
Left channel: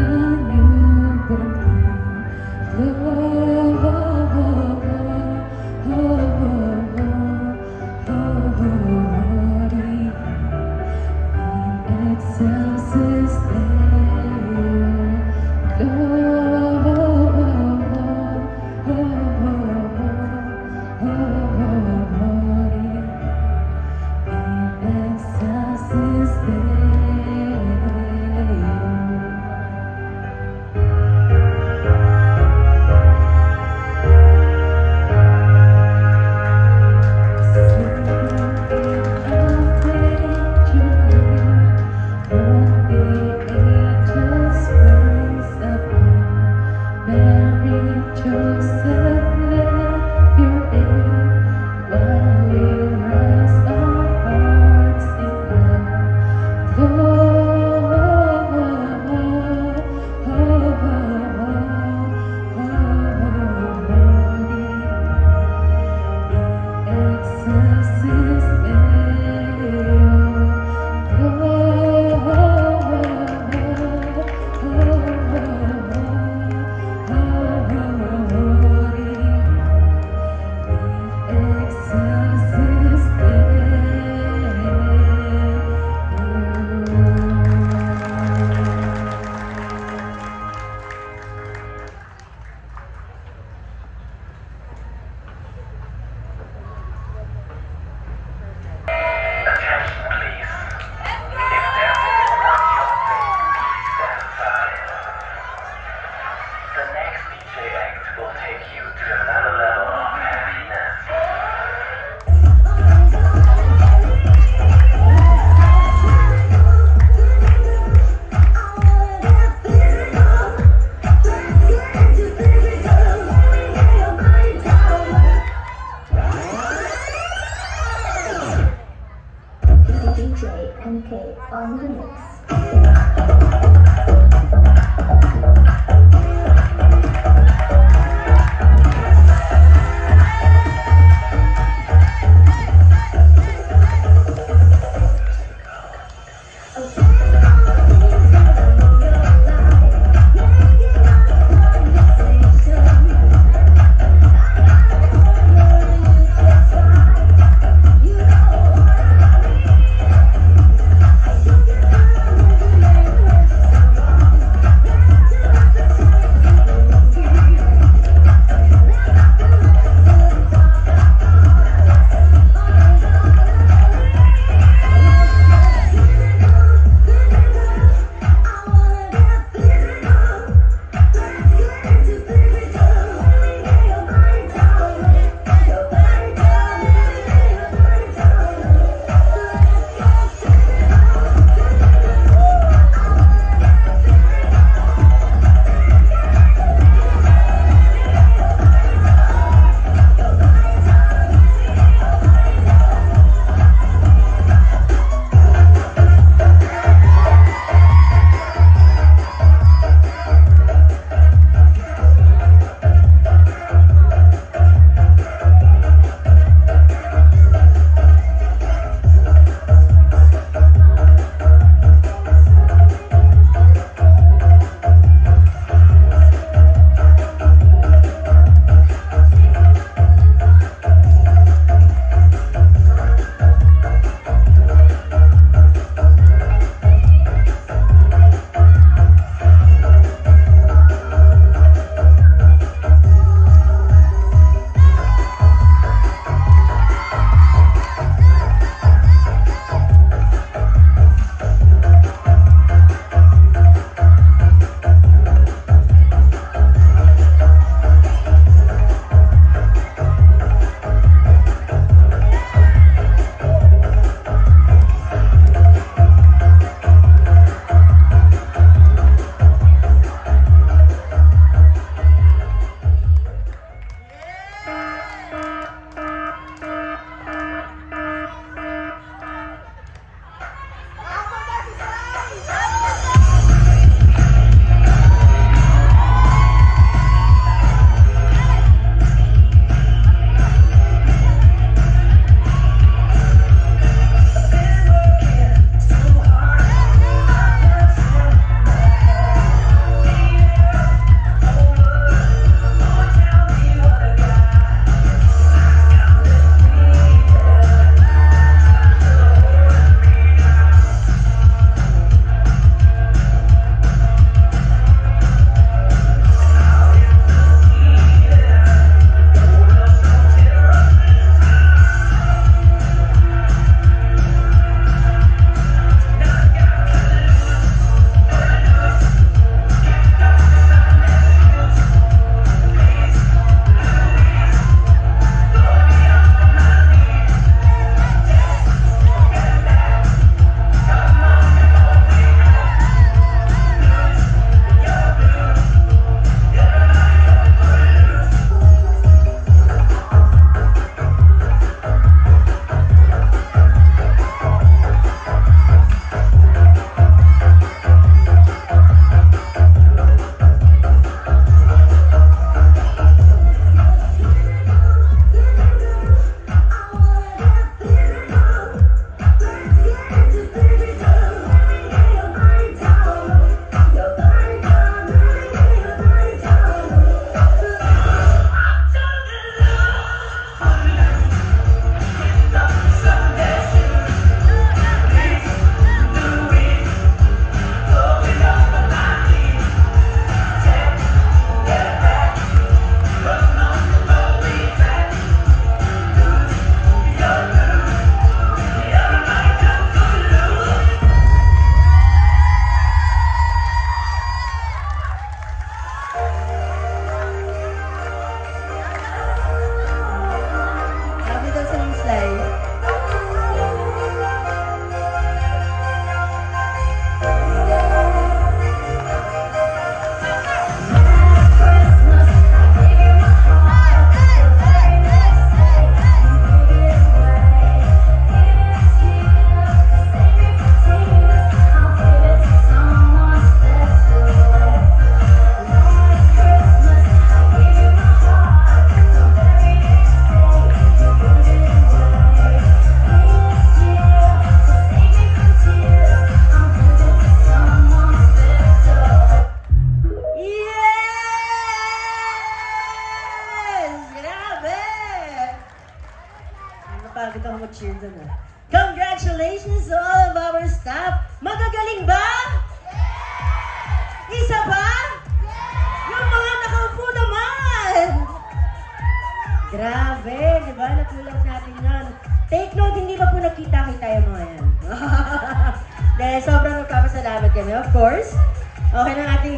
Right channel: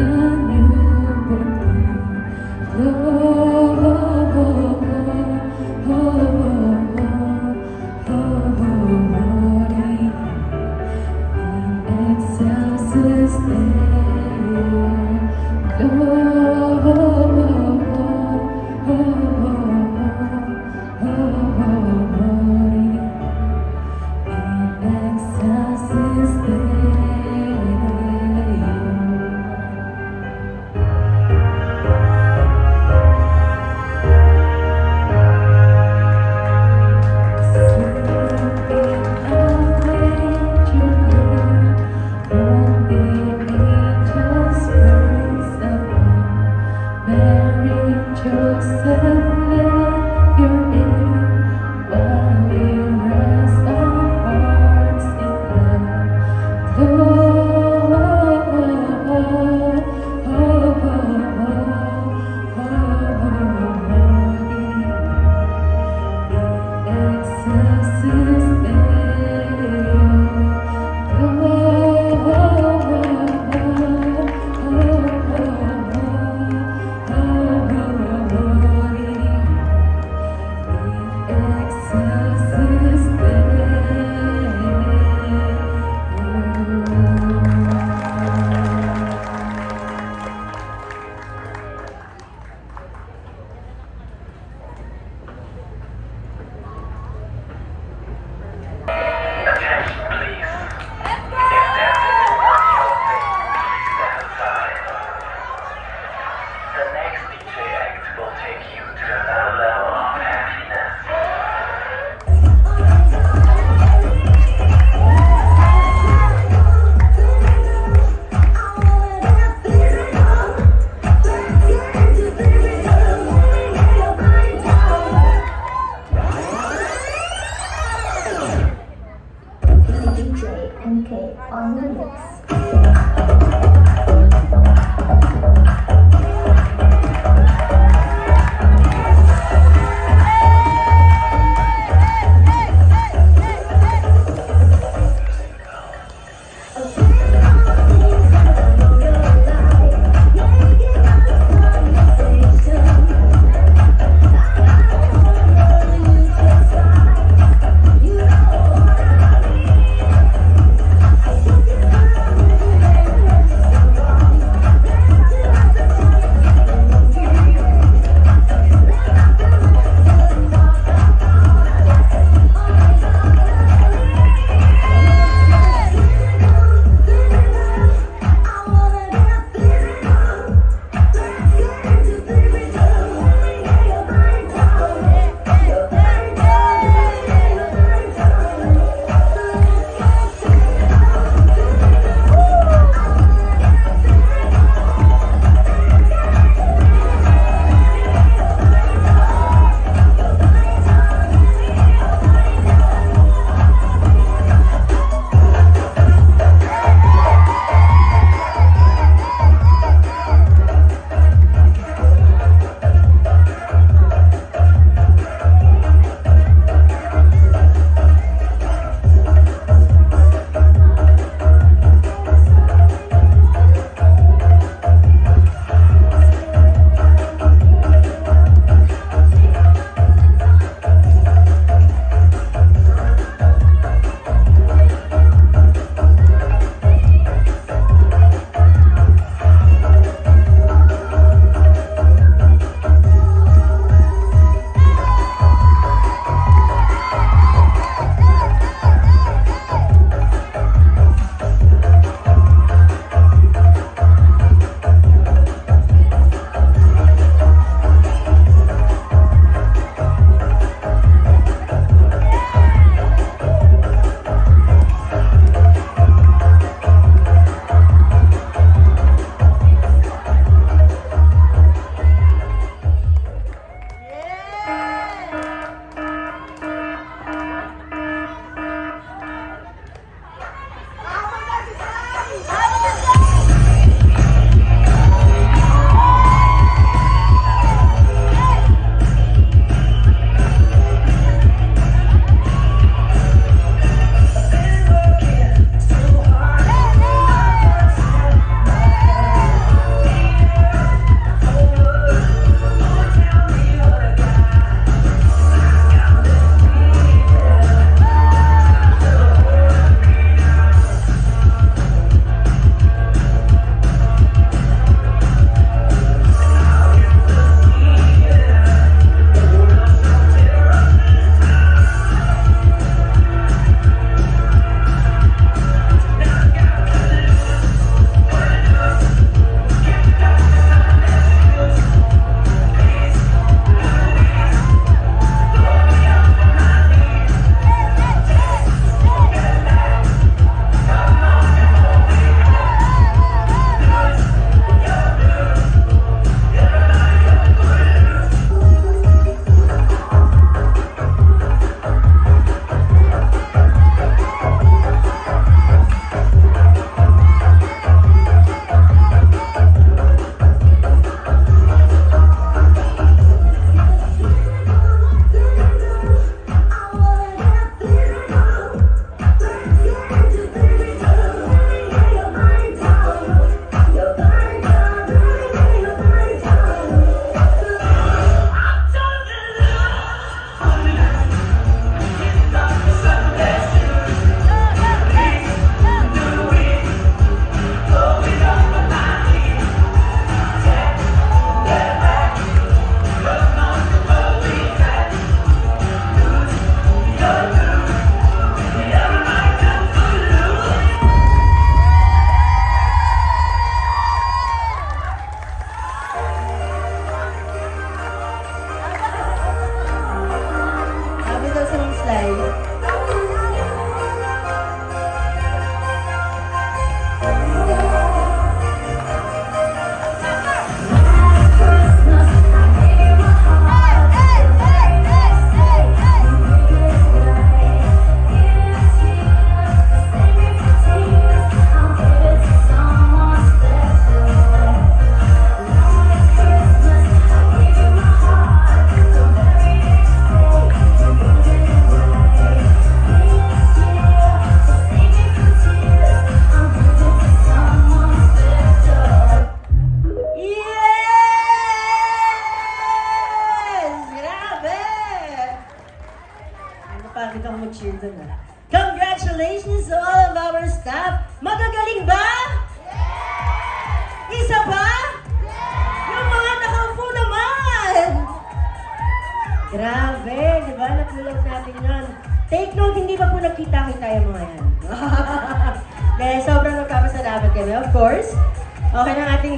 the new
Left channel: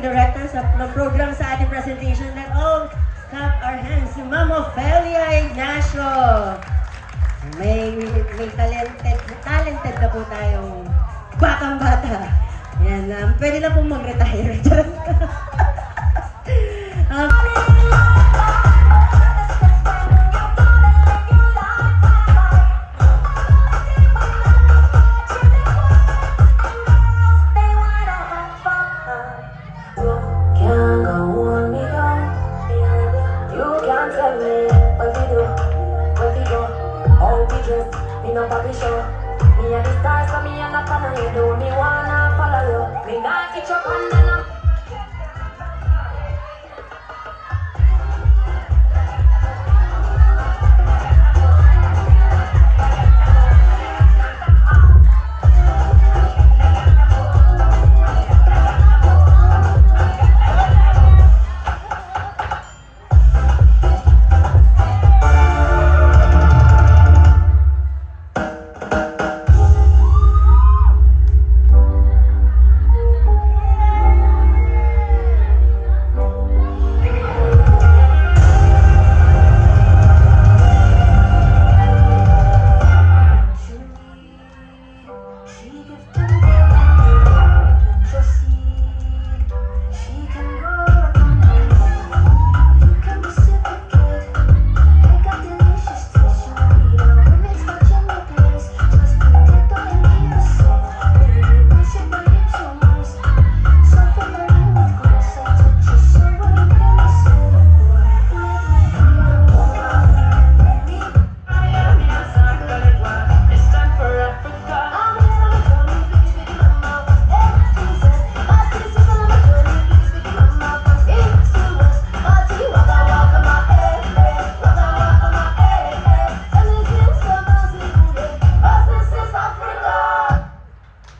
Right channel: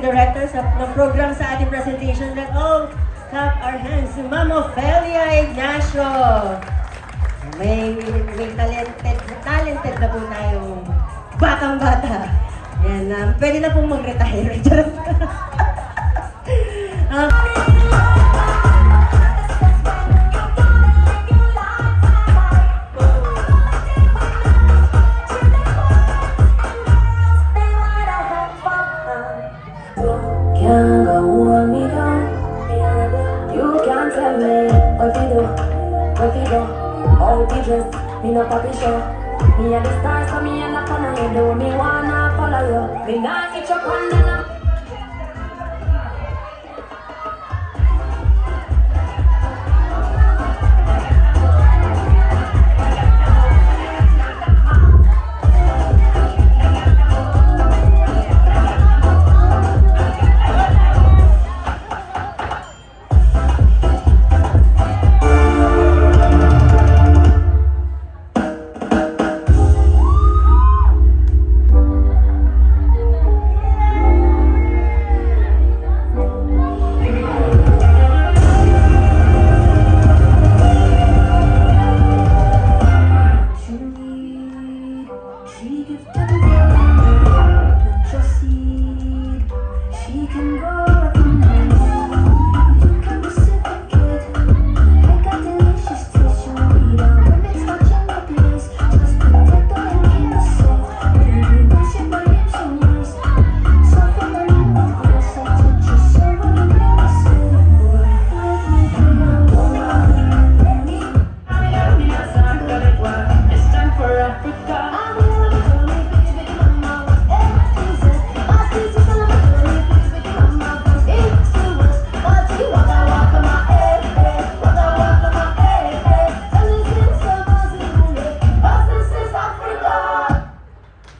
director ng program sa ating presentation. Let's all clap our hands to Ma'am Ofelia Ignacio. May talented na po tayong batang-bata. Yan, pwede na pong mag-retire. Me no papi show. Me a the stars, so me a knock on your door. Me wanna follow you. Me not get your pandana.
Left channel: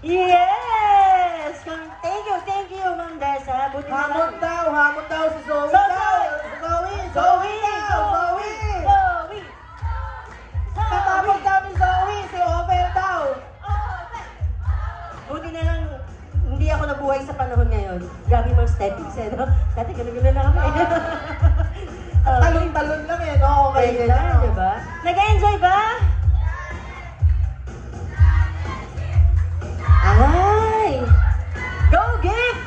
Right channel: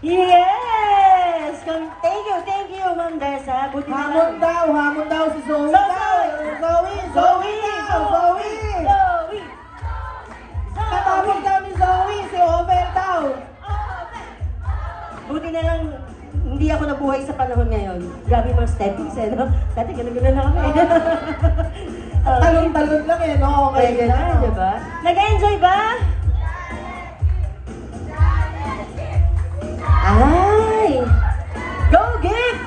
Yes! Thank you, Ma'am Dessa. Buti na lang. Hamon daw si Zoe. Zoe! Katapos namin Zoe, si Ovel daw. Buti na lang, hindi ako nabuhay sa panahon na yun. Grabe mga steppings eh, no? Dati ganun-ganun na ako eh. Talon-talon lang eh, no? Okay, Kaya na, di ba? Nag-enjoy ba? Ay! Go, Gift!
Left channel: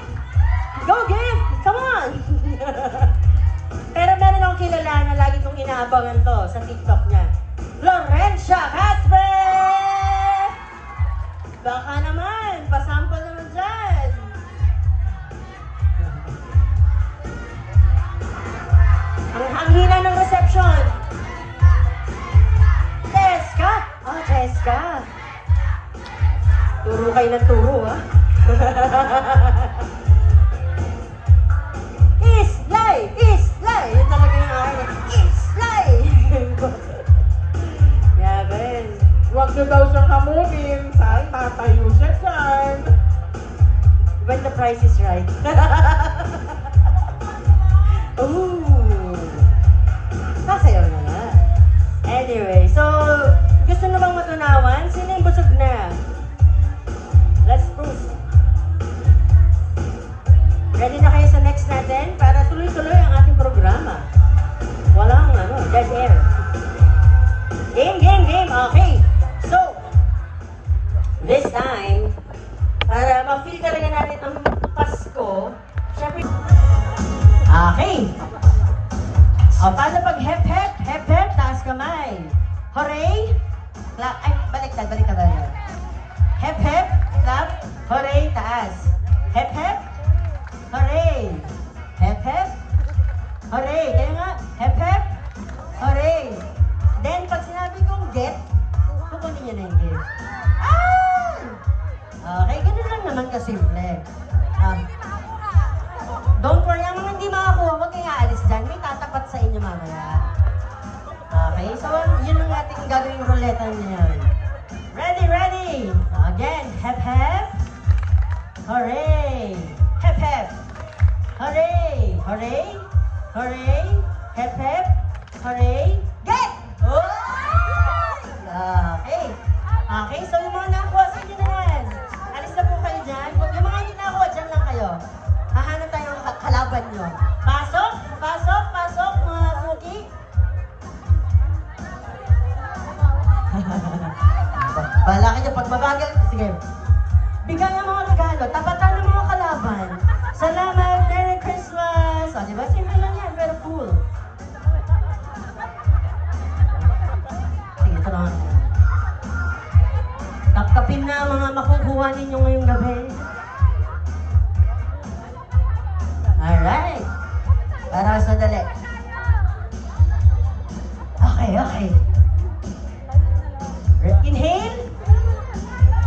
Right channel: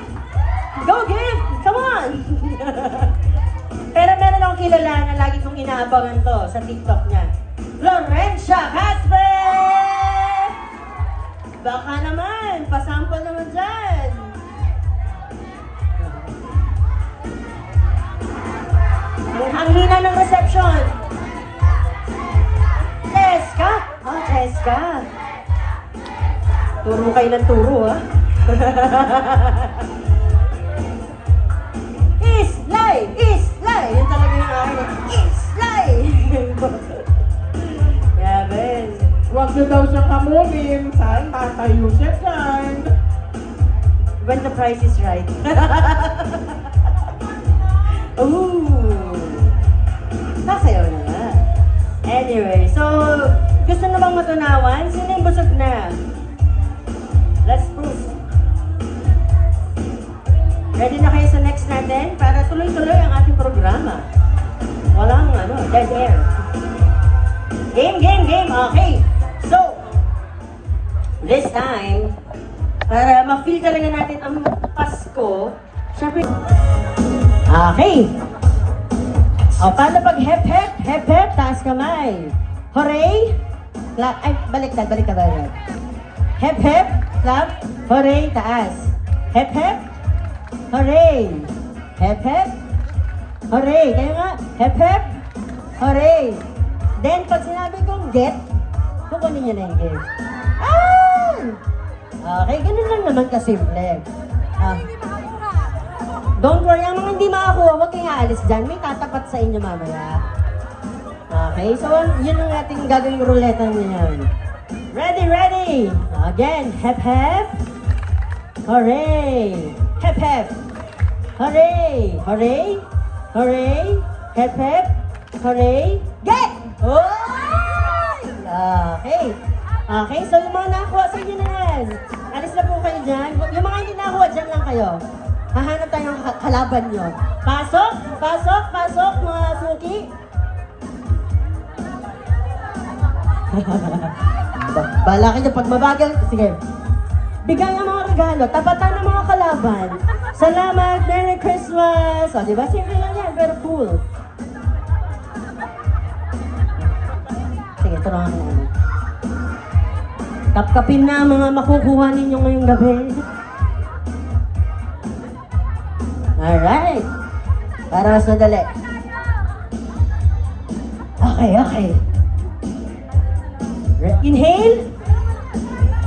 Go, Gift! Come on! Pero meron akong kilala na lagi kong inaabangan to sa TikTok niya. Florencia Casper! Baka naman, pasample naman dyan. Ang hina ng reception. Jessica! Oh, Jessica. Turo kayo ng turo, ah. Islay! Islay! Yun talaga yung akin. Islay! Yaben. Huwag na daw siyang hamunin. Saan matayo siya dyan? When the price is right. Ooh! Kasayaw na nga. Anyway, so, gusto na bang matunawan? Sino yung busog na? Let's prove. Ready na kayo sa next natin? Para tuloy-tuloy ang ating programa. Walang dead air. Game! Okay. So, this time, para ma-feel talaga natin ang Pasko, syempre, okay. O, paano pag hep-hep? Hep-hep, taas kamay. Hooray! Ay, baliktad. Hep-hep, clap. Hooray, taas. Hep-hep. Hooray. Hep-hep. Hooray. Kaya nga, hep-hep. Hooray. Then, pag sinabi kong get, kukunin nyo na yung get. Ah! Okay, ganun lang naman kasimple. Don't worry, ang mga hindi makakuha, huwag kayong aalis dyan. May tatapat sa inyo mamaya. Okay, so yun ang ating gagawing ruleta ngayon. Ready? Again, hep-hep. Hooray! Hep-hep. Hooray! Hep-hep. Hooray! Get! Okay, so yung mga nakakuha sa inyo na yan. Alis na po kayo dyan. Yung mga hindi nakakuha, dyan lang kayo. Hahanap tayo ng kalaban nyo. Pasok! Pasok! Pasok, mga suki! Bahala kayo pag mabagal. Sige. Bigay ang mga regalo. Tapatan ng mga kalaban. Salamat! Merry Christmas! O, diba? Simple lang yan. Pero cool. Sige, ito lang ang kapkapin na ang mga makukuha ninyo ngayong gabi. Alright. Para mas madali. Okay, okay. Inhale.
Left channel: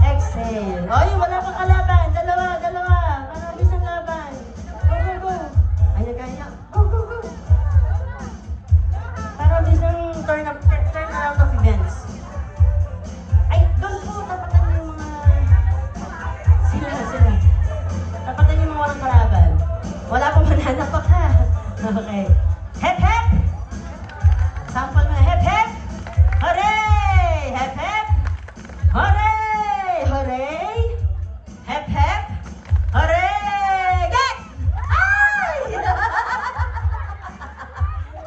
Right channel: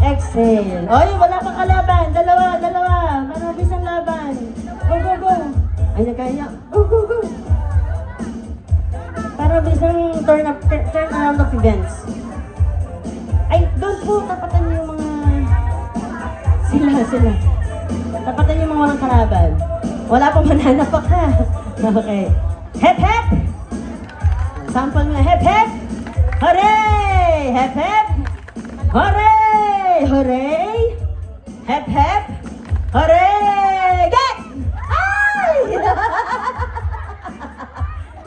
Exhale. Oy, wala kang kalaban. Dalawa. Manabis ang laban. Go, go, go. Ayan, kaya. Go, go, go. Para bisang turn around of events. Ay, doon po, tapatan niyo yung mga... Sila. Tapatan niyo yung mga walang kalaban. Wala pong mananapak ha. Okay. Hep, hep! Sample nga, hep, hep! Hooray! Hep, hep! Hooray! Hooray! Hep, hep! Hooray! Get! Ay!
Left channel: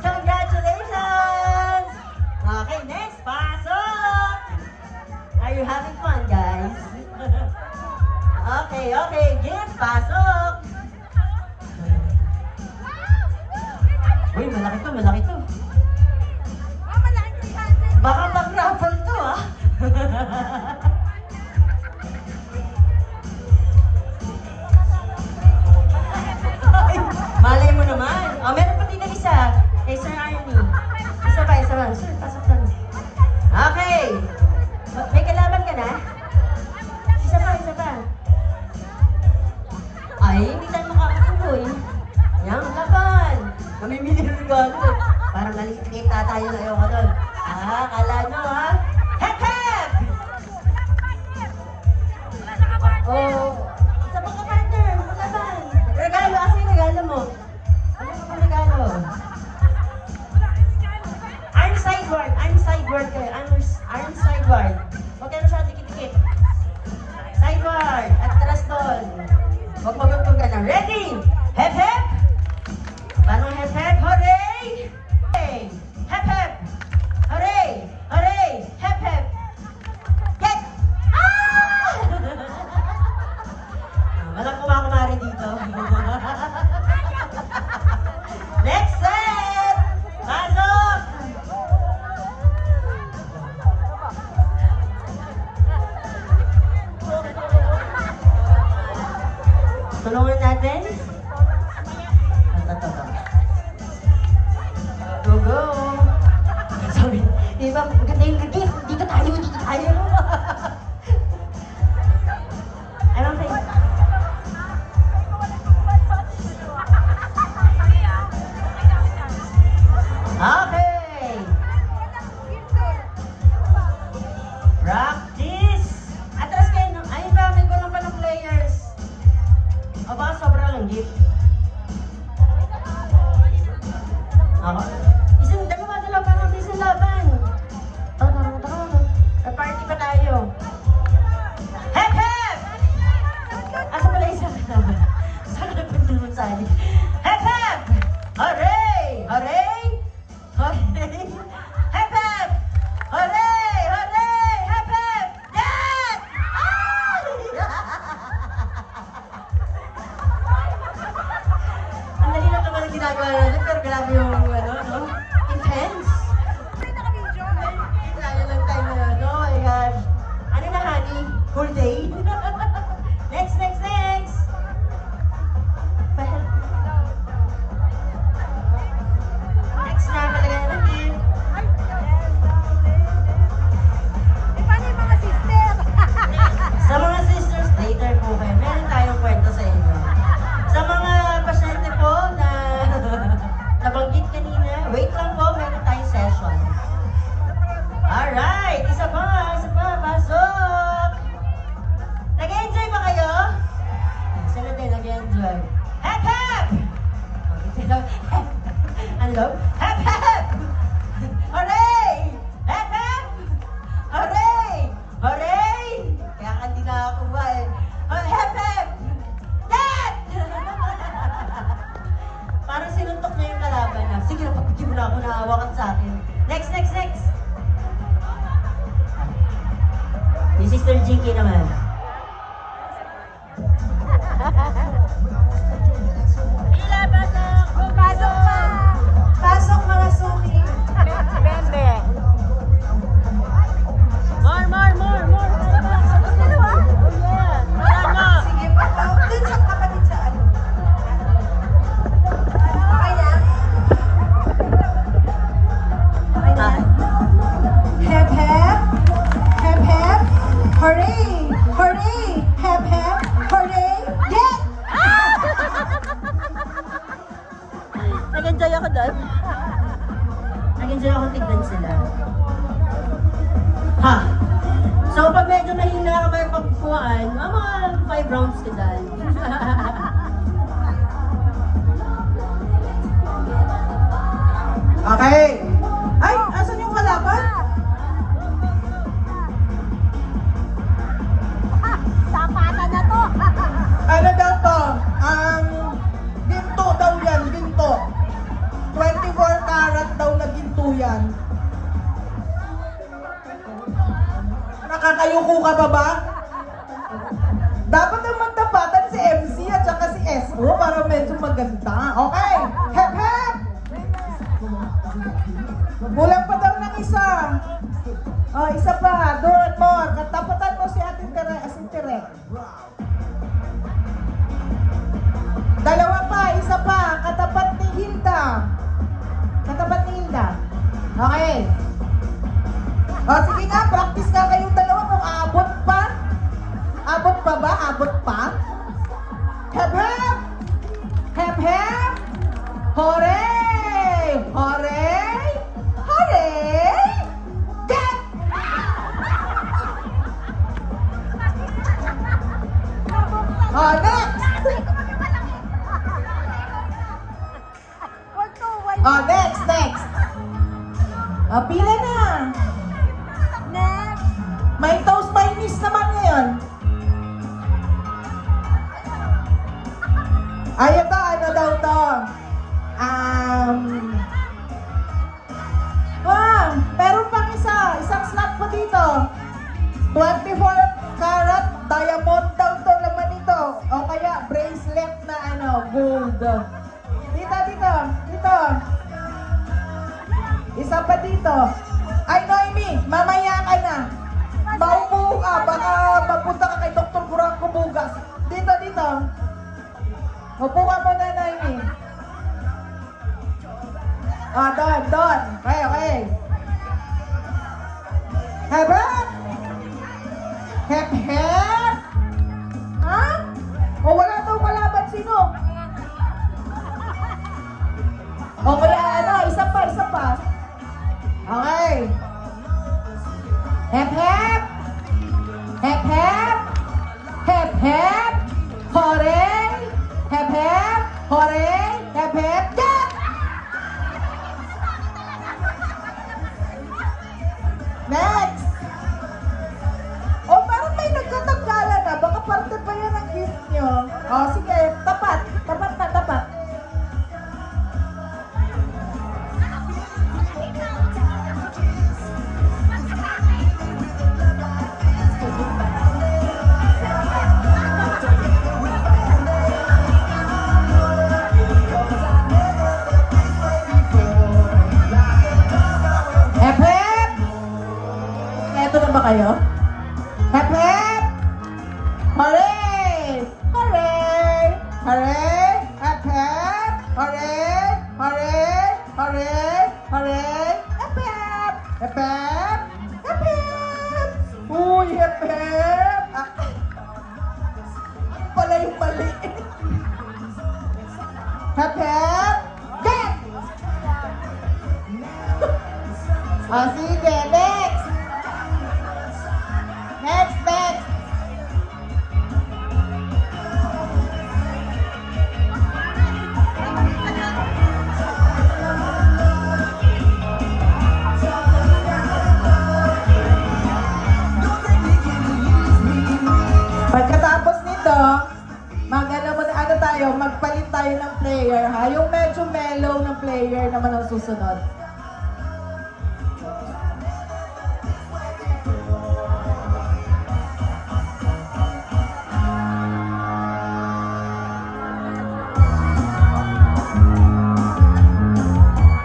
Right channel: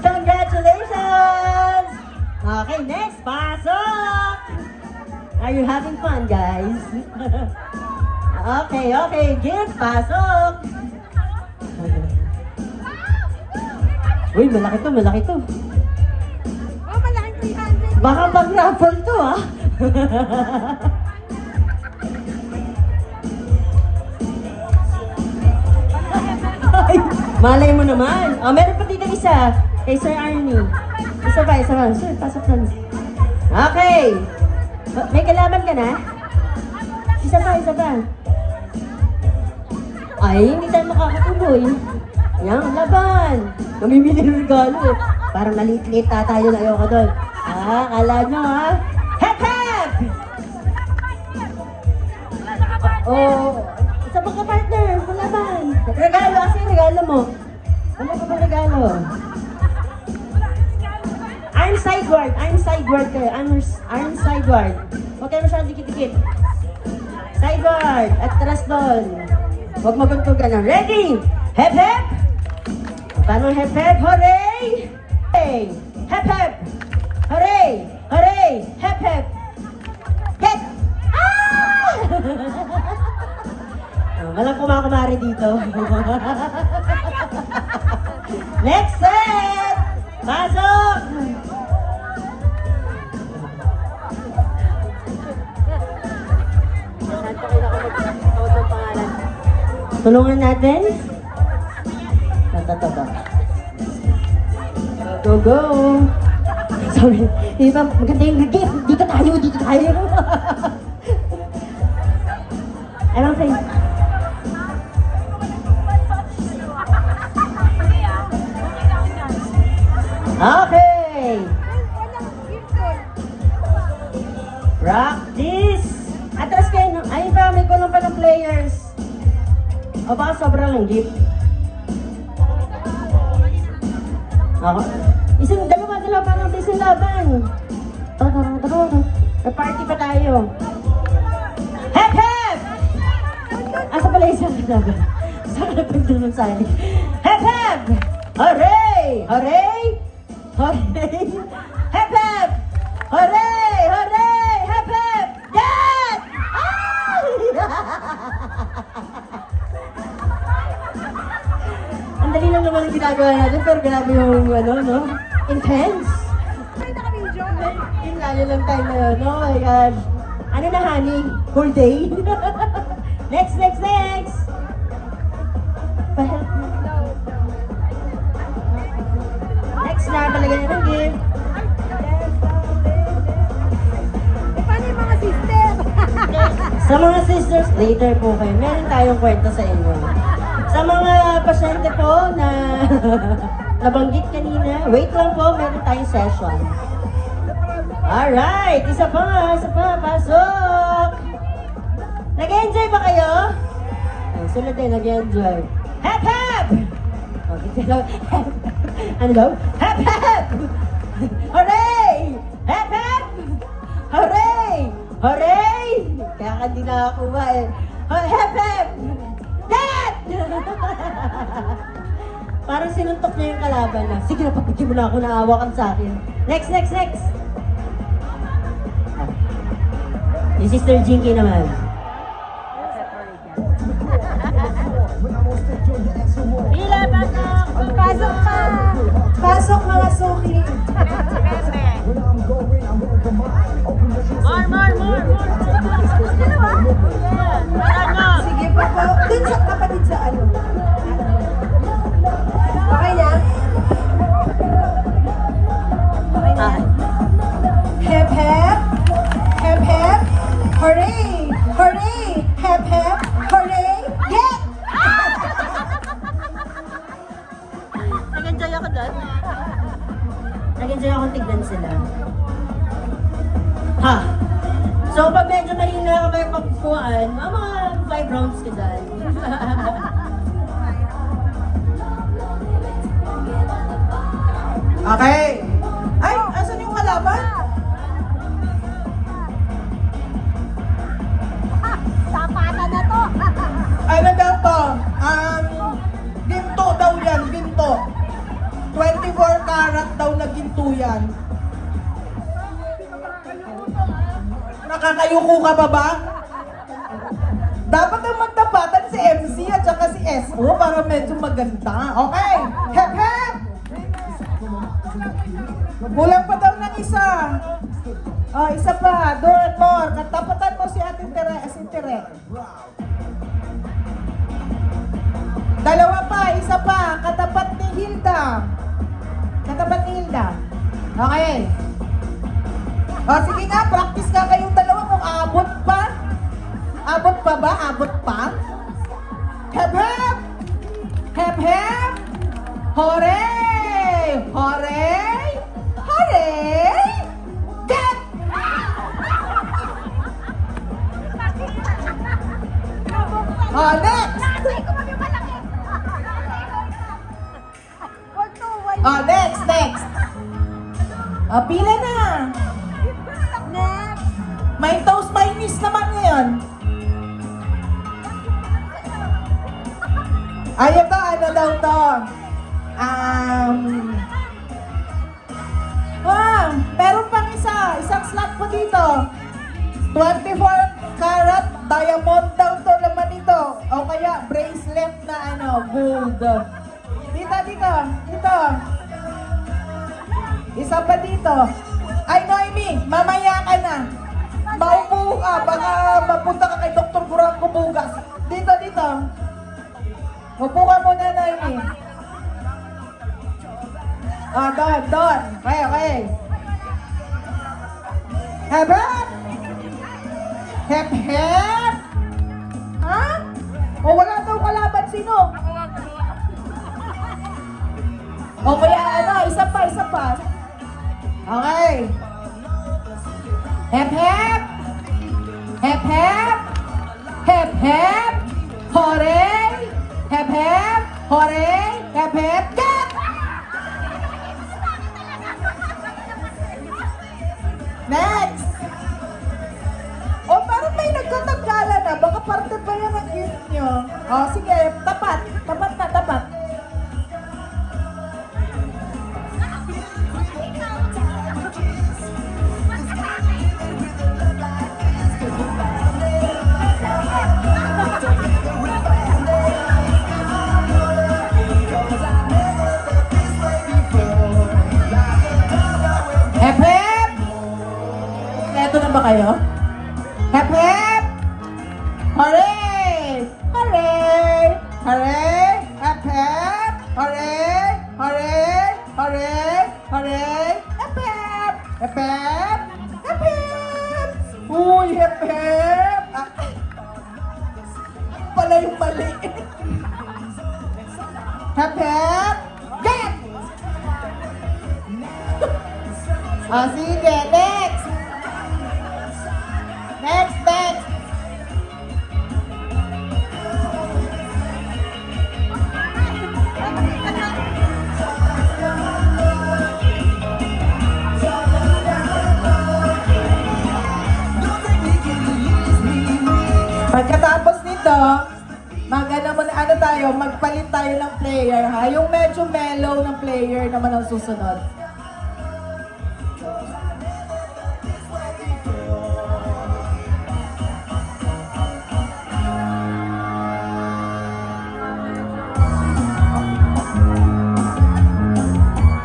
Congratulations! Okay, next, pasok! Are you having fun, guys? Okay, gift, pasok! Uy, malaki to. Baka mag-raffle to, ha? Ay, malay mo naman. Oh, meron pa dito isa. Kay Sir Arnie. Isa ba? Sir, pasok lang. Okay. May kalaban ka na? Isa ba? Ay, hindi tayo makakatuloy. Yan, laban. Namimili ng regalo eh. Parang maliit-liit tayo na ayoko doon. Kala nyo ha? Hep, hep! Isa pa ka partner, malaban. Regalo kasi, regalo mo. Ano ka ba regalo? Iron sideboard kayo. Iron sideboard. Huwag kayo masyadong dikit-dikit. Sideboard at taras doon. Huwag maguntugan na. Ready? Hep, hep! Paano hep, hep? Hooray! Hey! Hep, hep! Hooray! Hooray! Hep, hep! Get! Ah! Walang kumakumari dito. Next set! Pasok! Tulungan natin. Go! Sorry. Diba, maganda yung gift. Dito tayo. I don't think. Okay! Practice! Atras kayo. Ayun pa, may gulong pa ng players. O baka sobrang lang gift. Dalawa parang sa isang laban. Party pa tayo. Hep, hep! Asa pala isang laban? Saan ka nagpagdulong sa akin? Hep, hep! Hooray! Hooray! Hooray! Hep, hep! Hooray! Hooray! Hep, hep! Get! Ay! Ang dali lang naman ang ginagawa natin, pero grabe yung no? Intense. Yung layo lang tayo na yun. Oh my God. Ano na, honey? Whole day? Next! Next na, palagay na ng gift. Sa mga sisters, later po kayo. Meron tayong kwento sa inyo. Sa mga pasyente po na nabanggit kanina, wait lang po, meron tayong session. Alright, isa pa, pasok! Nag-enjoy ba kayo? Sila din, nag-enjoy. Hep, hep! Okay, sila, ano daw? Hep, hep! Hooray! Hep, hep! Hooray! Hooray! Kaya hindi na ako ba eh. Hep, hep! Dad! Parang sinuntok niya yung kalaban na, sige na, papigyan mo na ako, naawa ka sa akin. Next! Yung Sister Jinky naman. Ila, pasok! Pasok ka! Pasok mga suki! More! Sige pa po. Dun sa kapatid sa ano. Kaya? Okay. Hep hep! Hep hep! Hooray! Hooray! Hep hep! Hooray! Yeah! Nag-enjoy ako doon. Nag-enjoy ako tignan sila. Ha! So, pag medyo nahina ka may pagpuan, mga 5 rounds ka dahil. Okay. Ay, asan yung kalaban? Ano daw to? Ginto daw yan, ginto. 24 karat daw na ginto yan. Nakakayuko ka pa ba? Dapat ang magtapatan si MC at saka si SO para medyo maganda. Okay? Hep hep! Kulang pa daw ng isa. Oh, isa pa. Door. Katapatan mo si Ate Tere. Dalawa pa. Isa pa. Katapat ni Hilda. Okay. Oh, sige nga. Practice nga kayong dalawa kung abot pa. Abot pa ba? Abot pa? Hep hep! Hep hep! Hooray! Hooray! Hooray! Get! Oh, next! Oh, next! Oh, pila na! May toast by miss naman yan. Ayun to, ano daw to? Wow! Meron pang isang slot po dito. 24 karat diamond daw to naman dito. O kaya bracelet na gold. Dito. Isa pa dito. Ay, Noemi, mamaya ka na. Maupo ka, baka mapunta ka kay Dr. Burang Kumugas. Dito. Upo ka muna, Noemi. Oh, doon. Okay. Hep hep! Hep hep! Ha? O wala daw kalaban sino? O kaya isa pa. Okay. Hep hep! Hep hep! Hep hep! Hooray! Hep hep! Hooray! Hep hep! Yeah! Next! O parang may nagtatagala na. Baka parte kaya ng gift nyo. O sige, tapat. Tapat na. Hep hep! Eto na ba kayo? Hep hep! Hooray! Hooray! Hooray! Hep hep! Hooray! Hooray! Hooray! Hooray! Hep hep! Hep hep! Hep hep! Uy, hep hep! Ano pala yung mali? Hep hep! Get! Sige, next! ha. Yung medyo mellow na player naman ang susunod.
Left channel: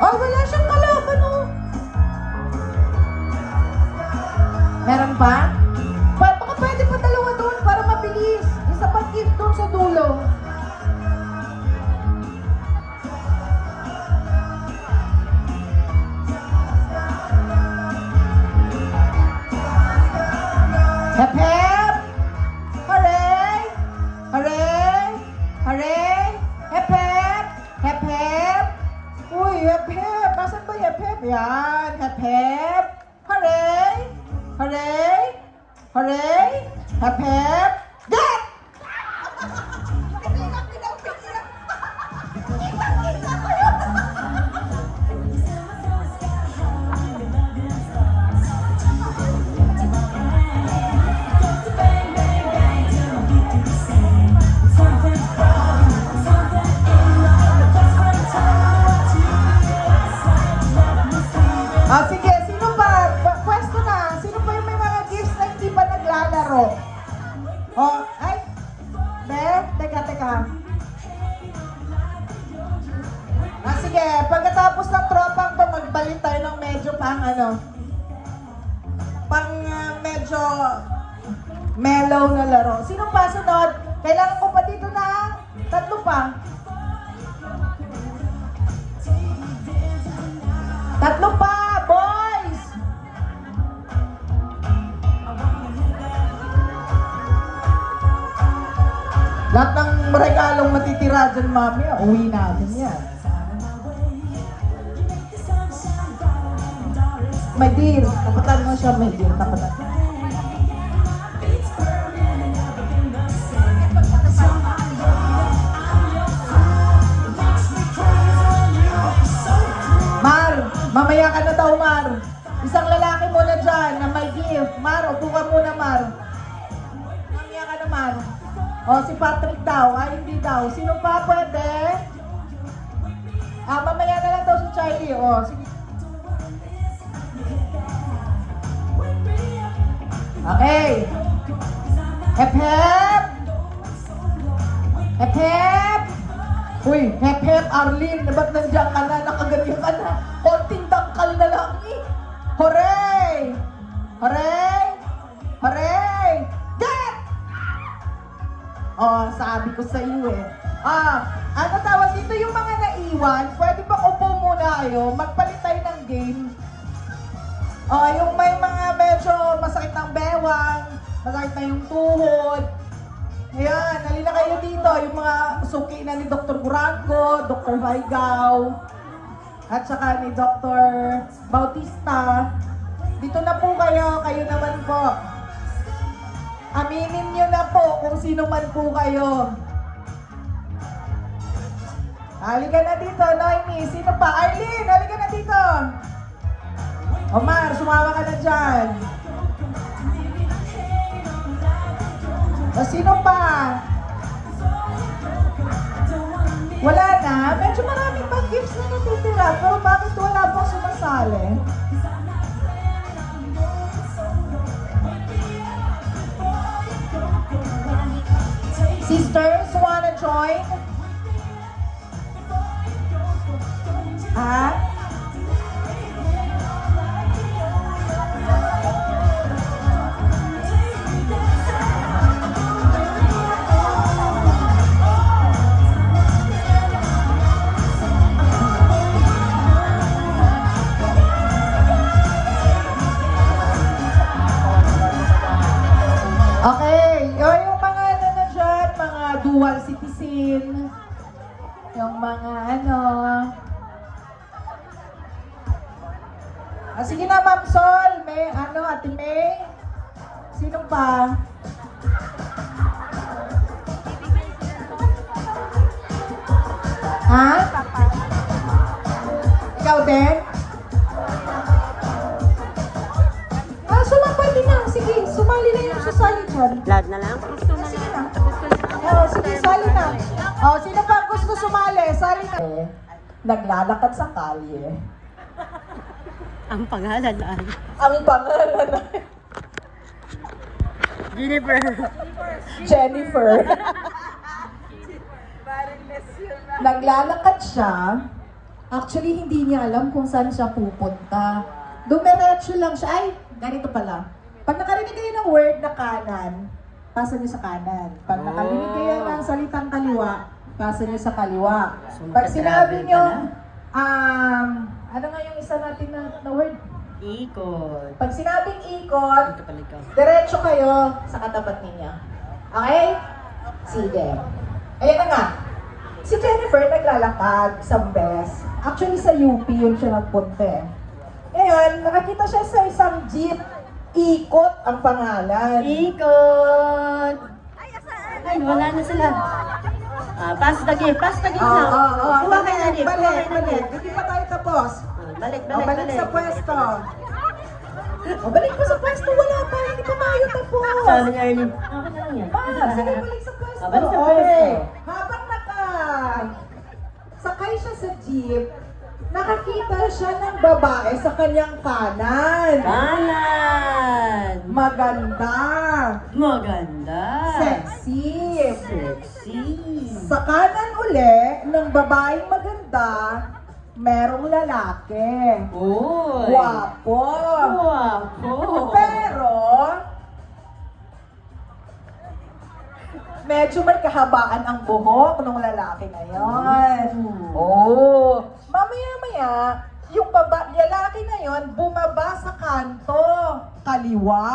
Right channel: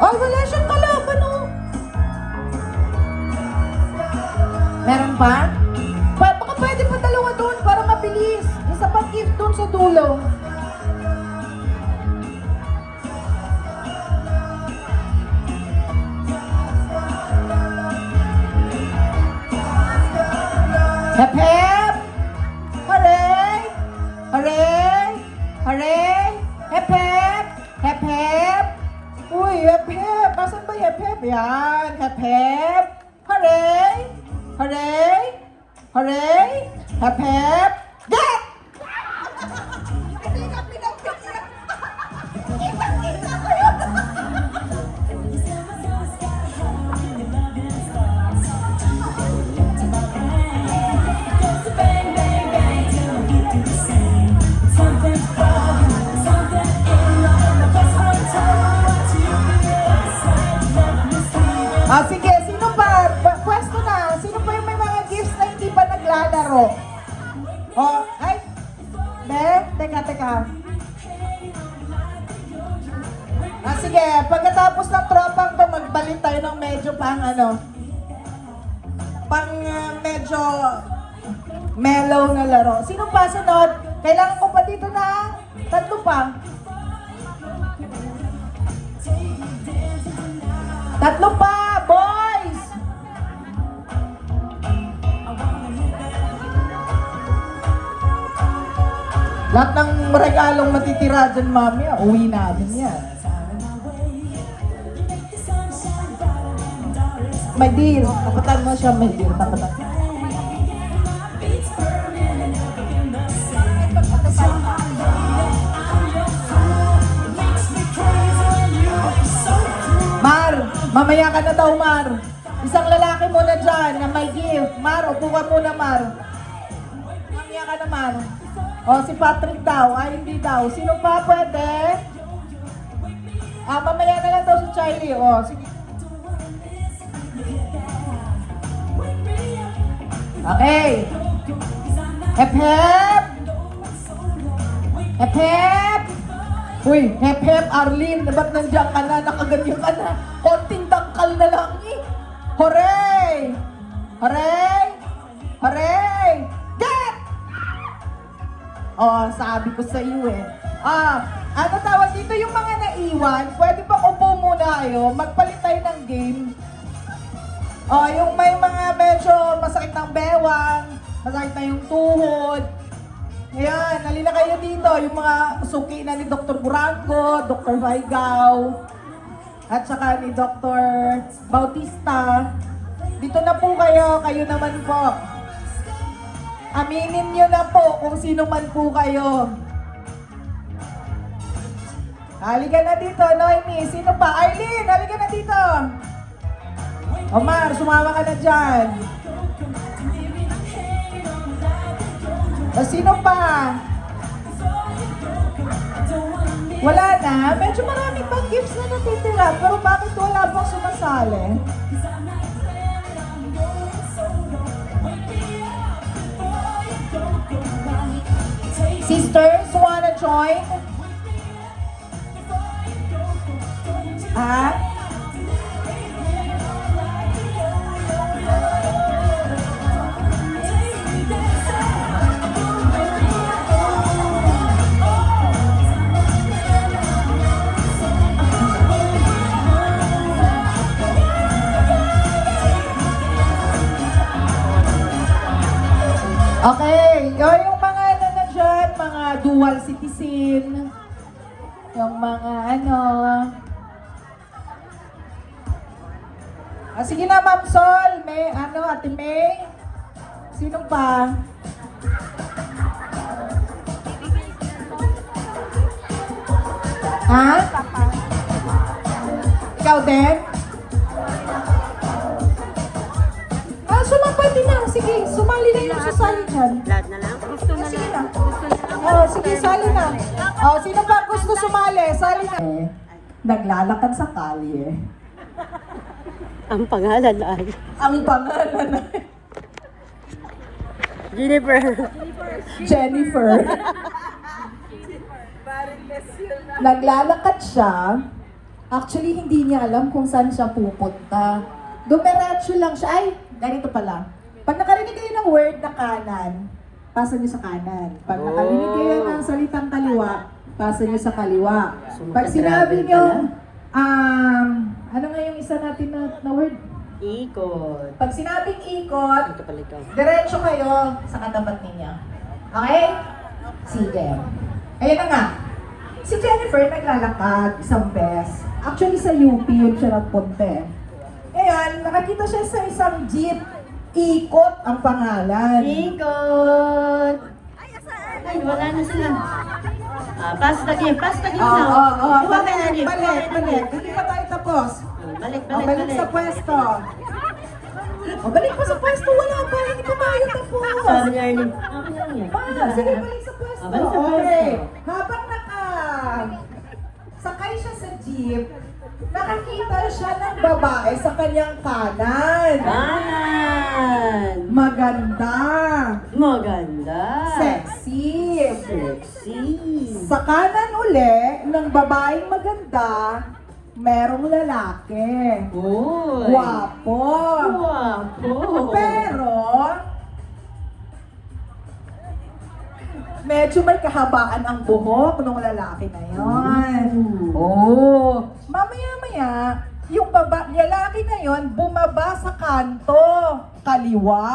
Oh, wala siyang kalaban, oh. Meron ba? Baka pwede pa dalawa doon para mabilis. Isa pang gift doon sa dulo. Hep hep! Hooray! Hooray! Hooray! Hep hep! Hep hep! Uy, hep hep! Nasaan ba yung hep hep? Yan! Hep hep! Hooray! Hooray! Hooray! Hep hep! Get! Ah, sige, sino pa? Pwesto na. Sino pa yung may mga gifts na hindi pa naglalaro? Oh, ay! Teka. Ah, sige, pagkatapos ng tropang to, magbalik tayo ng medyo medyo mellow na laro. Sino pa sunod? Kailangan ko pa dito na 3 pa. 3 pa, boys! Lahat ng regalong matitira dyan, mami, uwi namin yan. My dear, kapatan mo siya, my dear. Mar, mamaya ka na daw, Mar. Isang lalaki muna dyan na may gift. Mar, upo ka muna, Mar. Mamaya ka na, Mar. O, si Patrick daw. Ay, hindi daw. Sino pa pwede? Ah, mamaya na lang daw si Charlie. O, sige. Okay. Hep hep! Hep hep! Uy, hep hep, Arlene, ba't nandiyan ka na? Nakaganyan ka na. Konting dangkal na lang eh. Hooray! Hooray! Hooray! Get! Oh, sabi ko sa iyo eh. Ano tawag dito yung mga naiwan? Pwede pa upo muna kayo. Magpalit tayo ng game. Oh, yung may mga medyo masakit ng bewang, masakit na yung tuhod. Ayan, halina kayo dito. Yung mga suki na ni Dr. Buranco, Dr. Vaigaw, at saka ni Dr. Bautista. Dito na po kayo naman po. Aminin nyo na po kung sino man po kayo. Halika na dito, Noemi. Sino pa? Arlene, halika na dito. Omar, sumama ka na dyan. O sino pa? Wala na? Medyo marami pang gifts na natitira. Pero bakit wala pang sumasali? Sisters, wanna join? Dual citizen, yung mga sige na, Ma'am Sol, may Ate May, sino pa? Ha? Ikaw din? Sumali na, sige, sumali na yung sasali dyan. Lahat na lang? Sige, sali na. Sino pa gusto sumali? Sali na. Naglalakad sa kalye. Ang pangalan ay Ang pangalan ay Jennifer. Naglalakad siya. Actually, hindi niya alam kung saan siya pupunta. Dumiretso lang siya. Ay, ganito pala. Pag nakarinig kayo ng word na kanan, pasa niyo sa kanan. Pag nakarinig kayo ng salitang kaliwa, pasa niyo sa kaliwa. Pag sinabi niyo, ano nga yung isa natin na word? ikot. Pag sinabing ikot, Ito pala ikaw. diretso kayo sa katapat ninyo. Okay? Sige. Ayan na nga. Si Jennifer naglalakad isang beses. Actually sa UP yun siya nagpunta eh. Ngayon, nakakita siya sa isang jeep. Ikot ang pangalan. Ikot! Ay, wala na sila. Pass the game na. Kuha kayo ng game. Balik. Hindi pa tayo tapos. Balik. Balik sa pwesto. Balik pa sa pwesto. Wala pa. Hindi pa tayo tapos. Sabi niya yun. Okay lang yan. Sige, balik sa pwesto. Balik sa Okay. pwesto. Habang sakay siya sa jeep, nakakita siya ng babae sa kanyang kanan. Kanan! Maganda! Sexy. Sexy! Sa kanan uli ng babaeng maganda, merong lalaki. Uy! Guwapo. Guwapo! Pero, medyo may kahabaan ang buhok ng lalaki na yon. Oh. Mamaya-maya, yung lalaki na yon bumaba sa kanto, kaliwa.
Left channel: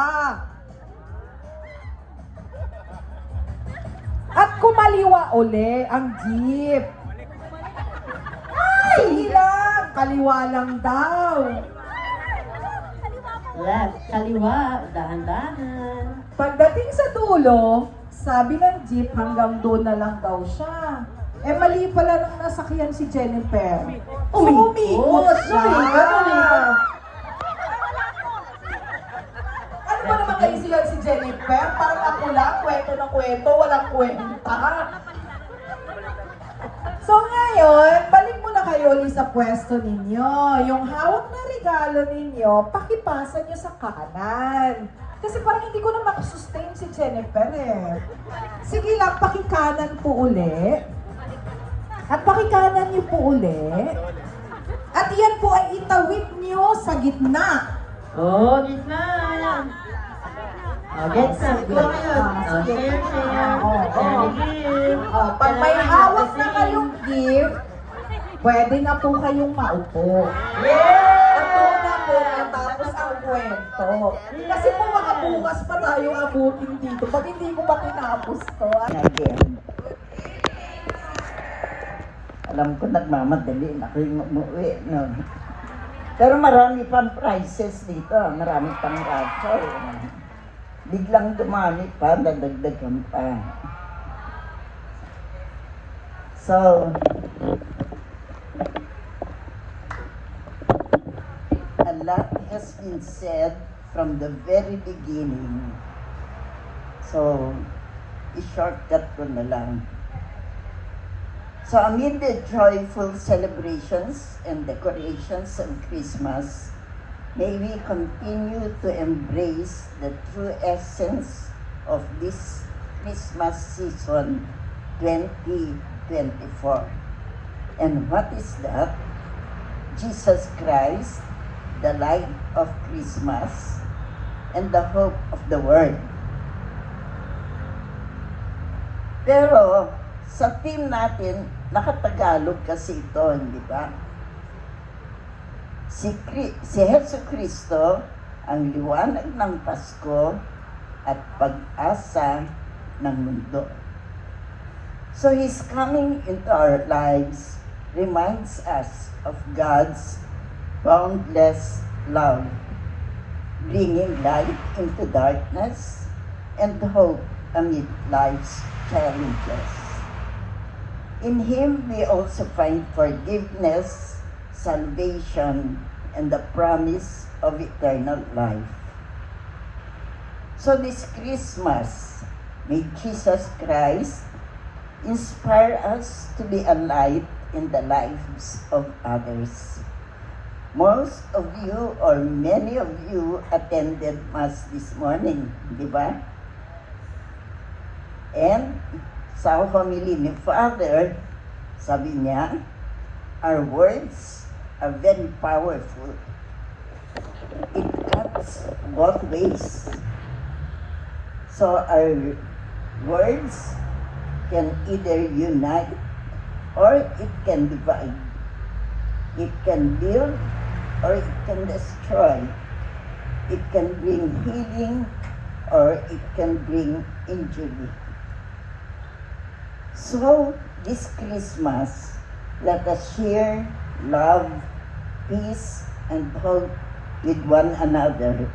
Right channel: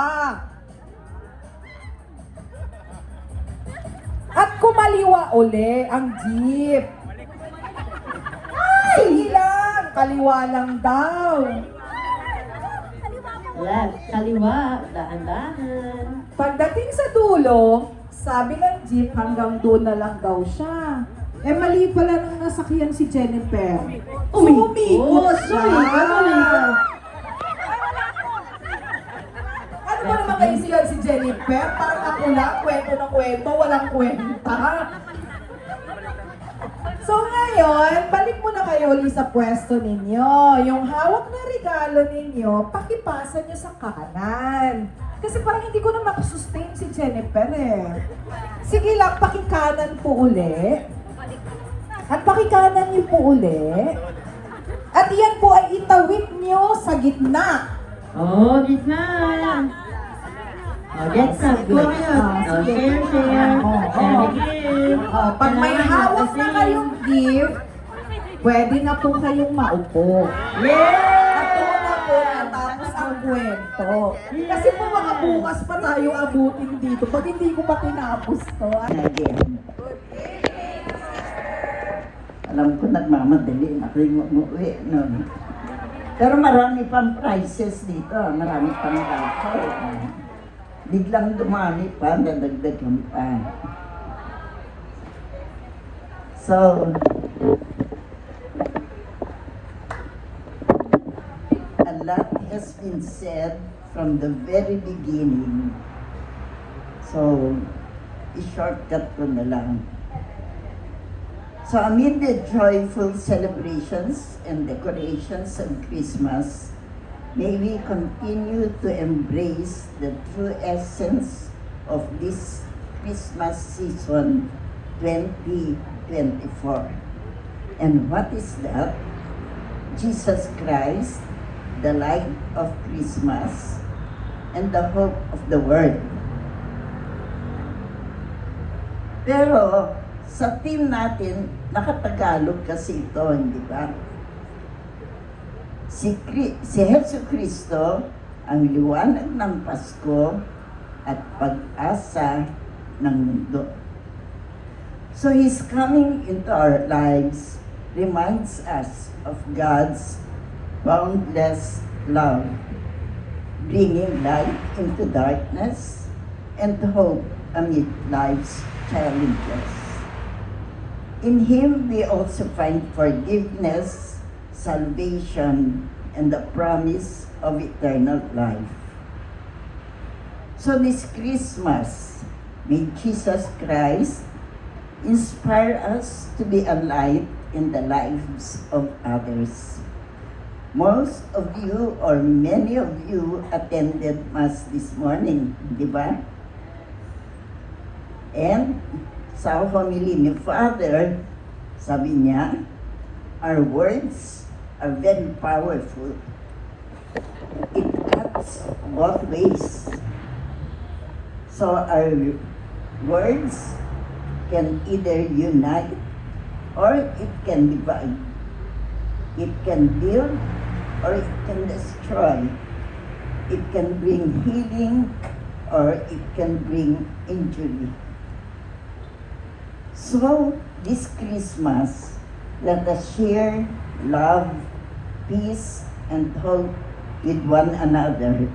At kumaliwa uli ang jeep. Ay! Lang, kaliwa lang daw. Left, kaliwa, dahan-dahan. Pagdating sa dulo, sabi ng jeep hanggang doon na lang daw siya. Eh mali pala nang nasakyan si Jennifer. Umikot siya. Ano ba naman kaisiyan si Jennifer? Parang ako lang, kwento na kwento, walang kwenta. So ngayon, balik muna kayo ulit sa pwesto ninyo. Yung hawak na regalo ninyo, pakipasa nyo sa kanan. Kasi parang hindi ko na makasustain si Jennifer eh. Sige lang, pakikanan po uli. At pakikanan niyo po uli. At yan po ay itawid niyo sa gitna. Oh, gitna! Oh, get some. Sige. Share. Share gift. Pag may hawak na kayong gift, pwede na po kayong maupo. Tapos ang kwento. Kasi po mga bukas pa tayo abutin dito. Pag hindi ko pa tinapos to. Again. Alam ko nagmamadali na kayo umuwi. No? Pero marami pang prizes dito. Marami pang voucher. Biglang dumami pa, dadagdagan pa. So, a lot has been said from the very beginning. So, i-shortcut ko na lang. So, amid the joyful celebrations and decorations of Christmas, may we continue to embrace the true essence of this Christmas season 2024. And what is that? Jesus Christ, the light of Christmas, and the hope of the world. Pero, sa team natin, nakatagalog kasi ito, hindi ba? Si Hesus Kristo, ang liwanag ng Pasko at pag-asa ng mundo. So His coming into our lives reminds us of God's boundless love, bringing light into darkness and hope amid life's challenges. In Him, we also find forgiveness, salvation, and the promise of eternal life. So this Christmas, may Jesus Christ inspire us to be a light in the lives of others. Most of you or many of you attended Mass this morning, di ba? And sa family ni Father, sabi niya, our words are very powerful. It cuts both ways. So our words can either unite or it can divide. It can build or it can destroy. It can bring healing or it can bring injury. So this Christmas, let us share love, peace, and hope with one another,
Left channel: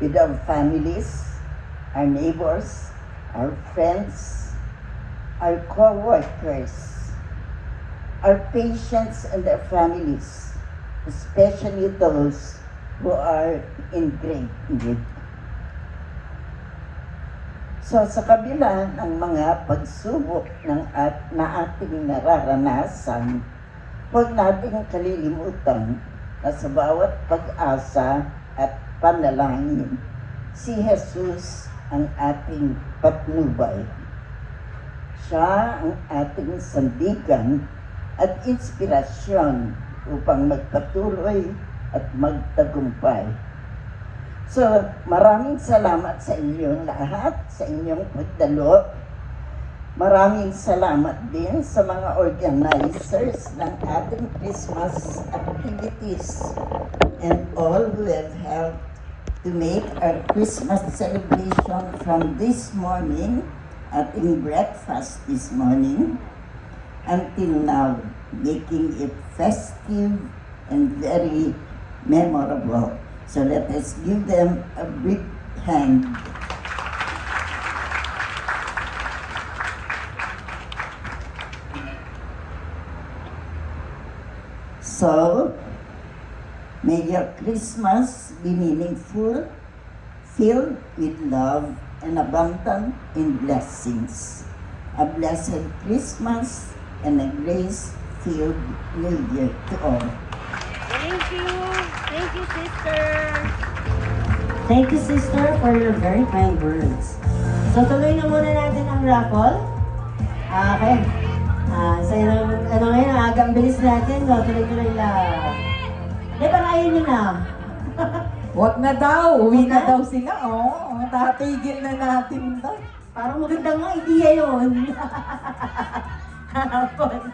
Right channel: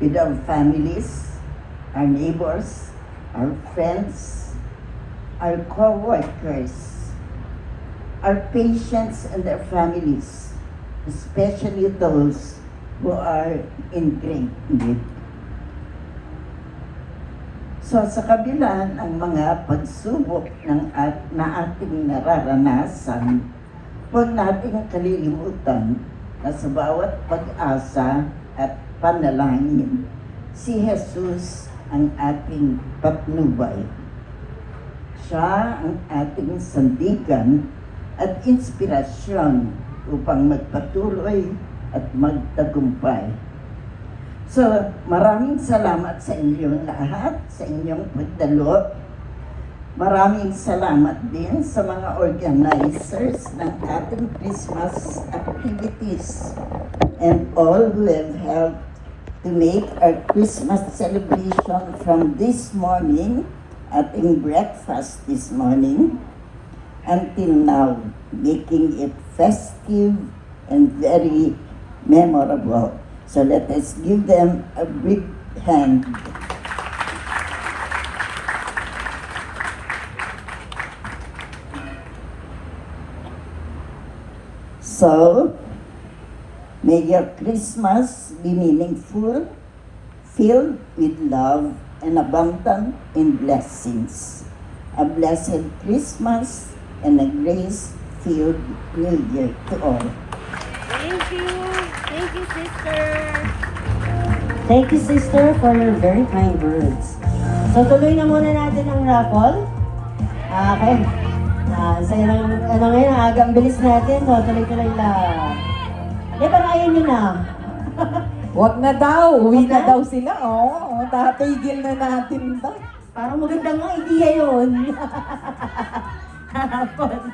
with our families, our neighbors, our friends, our co-workers, our patients and their families, especially those who are in great need. So sa kabila ng mga pagsubok na ating nararanasan, huwag nating kalilimutan na sa bawat pag-asa at panalangin, si Jesus ang ating patnubay. Siya ang ating sandigan at inspirasyon upang magpatuloy at magtagumpay. So, maraming salamat sa inyong lahat, sa inyong pagdalo. Maraming salamat din sa mga organizers ng ating Christmas activities and all who have helped to make our Christmas celebration from this morning, ating breakfast this morning, until now, making it festive and very memorable. So let us give them a big hand. So, may your Christmas be meaningful, filled with love and abundant in blessings. A blessed Christmas and a grace-filled New Year to all. Thank you, sister, for your very kind words. So, tuloy na muna natin ang raffle. Okay. Sa ngayon, agang bilis natin. So, tuloy-tuloy lang. Di ba ayaw nyo na? Wag na daw. Uwi na daw sila. Oo, tatigil na natin ba? Parang magandang idea yun. Raffle.